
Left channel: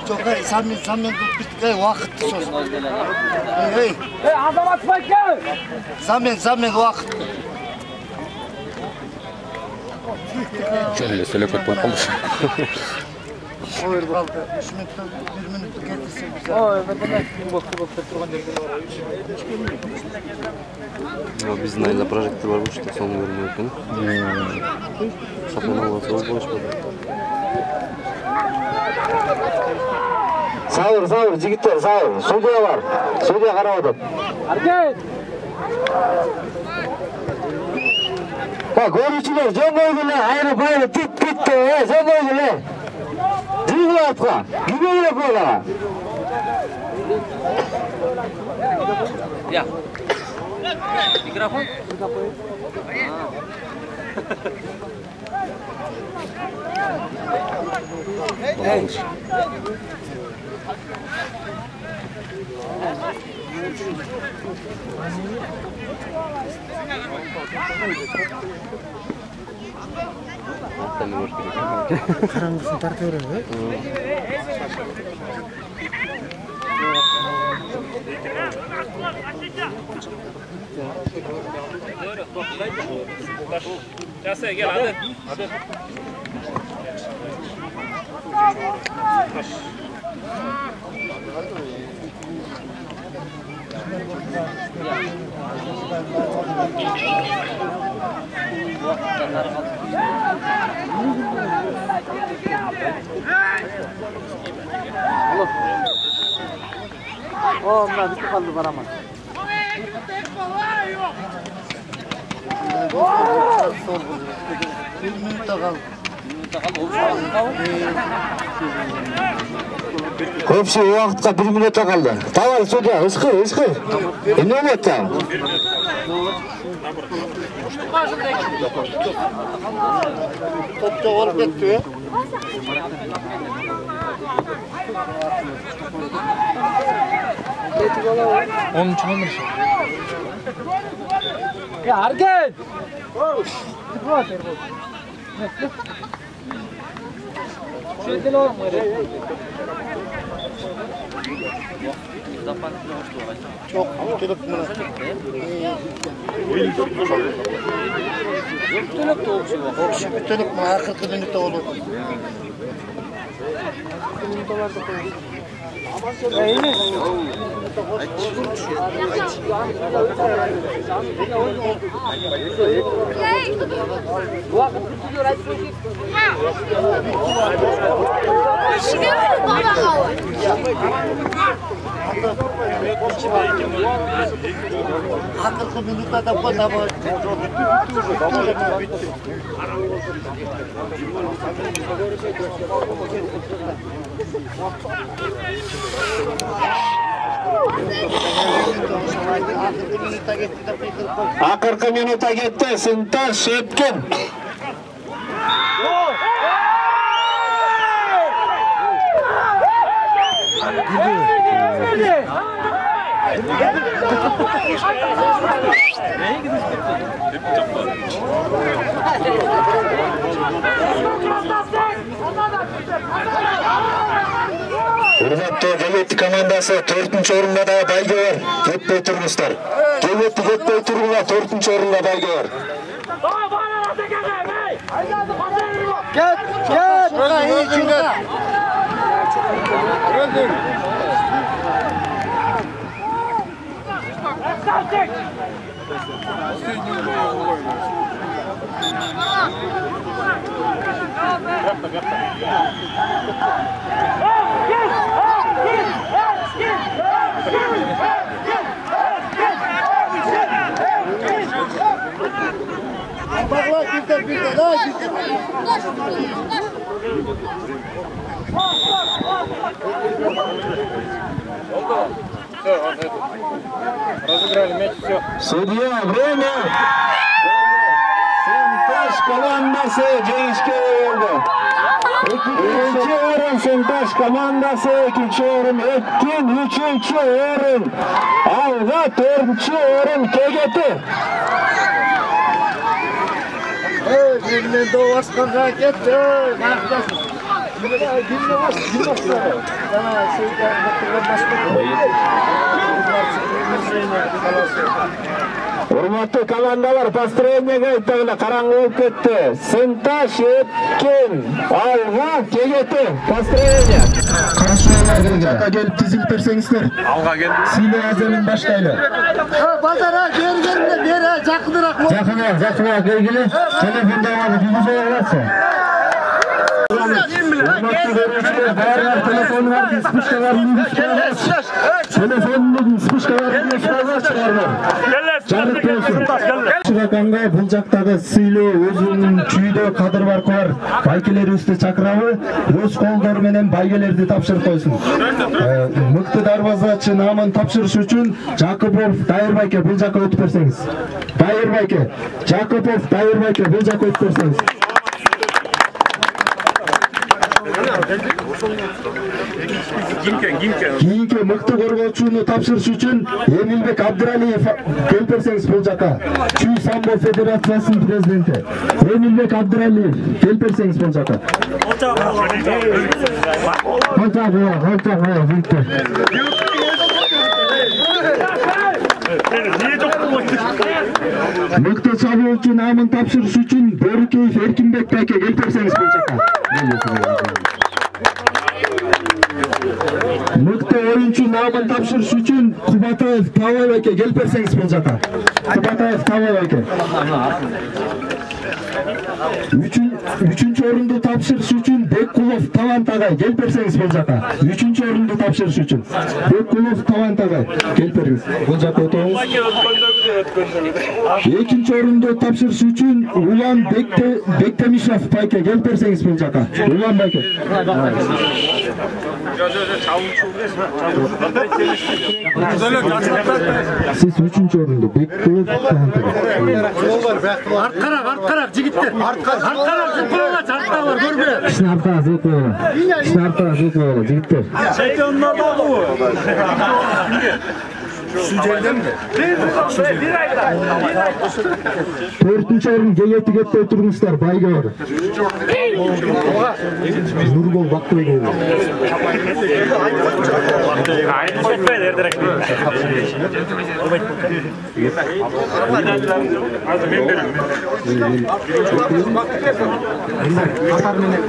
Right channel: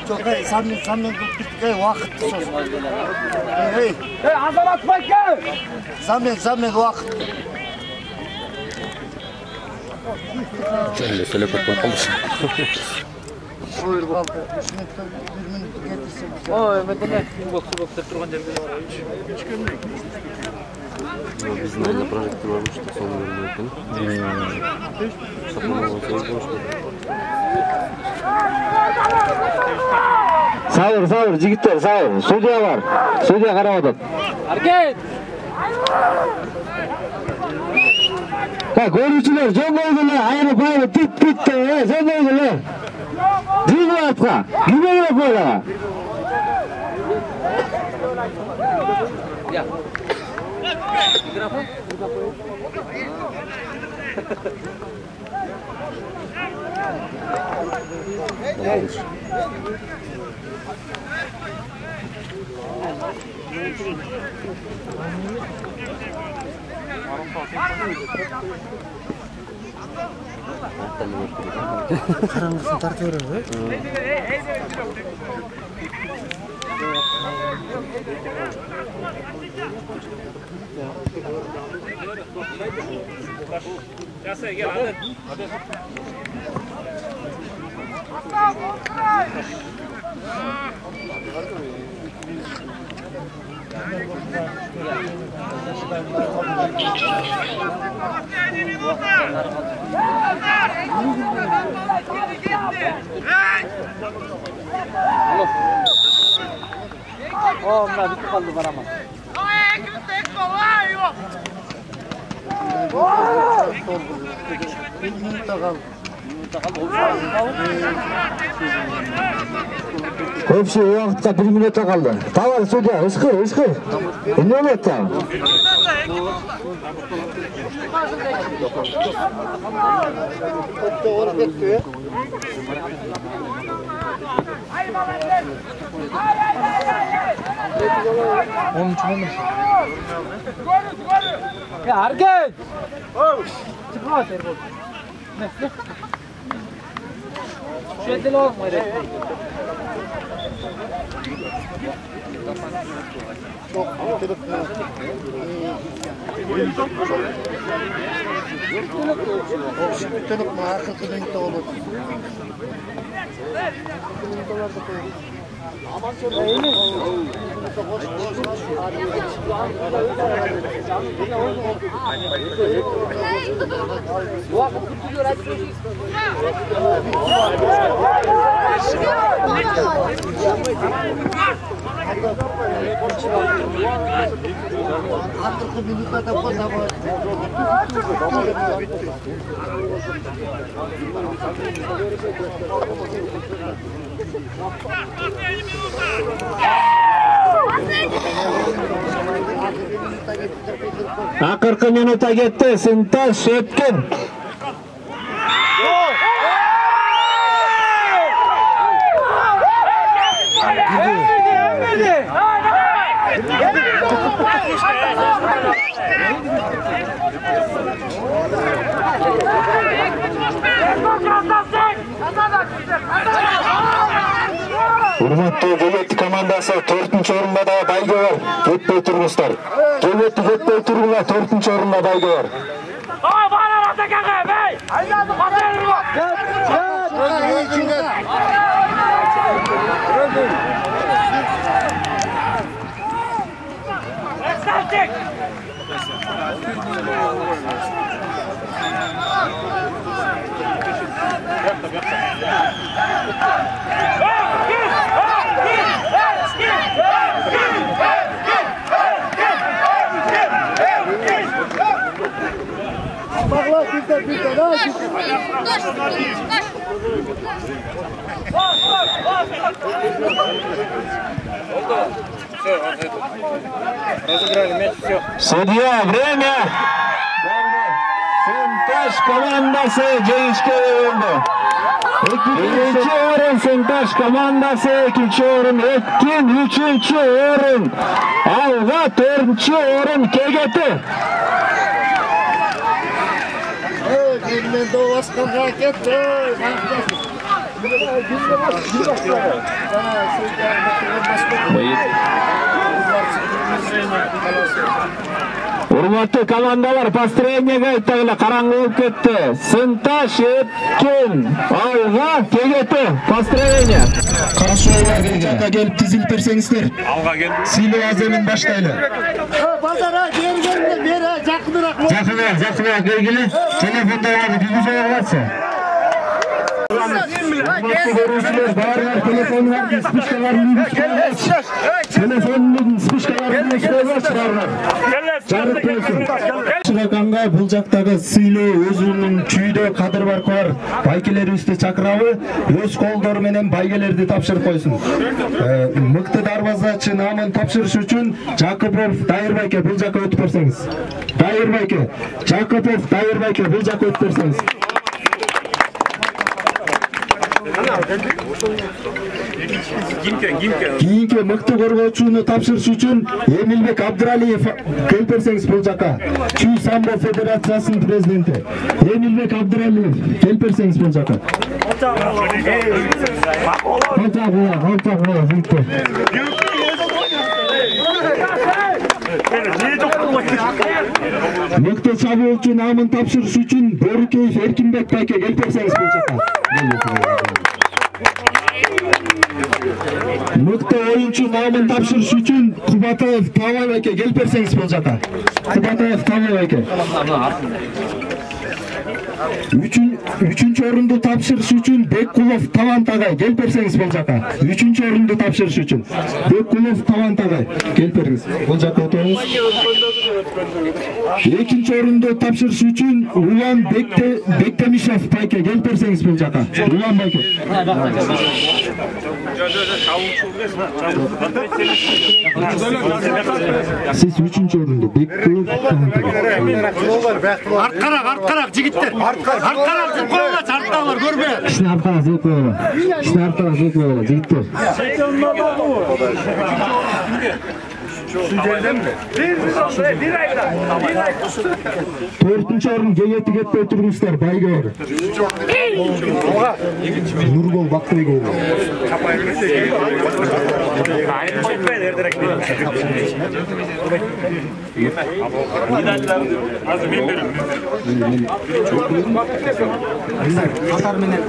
Çok sen bitti vakit sos. Hey, Azamat Baykal. Zaman vakit. Şöyle söylekot boy kaldı. Oyur kaldı. 3 minuttan 1 minut getirsin bize. Bokta turgan жерге барып. Биздин айда прожектор бар болчу, сону көрмөй экен. Шапмана болсо болчу. Sabır jigitler sabır. Судья var. Судья карап атат. Аркет. Ha görücüler jönдөйгүлөр айрып тит жөндөйгүлөр. Жиги атка. Гүбөгө койлага. Ya. Mikrofon. Karanlıksın tartıyor öyle. Gel hadi. Oh, bunlar bitti kaldı var ama. Bir minutta kaldı. Köpsü uақытқа 1 минутта kaldı. Давай, судья, ышқыр. Эмне болот та? Top doğru gitti. Onun için Ya Argen! Çıkma terbo. Şeyde olur mu? Çok kötülük mü? Kötülük mü? Kötülük mü? Akıllı minutta olur. Akırkı minuta gitti. Sıntaş Şepkin. Urmatlı Devletli komandası 4-cü orunda da baygı var. Ketpey turmuşlar. Devletli ketpey turgular 4-cü orunda baygı var. Судья, время! Сенташ командасы жеңишке oldu. Birinci orun Sentaş komandası, ikinci orun Etkin, üçüncü orun Alva, dördüncü orun KGT. Birinden de başkan raket. Urmatlı komandalar построениеге айтагыла караңгы болуп кетти. Сынташ, Etkin, Alva, KGT построение. Карашойлар жакка келип тизилип берсеңиздер. Алга келди. Сыйлоо аземин баштайлы. Базара бери жакыныраак. Жакыныраак келгиле. Телефондогу жүргүзө аласың. Telefonlar spişkalarını telefonun spişkalarını жарык болсун. Чыгаканга бул жактагы сыйлоо өзүнүн чүйдө кадыр баркылар байкелерибизди чакырабы, өз колдору менен байгелерди тапшырып койсун. Мыкты дарбазачы намын тапшырыш үчүн Жакупов Дайырбайке бул жакка өтүп берсеңиз. Дайырбайке, Жакупов Дайырбайке бул жакка өтүп берсеңиз. Кийинки мыкты коргоочуну тапшырыш үчүн Эмилбек Абдыралиев келип берсеңиз бул жака. Чүй самбо федерациясынын президенти Эмилбек Абдыралиев келип берсеңиз бул жака. Мыкты чабуучу намын тапшырыш үчүн Бөрүкеев Эркинбек байке келип берсеңиз бул жака. Мыкты оюнчу намын тапшырыш үчүн Кубатаев Табай байке келип берсеңиз бул жака. Кубатаев Табай байке. Üçüncü orundu tapşırış üçün Bekkulov Tavan Tagay gelip verseniz bol jaka. Üçüncü orundu tapşırış üçün Bekkulov Tavan Tagay gelip veriniz. Bol jaka oturunuz. İkinci orundu tapşırış üçün Ulan Bektemişov Bayke gelip verseniz bol jaka. Ulan Bayke. Siz üçüncü orundu Bekkulov Tavan Tagay. Arkarak jigitler. Arkarak zıplıyorlar, çarptılar, görme. İşte arkarak zıplıyorlar. Jigitler. Төртінші орын кегеті кетпей тұрмыстар, байға бар. Нұрбол Бақтыбек олы. Айын қойтпайды, ердірек. Азыр мен берем. Қатар менен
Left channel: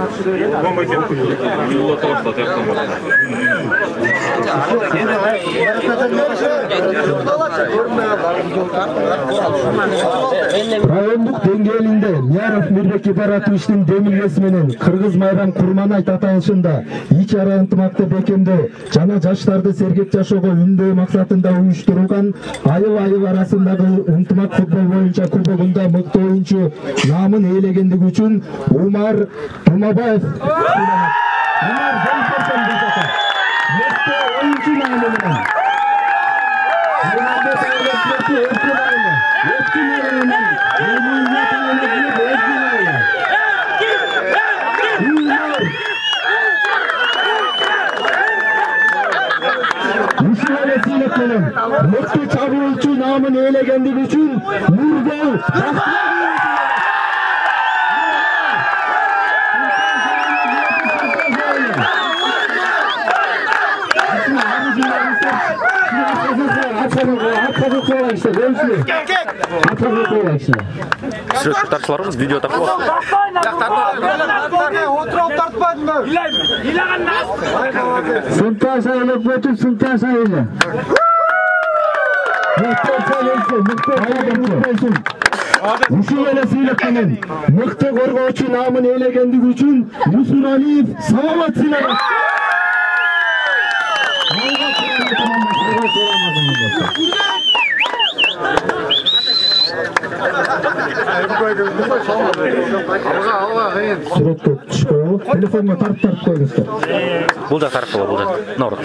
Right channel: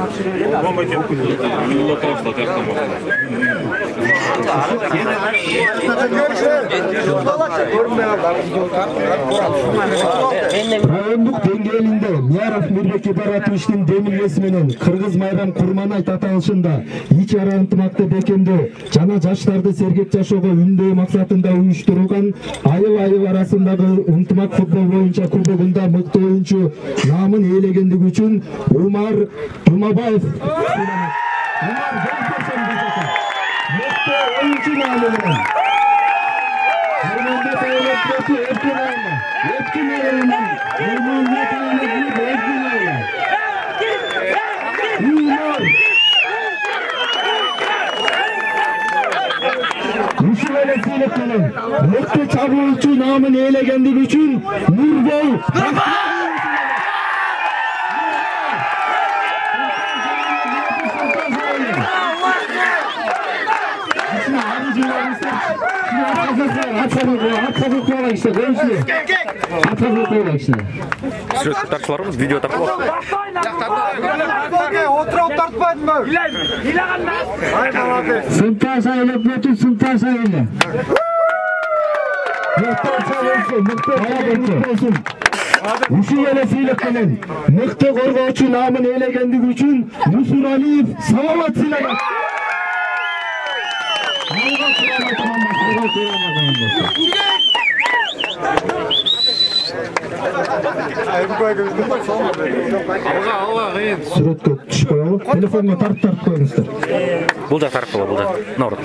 Райондук деңгээлинде Мияров Мирбек Ибаратовичтин демилгеси менен Кыргыз Майрам Курманайт аталышында ич ара ынтымакты бекемдөө жана жаштарды сергек жашоого үндөө максатында уюштурулган айыл арасындагы ынтымак футбол боюнча кубогунда мыкты оюнчу наамын ээлегендиги үчүн Умар Тумабаев мыкты чабуулчу наамын ээлегендиги үчүн Нурбол Söz tartışmalarımız video tartışmalar. Sultan sayılıp bütün sultan sayılı. Ушул эле сыйлыктын мыкты коргоочу наамын ээлегендиги үчүн Мусуралиев саламат сыйланат. Сүрөткө түшүп коелу. Телефонго тартып коюңуздар. Бул да тарап кала, бул да. Наурат.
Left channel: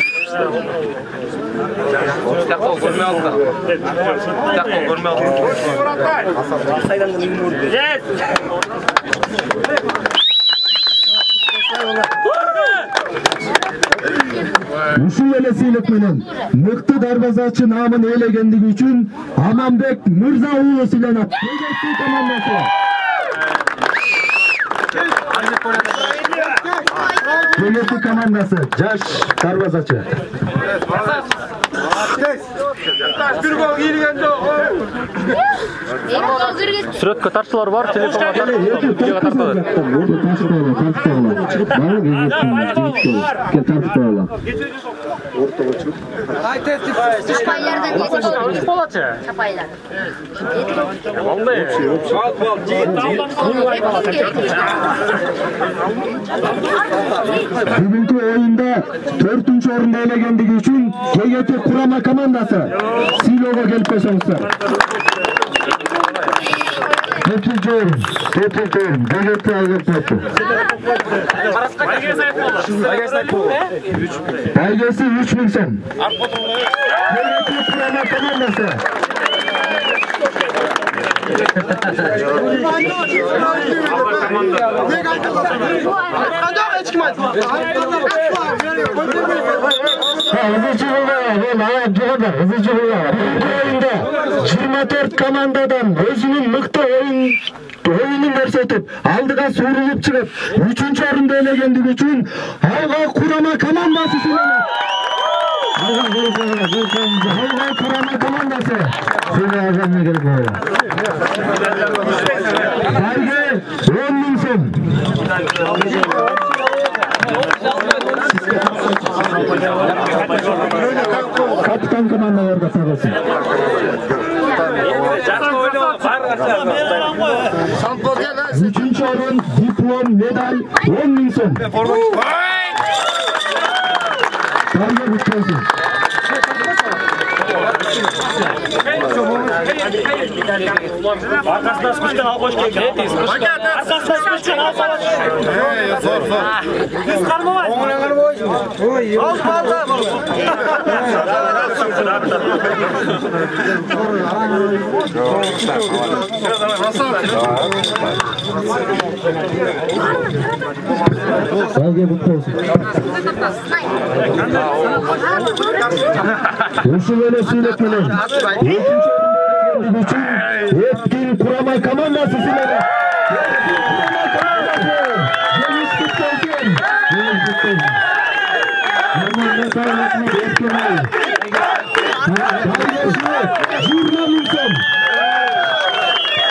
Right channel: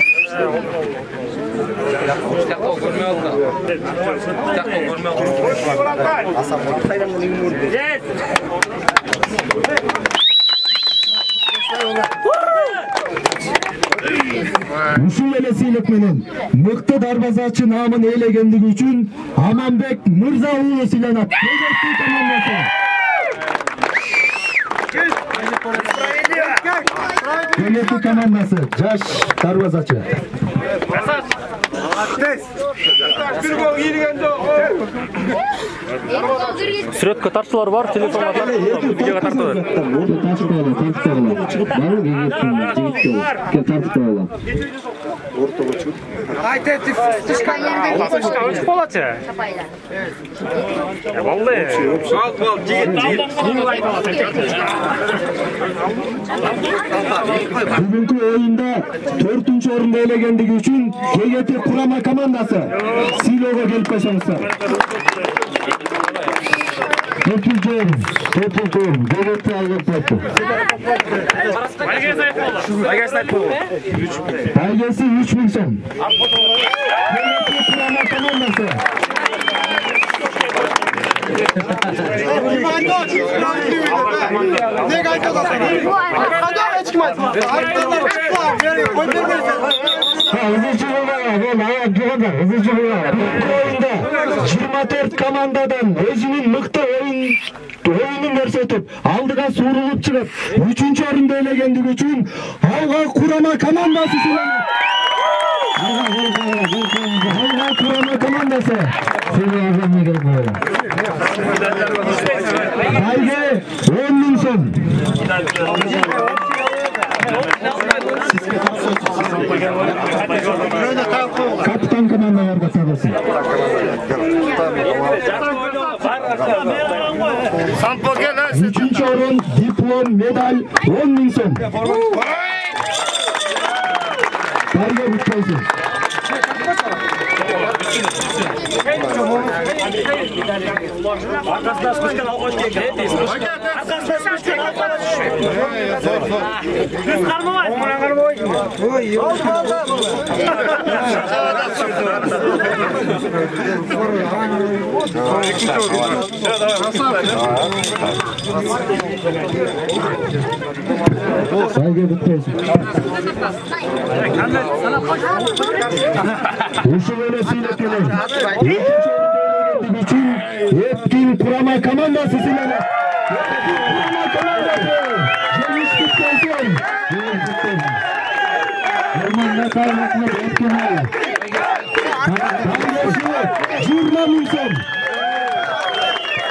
Ушул эле сыйлык менен мыкты дарбазачы наамын ээлегендиги үчүн Аманбек Мырза уулу сыйланат. Кегеттүү командасы. Кегеттүү командасы жаш дарбазачы. Сүрөткө тартуулар бар, телефонго тартып, видеого тартып. Бүгүнкү оюнда 4-чү орунду ээлегендиги үчүн КГТ курама командасы сыйлоого келип койсоңуздар. 4-чү орун, КГТ алып байгеси 3000 сом. КГТ курама командасы. Oyunda 24 komandadan özünün mıktı oyunun көрсөтүп, алдыга суурулуп чыгып, 3-чү орунду ээлегендиги үчүн Алга Курама командасы сыйланат. Алга Курама командасы сыйланат. Байге 10.000 сом. Капитан командаларга сагылсын. 3-чү орун, диплом, медаль 10.000 сом. Байге бүткөнсүн. Arkasına sıkışken almış geldi. Arkasına sıkışken almış. Biz karnı var. Oğlan karnı var. Oy, yavaş kaldı. Nasıl? Saygı kutlu olsun. Uşu böyle söyletmeler. Bütün Ötkil Kurama Komandası sizlere. Deniz kutlu olsun. Deniz kutlu olsun. Normal metalletme etkimeyi. Bargesi Jurnaminson.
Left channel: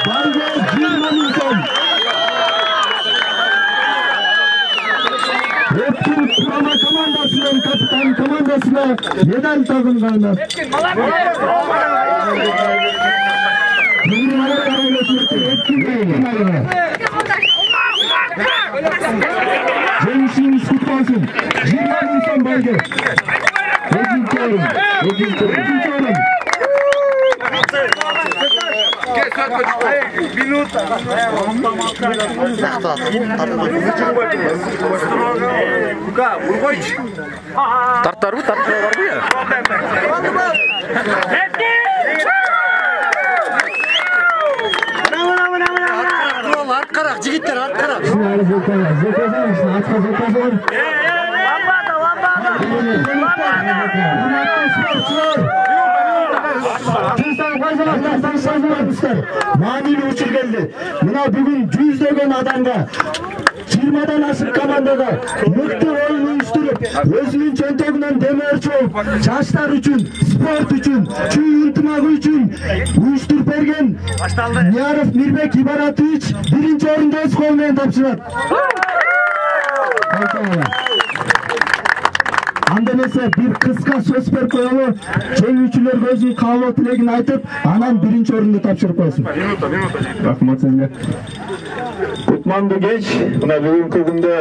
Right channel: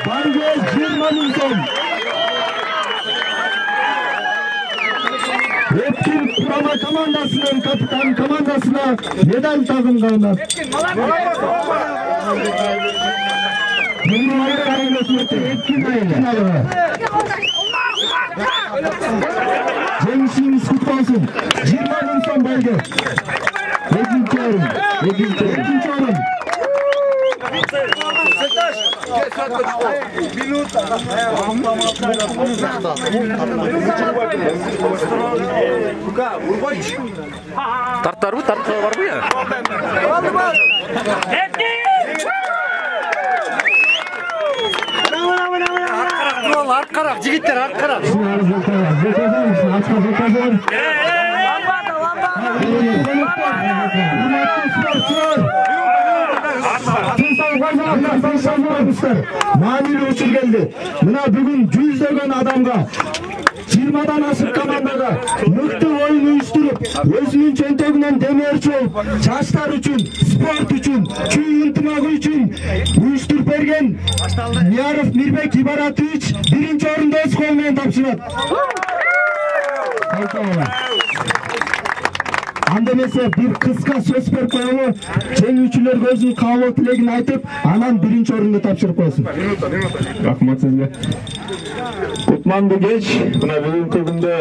Bargesi Jurnaminson. Ötkil Kurama Komandası'nın kapitan komandasına medal takımlarına. Jengişiniz kutlu olsun. 20 Nisan baydı. Ödünç oğlum. Tartlar mı? Tartlar var mı ya? Art karak, jigitler art karak. Mani uçur geldi. Buna bugün yüzdеген adamga 20'dan aşık komandaga mıktı oyun uyuşturup özünün çöntөгүнөн демерчи болуп жаштар үчүн спорт үчүн чүй ынтымагы үчүн уюштуруп берген Мияров Мирбек Ибаратович биринчи орунду өз кол менен тапшырат. Анда эмесе бир кыска сөз берип коелу, жеңүүчүлөргө өзүнүн каалоо тилегин айтып, анан биринчи орунду тапшырып койсун. Рахмат сизге. Кутманды кеч, мына бүгүнкү күндө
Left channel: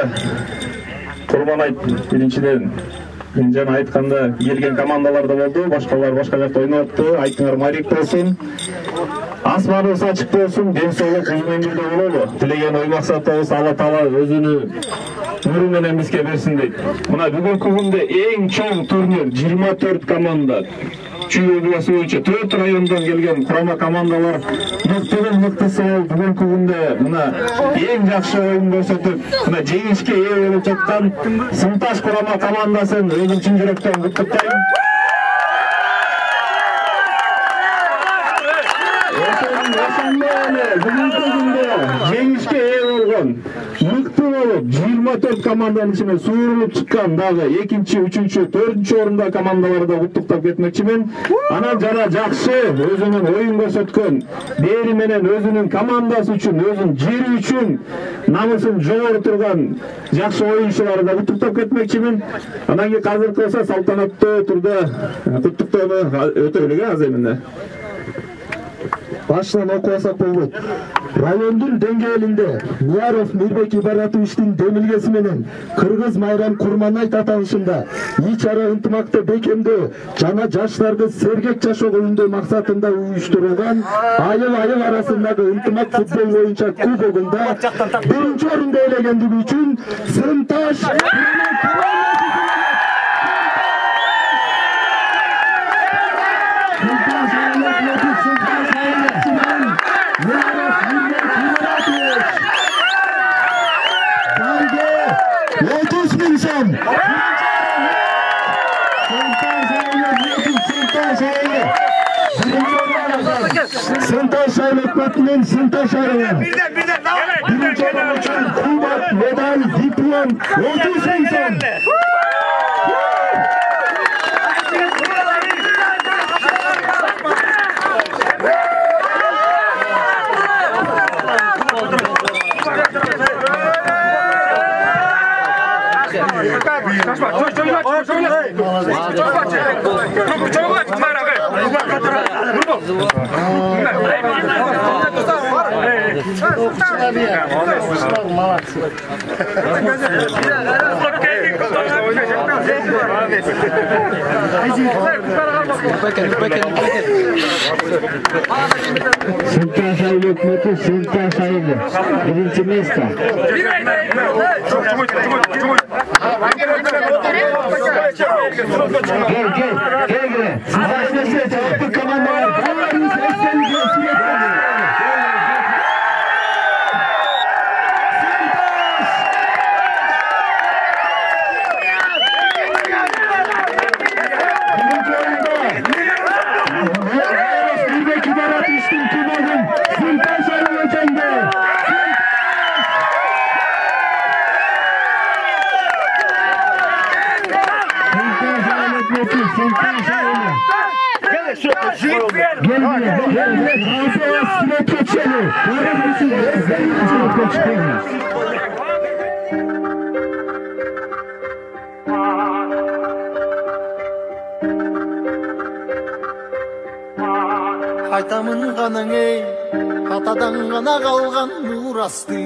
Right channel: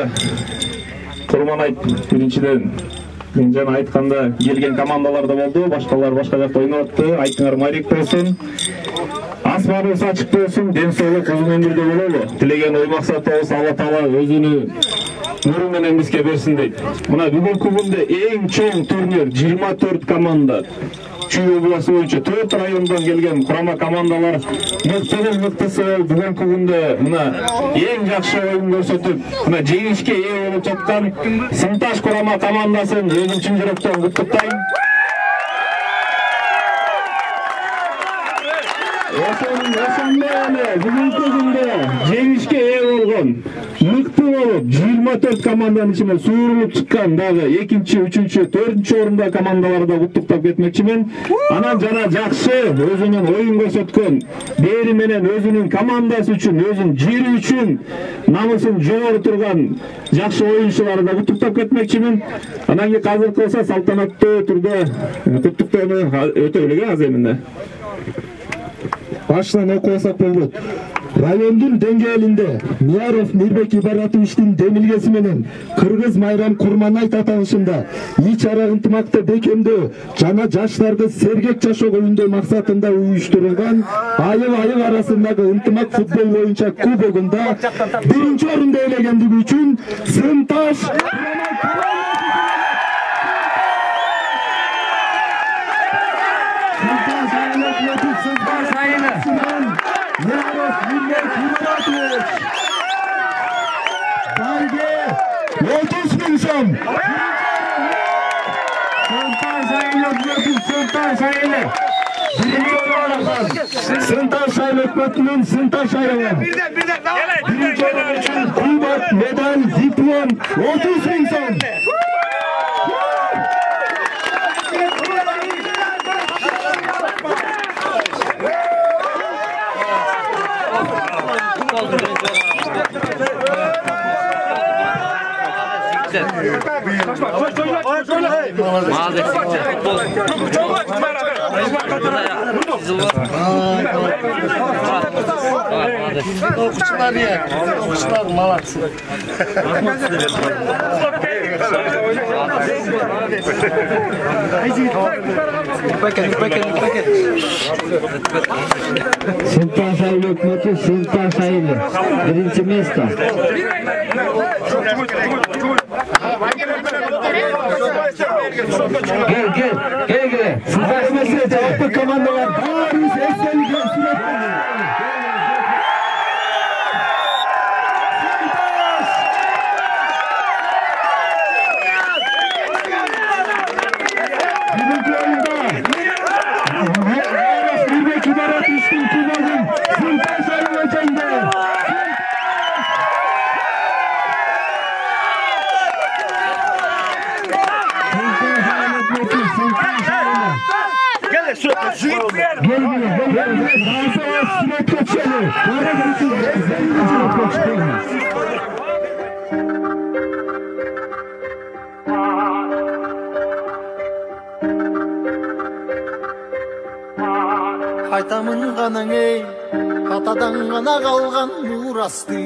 Курманайт биринчиден мен жана айтканда келген командалар да болду, башкалар башка жакта ойноп атты. Айтыңар майрек болсун. Асманыбыз ачык болсун, ден соолук узун өмүрдө бололу. Тилеген ой максатыбыз Алла Таала өзүнүн нуру менен бизге берсин дейт. Мына бүгүнкү күндө эң чоң турнир 24 команда Чүй областы боюнча 4 райондан келген курама командалар мыктынын мыктысы болуп бүгүнкү күндө мына эң жакшы оюн көрсөтүп, мына жеңишке ээ болуп жаткан Сынташ курама командасын өзүм чын жүрөктөн куттуктайм. Бүгүнкү күндө жеңишке ээ болгон мыкты болуп 24 команданын ичинен суурулуп чыккан дагы 2-чи, 3-чү, 4-чү орунда командаларды куттуктап кетмекчимин. Анан жана жакшы өзүнүн оюн көрсөткөн, бери менен өзүнүн командасы үчүн, өзүнүн жери үчүн намысын жогору турган жакшы оюнчуларды да куттуктап кетмекчимин. Анан кийин азыр кылса салтанаттуу турда куттуктоону өтөлүк азыр эмне. Baştan okuyasak болбойт. Райондун деңгээлинде Мияров Мирбек Ибаратовичтин демилгеси менен Кыргыз Майрам Курманайт аталышында ич ара ынтымакты бекемдөө жана жаштарды сергек жашоого үндөө максатында уюштурулган айыл арасындагы ынтымак футбол боюнча кубогунда биринчи орунду ээлегендиги үчүн Сынташ Сынташ өкмөтүнүн Сынташ айылы. Биринчи орун үчүн кубок, медаль, диплом 30 000 сом. Молодцы. Сынташ айылы өкмөтү Сынташ айылы. Биринчи место. Gel. Sıntaş mesele cevaplı komandalar. Қайтамын ғанаң ей, атадан ғана қалған мурасты.